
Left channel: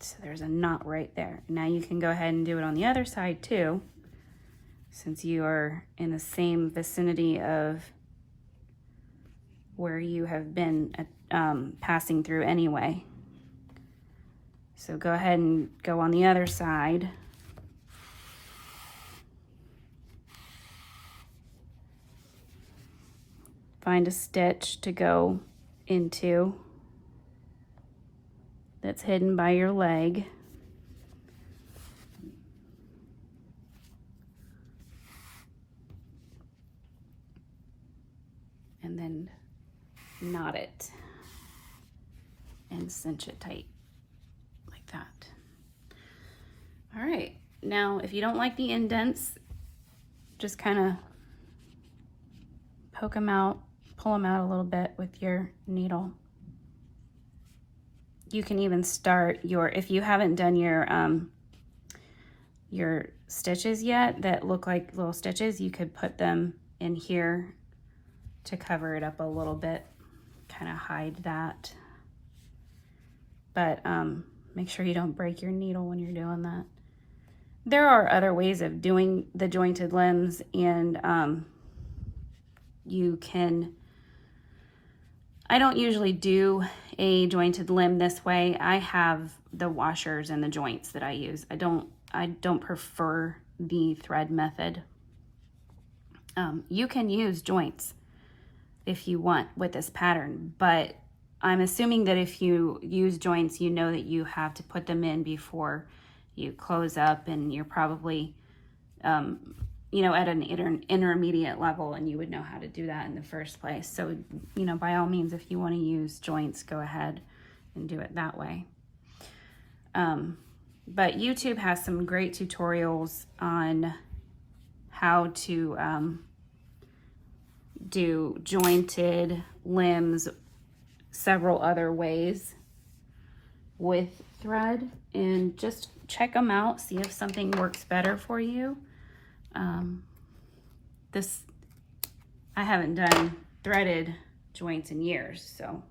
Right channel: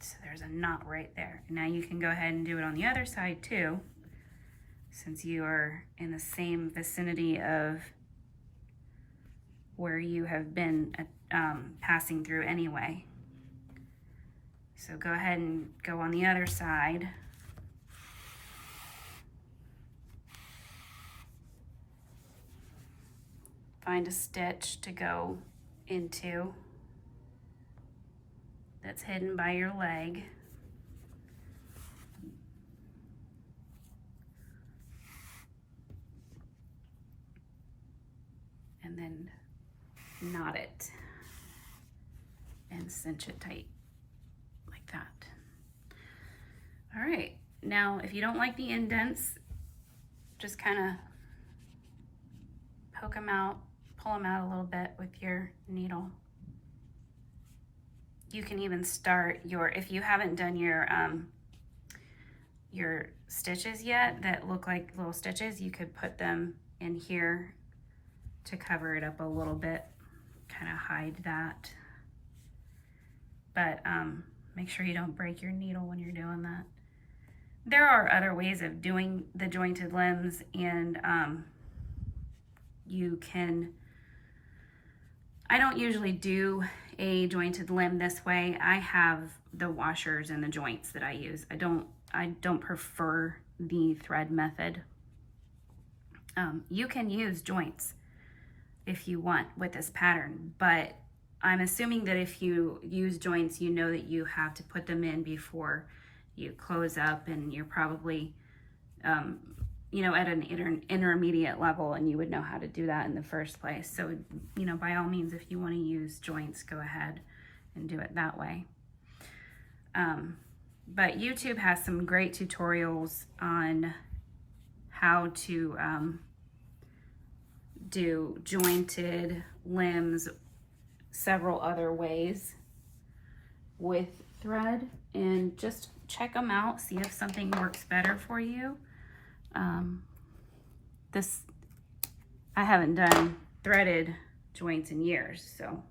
So there's a knot right there. Now you can go ahead and do it on the other side too, since you are in the same vicinity of where you have been passing through anyway. So go ahead and go on the other side. Find a stitch to go into that's hidden by your leg. And then knot it and cinch it tight like that. All right, now if you don't like the indents, just kind of poke them out, pull them out a little bit with your needle. You can even start your, if you haven't done your stitches yet that look like little stitches, you could put them in here to cover it up a little bit, kind of hide that. But make sure you don't break your needle when you're doing that. There are other ways of doing the jointed limbs, and you can, I don't usually do a jointed limb this way. I have the washers and the joints that I use. I don't prefer the thread method. You can use joints if you want with this pattern, but I'm assuming that if you use joints, you know that you have to put them in before you close up, and you're probably you know, at an intermediate level, and you would know how to do that in the first place. So, you know, by all means, if you want to use joints, go ahead and do it that way. But YouTube has some great tutorials on how to do jointed limbs several other ways with thread, and just check them out, see if something works better for you. I haven't done threaded joints in years, so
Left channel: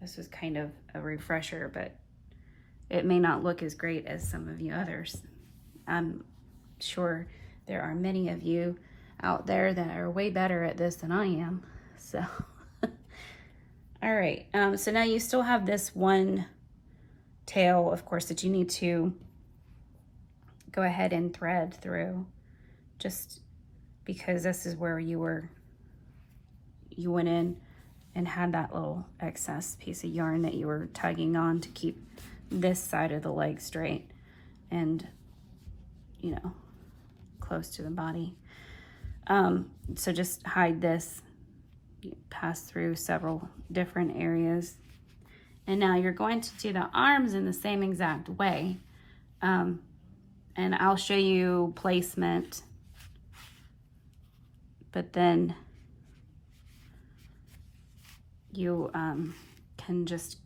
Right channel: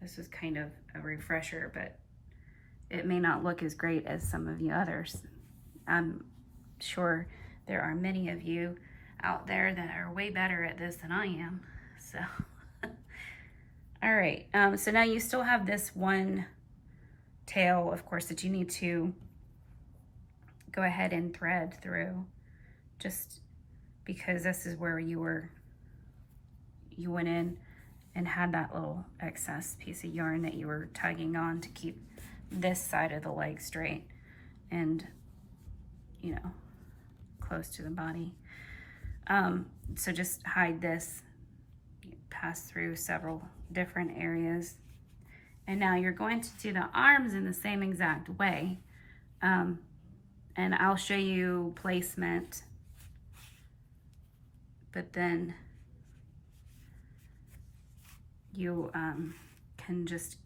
this was kind of a refresher, but it may not look as great as some of the others. I'm sure there are many of you out there that are way better at this than I am, so. All right, so now you still have this one tail, of course, that you need to go ahead and thread through, just because this is where you went in and had that little excess piece of yarn that you were tugging on to keep this side of the leg straight and, you know, close to the body. So just hide this, pass through several different areas. And now you're going to do the arms in the same exact way. And I'll show you placement, but then you can just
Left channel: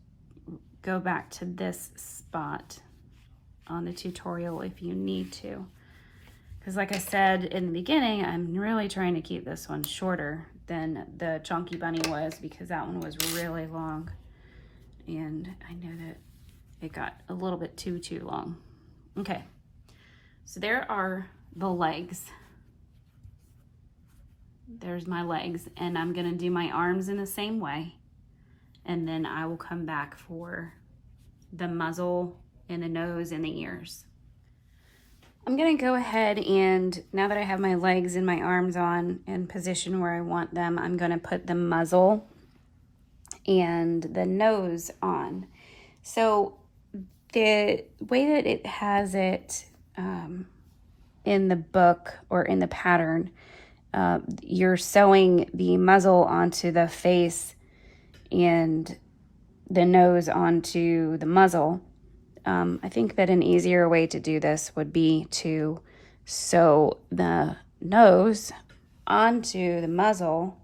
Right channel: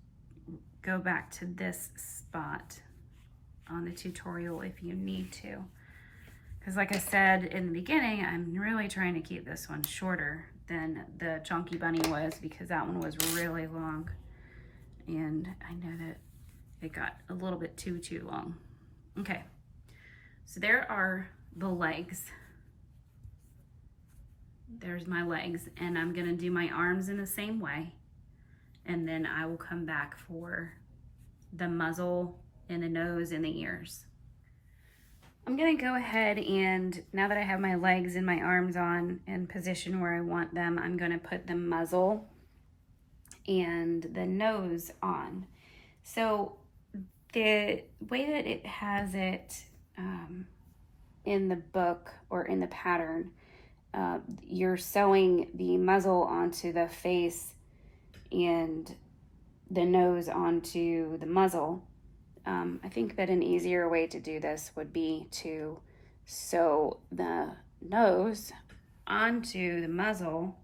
go back to this spot on the tutorial if you need to. Because like I said in the beginning, I'm really trying to keep this one shorter than the Chunky Bunny was, because that one was really long. And I know that it got a little bit too long. Okay, so there are the legs. There's my legs, and I'm gonna do my arms in the same way, and then I will come back for the muzzle and the nose and the ears. I'm gonna go ahead, and now that I have my legs and my arms on in position where I want them, I'm gonna put the muzzle and the nose on. So the way that it has it in the book or in the pattern, you're sewing the muzzle onto the face and the nose onto the muzzle. I think that an easier way to do this would be to sew the nose onto the muzzle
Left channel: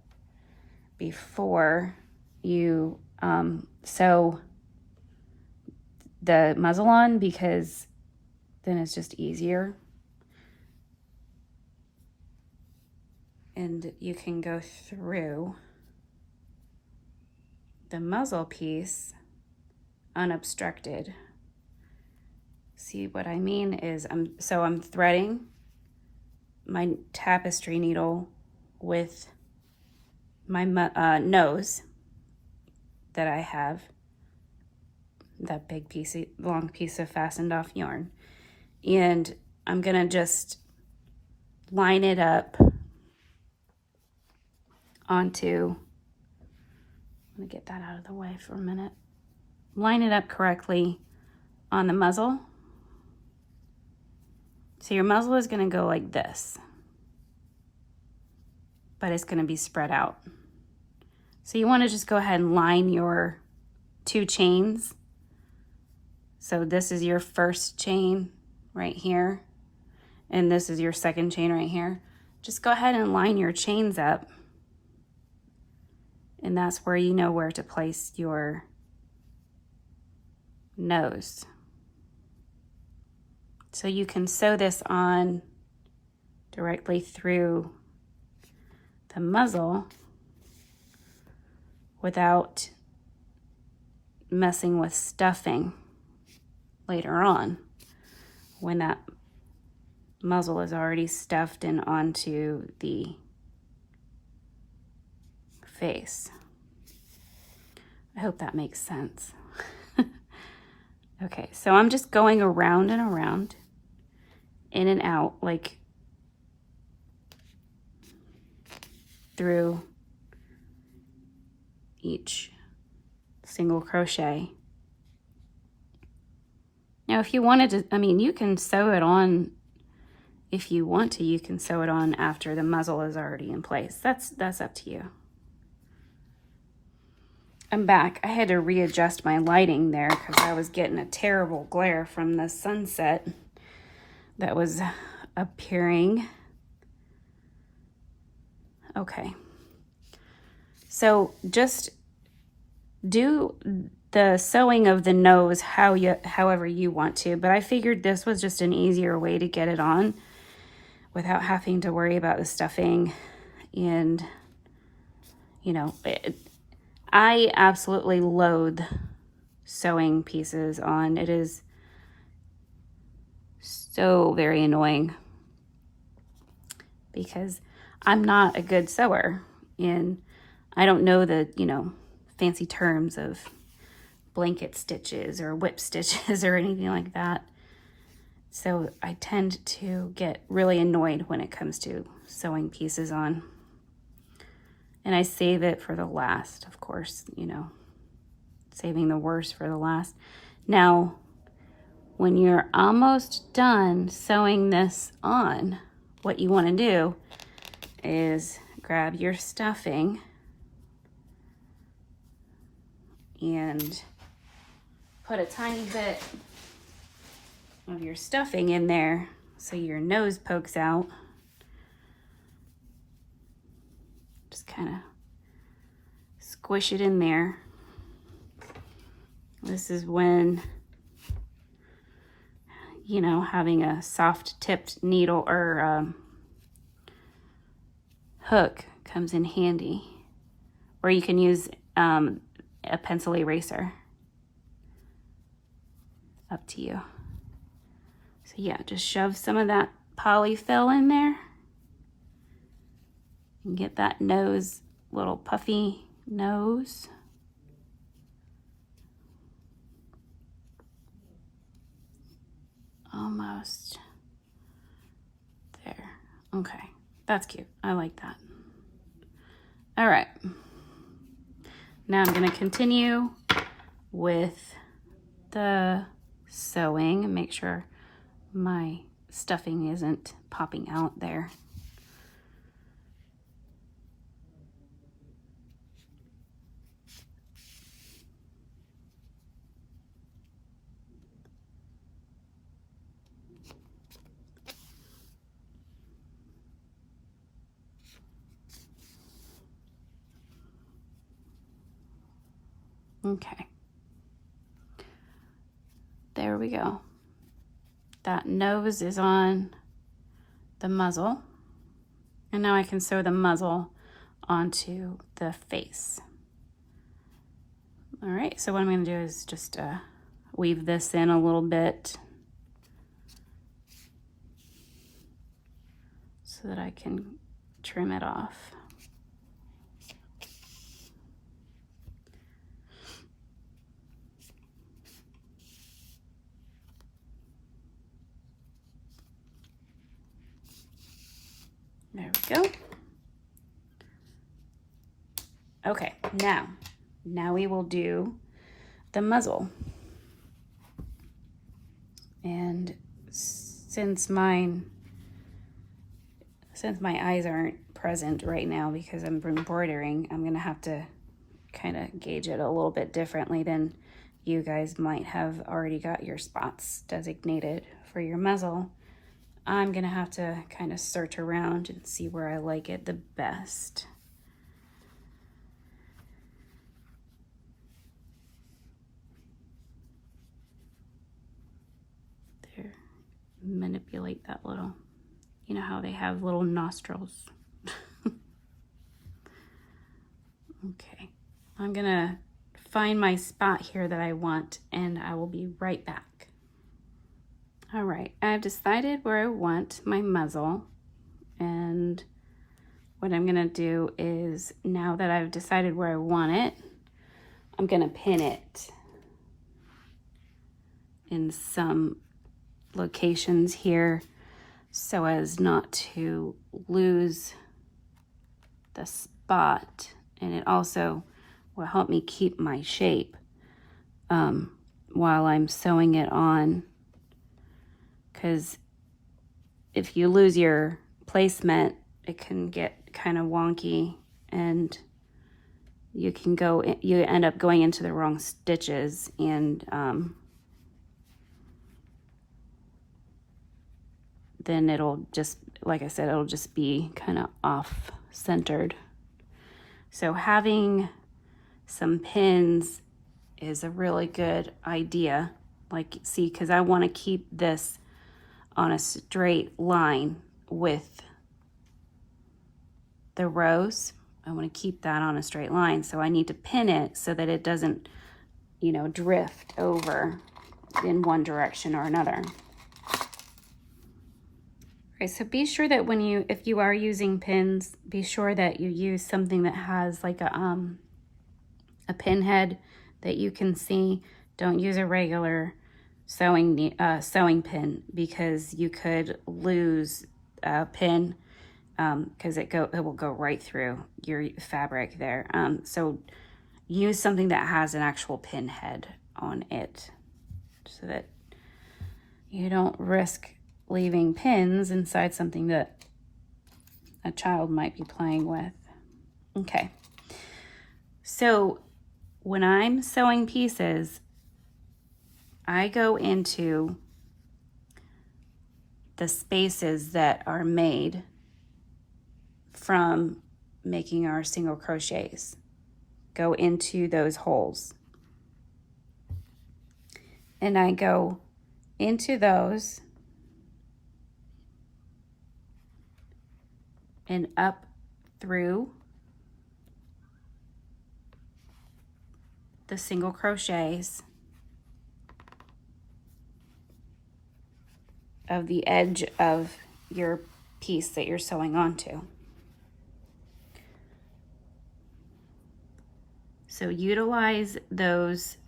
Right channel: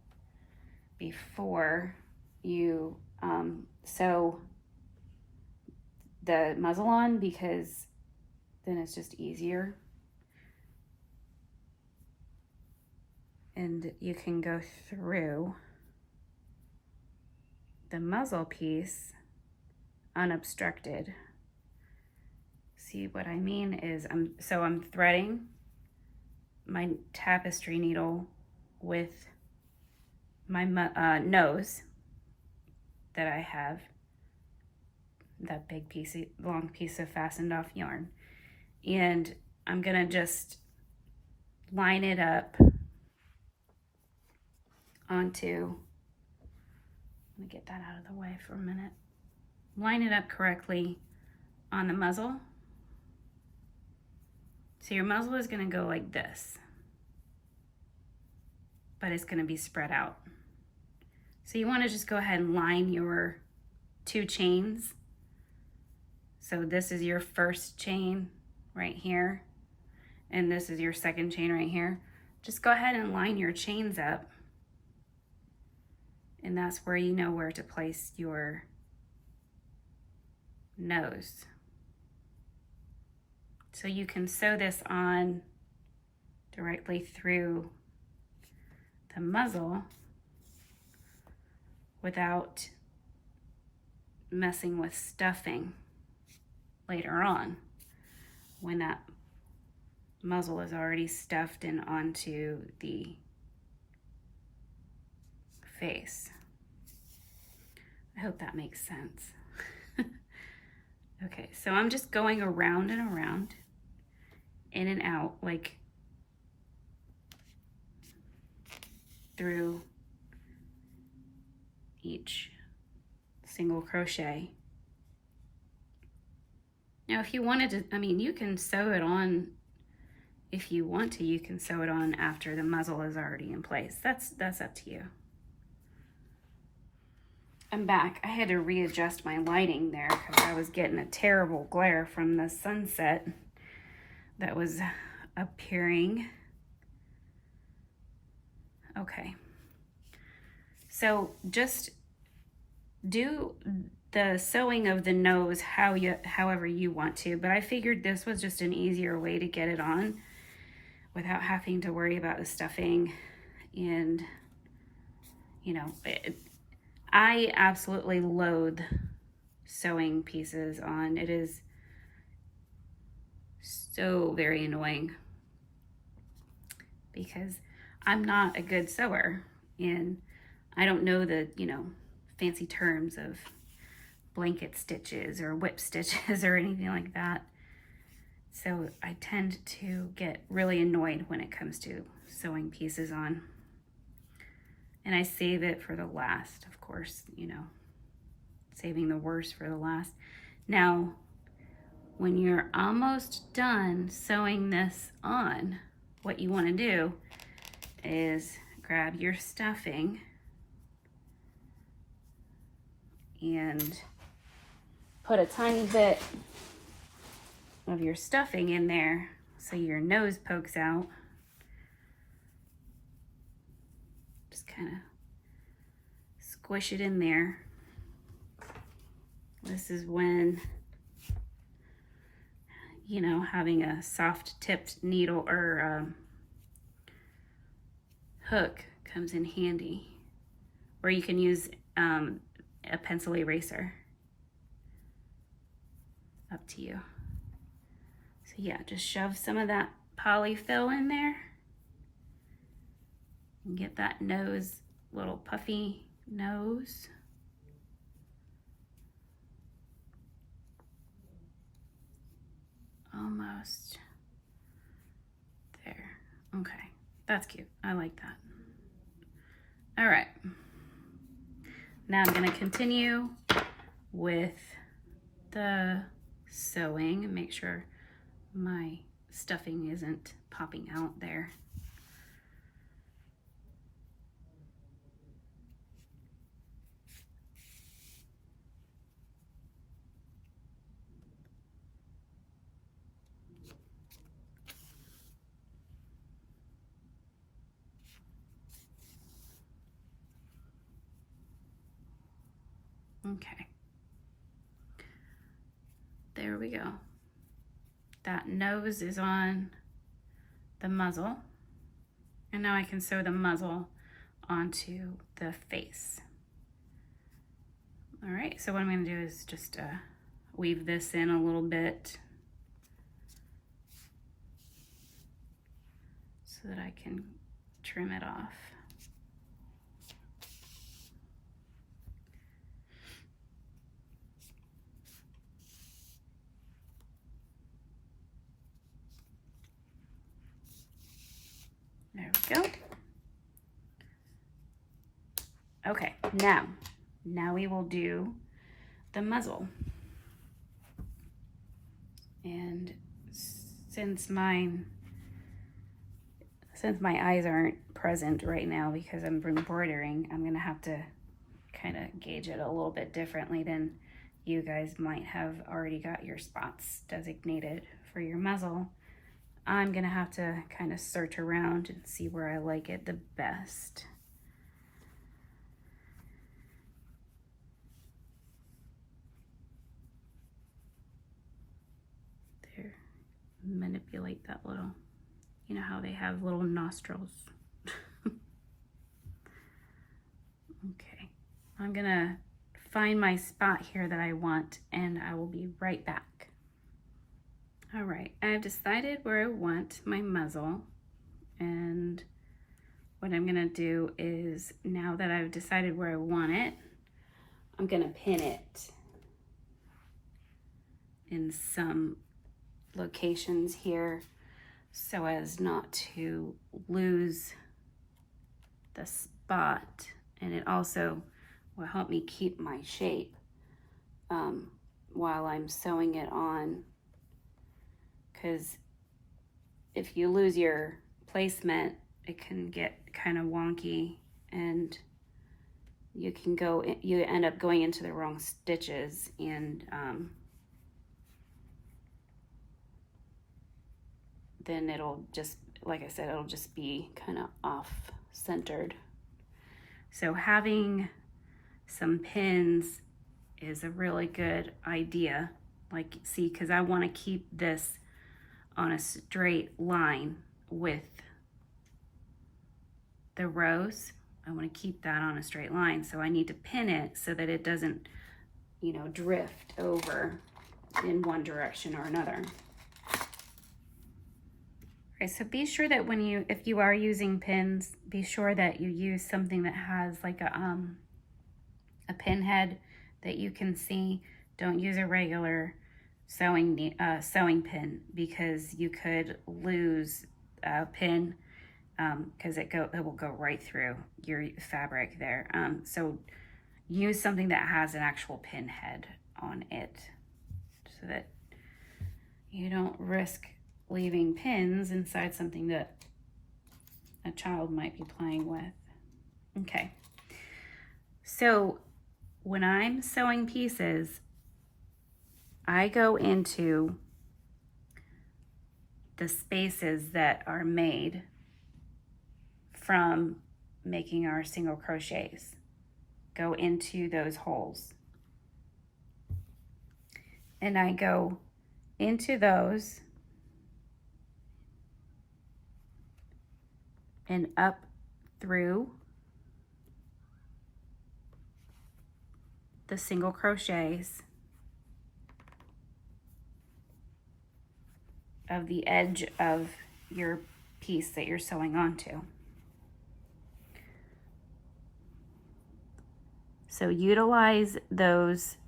before you sew the muzzle on, because then it's just easier. And you can go through the muzzle piece unobstructed. See what I mean is I'm threading my tapestry needle with my nose that I have, that big piece, long piece of fastened off yarn, and I'm gonna just line it up onto, let me get that out of the way for a minute, line it up correctly on the muzzle. So your muzzle is going to go like this, but it's going to be spread out. So you want to just go ahead and line your 2 chains. So this is your first chain right here, and this is your second chain right here. Just go ahead and line your chains up, and that's where you know where to place your nose. So you can sew this on directly through the muzzle without messing with stuffing later on, when that muzzle is already stuffed in onto the face. I hope that makes sense. Okay, so I'm just going around and around, in and out, like through each single crochet. Now, if you wanted to, I mean, you can sew it on, if you want to, you can sew it on after the muzzle is already in place. That's up to you. I'm back. I had to readjust my lighting there because I was getting a terrible glare from the sunset that was appearing. Okay. So just do the sewing of the nose however you want to, but I figured this was just an easier way to get it on without having to worry about the stuffing. And, you know, I absolutely loathe sewing pieces on. It is so very annoying because I'm not a good sewer, and I don't know the, you know, fancy terms of blanket stitches or whip stitches or anything like that. So I tend to get really annoyed when it comes to sewing pieces on. And I save it for the last, of course, you know, saving the worst for the last. Now, when you're almost done sewing this on, what you want to do is grab your stuffing and put a tiny bit of your stuffing in there so your nose pokes out. Just kind of squish it in there. This is when, you know, having a soft tipped needle or hook comes in handy. Or you can use a pencil eraser. Up to you. So yeah, just shove some of that polyfill in there and get that nose, little puffy nose. Almost there. Okay, that's cute. I like that. All right. Now I'm going to continue with the sewing and make sure my stuffing isn't popping out there. Okay. There we go. That nose is on the muzzle. And now I can sew the muzzle onto the face. All right, so what I'm gonna do is just weave this in a little bit so that I can trim it off. There we go. Okay, now we will do the muzzle. And since my eyes aren't present right now because I'm embroidering, I'm gonna have to kind of gauge it a little bit differently than you guys might have already got your spots designated for your muzzle. I'm gonna have to kind of search around and see where I like it the best. There, manipulate that little, you know how they have little nostrils. Okay, I'm gonna find my spot here that I want and I will be right back. All right, I've decided where I want my muzzle, and what I'm gonna do is, now that I've decided where I want it, I'm gonna pin it in some locations here so as not to lose the spot, and it also will help me keep my shape while I'm sewing it on. Because if you lose your placement, it can get kind of wonky and you end up going into the wrong stitches, and then it'll just, like I said, it'll just be kind of off-centered. So having some pins is a really good idea. Like, see, because I want to keep this on a straight line with the rows. I want to keep that on a straight line, so I need to pin it so that it doesn't, you know, drift over in one direction or another. Okay, so be sure that if you are using pins, be sure that you use something that has like a pin head that you can see. Don't use a regular sewing pin, because you could lose a pin because it will go right through your fabric there. So use something that has an actual pin head on it so that you don't risk leaving pins inside something that a child might be playing with. Okay, so when I'm sewing pieces, I go into the spaces that are made from making our single crochets. Go into those holes. And I go into those and up through the single crochets of the edge of your piece that you're sewing onto. So utilize those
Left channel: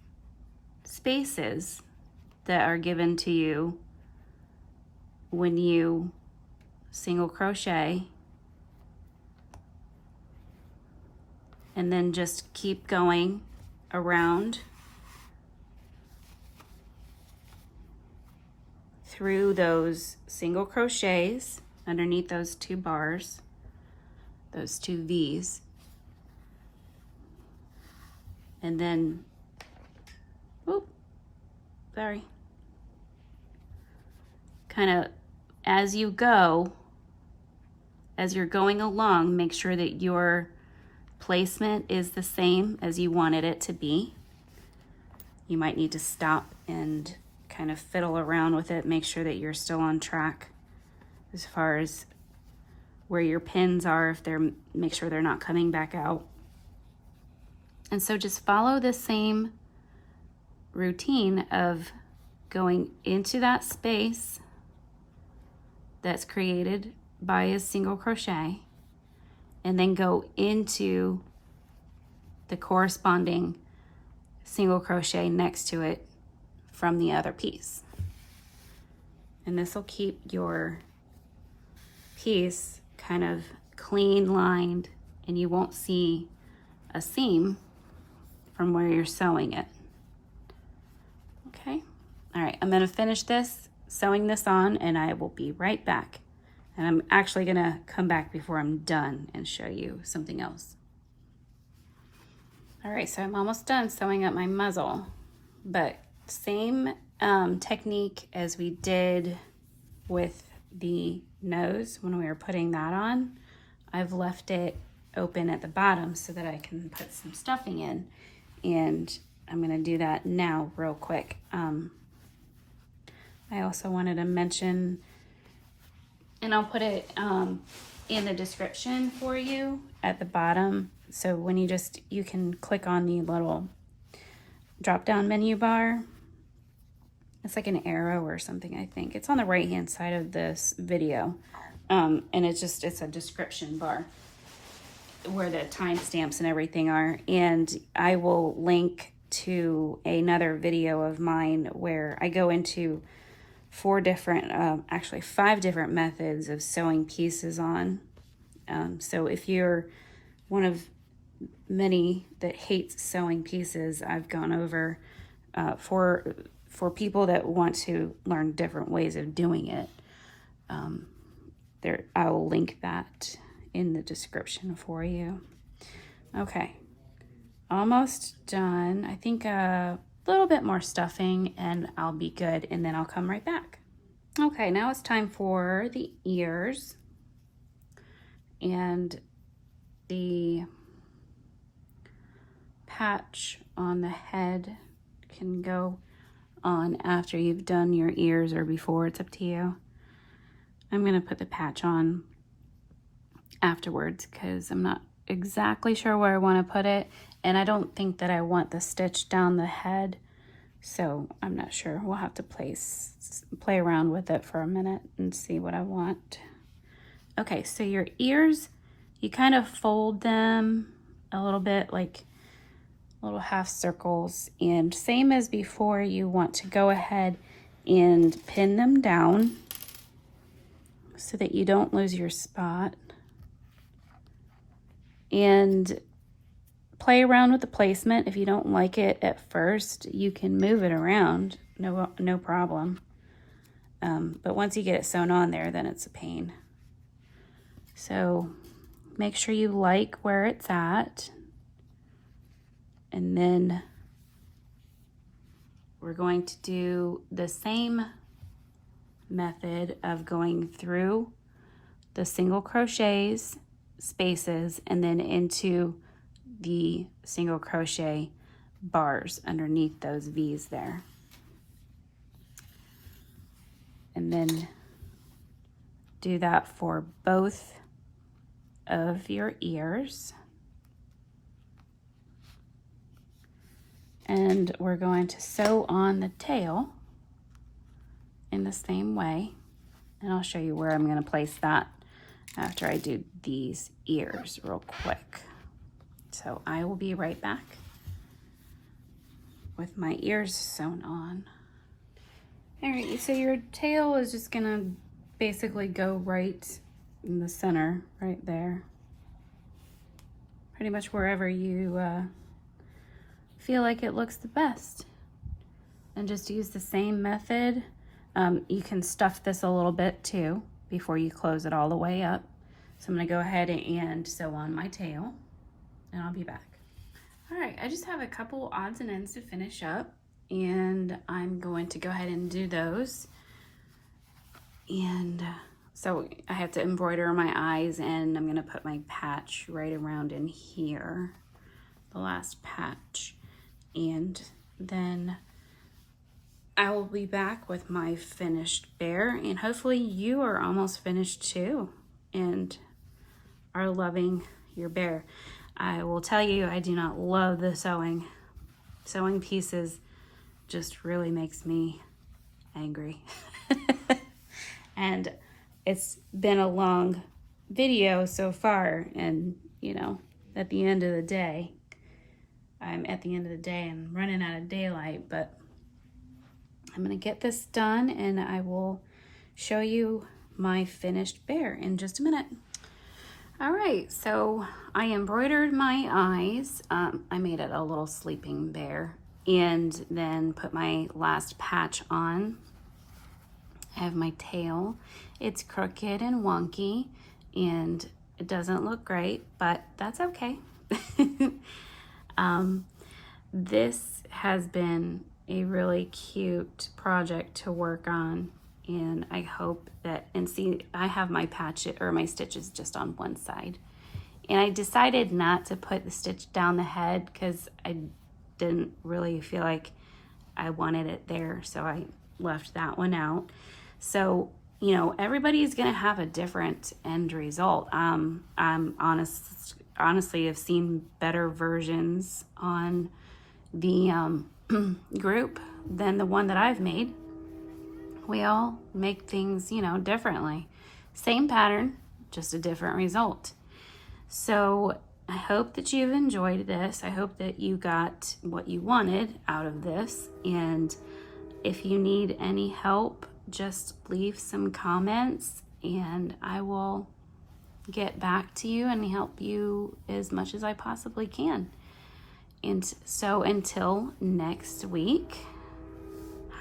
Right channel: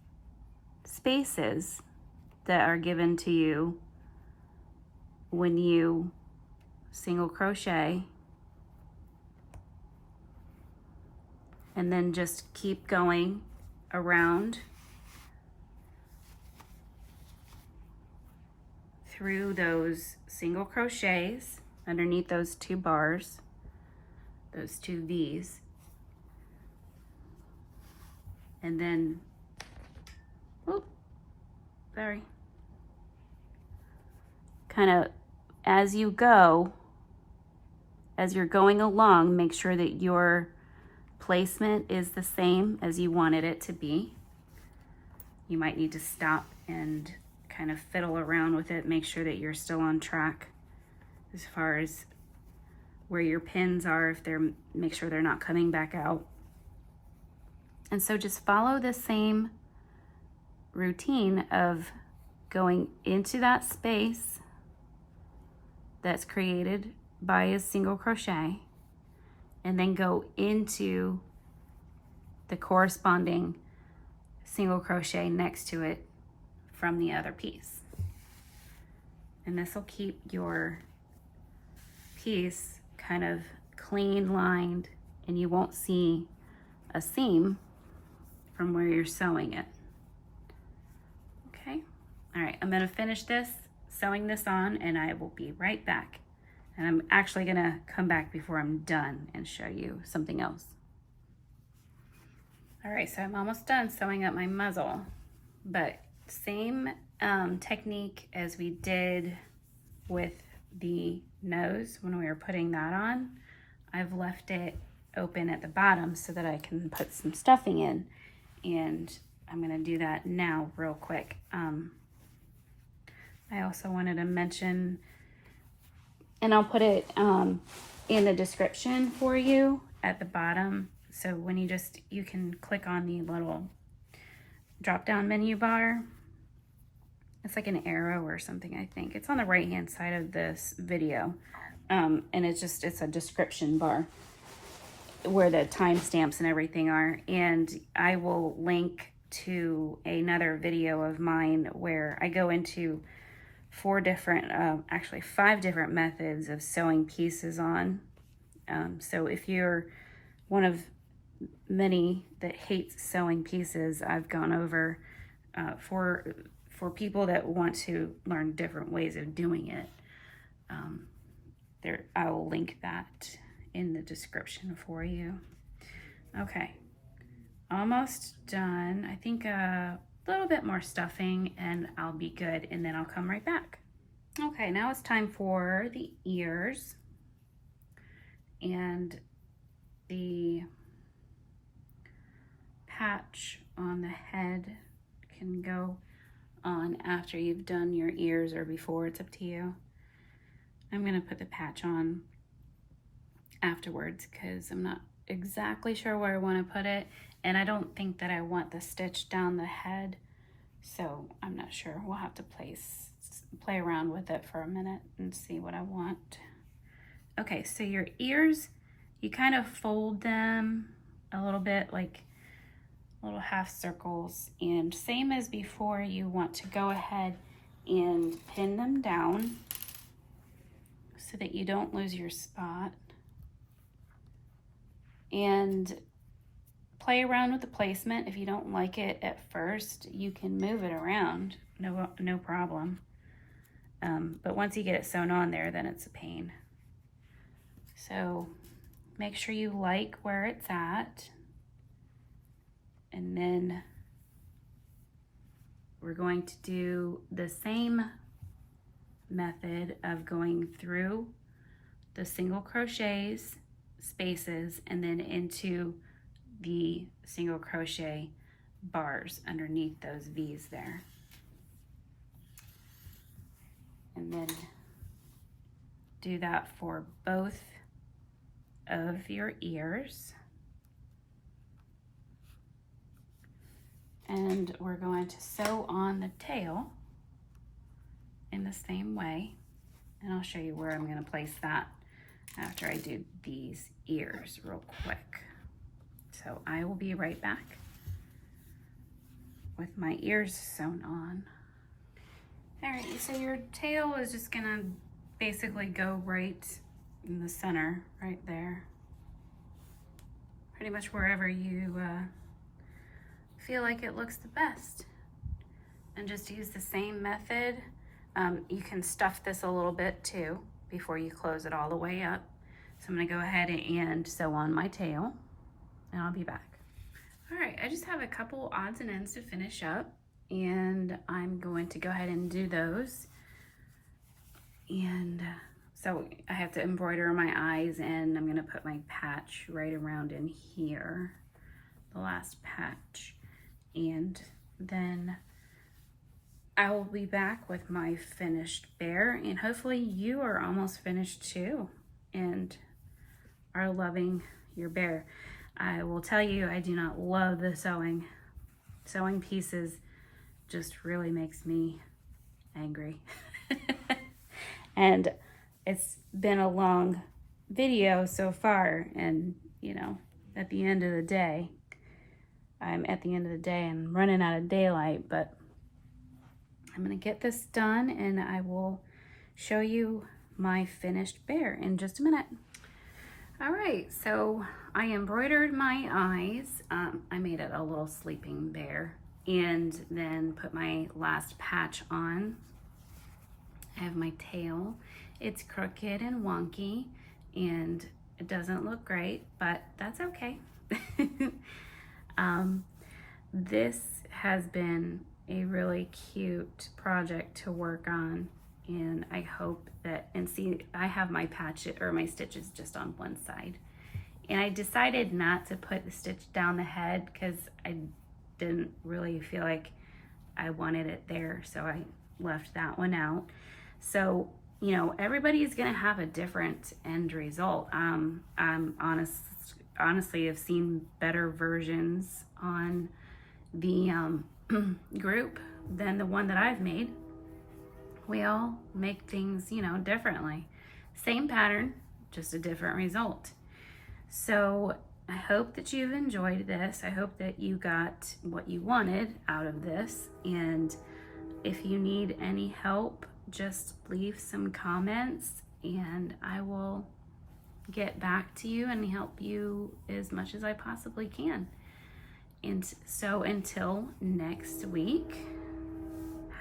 spaces that are given to you when you single crochet, and then just keep going around through those single crochets underneath those two bars, those two V's, and then, kind of as you go, as you're going along, make sure that your placement is the same as you wanted it to be. you might need to stop and kind of fiddle around with it, make sure that you're still on track as far as where your pins are, if they're, make sure they're not coming back out. And so just follow the same routine of going into that space that's created by a single crochet, and then go into the corresponding single crochet next to it from the other piece. And this will keep your piece kind of clean lined, and you won't see a seam from where you're sewing it. Okay, all right, I'm gonna finish this, sewing this on, and I will be right back. And I'm actually gonna come back before I'm done and show you something else. All right, so I'm almost done sewing up my muzzle, but same technique as we did with the nose when we were putting that on. I've left it open at the bottom so that I can put some stuffing in, and I'm gonna do that now real quick. I also wanted to mention, and I'll put it in the description for you at the bottom, so when you can click on the little drop down menu bar. It's like an arrow or something, I think. It's on the right hand side of this video. And it's a description bar where the timestamps and everything are. And I will link to another video of mine where I go into actually 5 different methods of sewing pieces on. So if you're one of many that hates sewing pieces, I've gone over for people that want to learn different ways of doing it. I will link that in the description for you. Okay, almost done. I think a little bit more stuffing and I'll be good, and then I'll come right back. Okay, now it's time for the ears, and the patch on the head can go on after you've done your ears or before, it's up to you. I'm gonna put the patch on afterwards because I'm not exactly sure where I want to put it, and I don't think that I want the stitch down the head, so I'm not sure. We'll have to play around with it for a minute and see what I want. Okay, so your ears, you kind of fold them a little bit, like little half circles, and same as before, you want to go ahead and pin them down so that you don't lose your spot, and play around with the placement. If you don't like it at first, you can move it around, no problem. But once you get it sewn on there, then it's a pain. So make sure you like where it's at. And then we're going to do the same method of going through the single crochets, spaces, and then into the single crochet bars underneath those V's there. And then do that for both of your ears. And we're going to sew on the tail in the same way. And I'll show you where I'm going to place that after I do these ears real quick. So I will be right back with my ears sewn on. All right, so your tail is just gonna basically go right in the center, right there. Pretty much wherever you feel like it looks the best. And just use the same method. You can stuff this a little bit too before you close it all the way up. So I'm gonna go ahead and sew on my tail, and I'll be back. All right, I just have a couple odds and ends to finish up, and I'm going to go ahead and do those. And so I have to embroider my eyes, and I'm gonna put my patch right around in here, the last patch. And then I will be back with my finished bear, and hopefully you are almost finished too and are loving your bear. I will tell you, I do not love the sewing. Sewing pieces just really makes me angry. And it's been a long video so far, and you know, at the end of the day, I'm at the end of the day and running out of daylight, but I'm gonna get this done and I will show you my finished bear in just a minute. All right, so I embroidered my eyes. I made it a little sleeping bear and then put my last patch on. I have my tail. It's crooked and wonky and it doesn't look great, but that's okay. This has been a really cute project to work on, and I hope that, and see, I have my patch or my stitches just on one side, and I decided not to put the stitch down the head because I didn't really feel like I wanted it there, so I left that one out. So, you know, everybody's gonna have a different end result. I'm honestly have seen better versions on the group than the one that I've made. We all make things, you know, differently. Same pattern, just a different result. So I hope that you've enjoyed this. I hope that you got what you wanted out of this. And if you need any help, just leave some comments and I will get back to you and help you as much as I possibly can. And so until next week,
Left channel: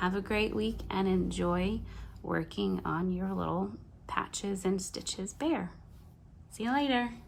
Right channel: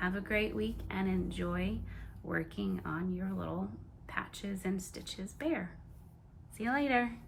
have a great week and enjoy working on your little patches and stitches bear. See you later.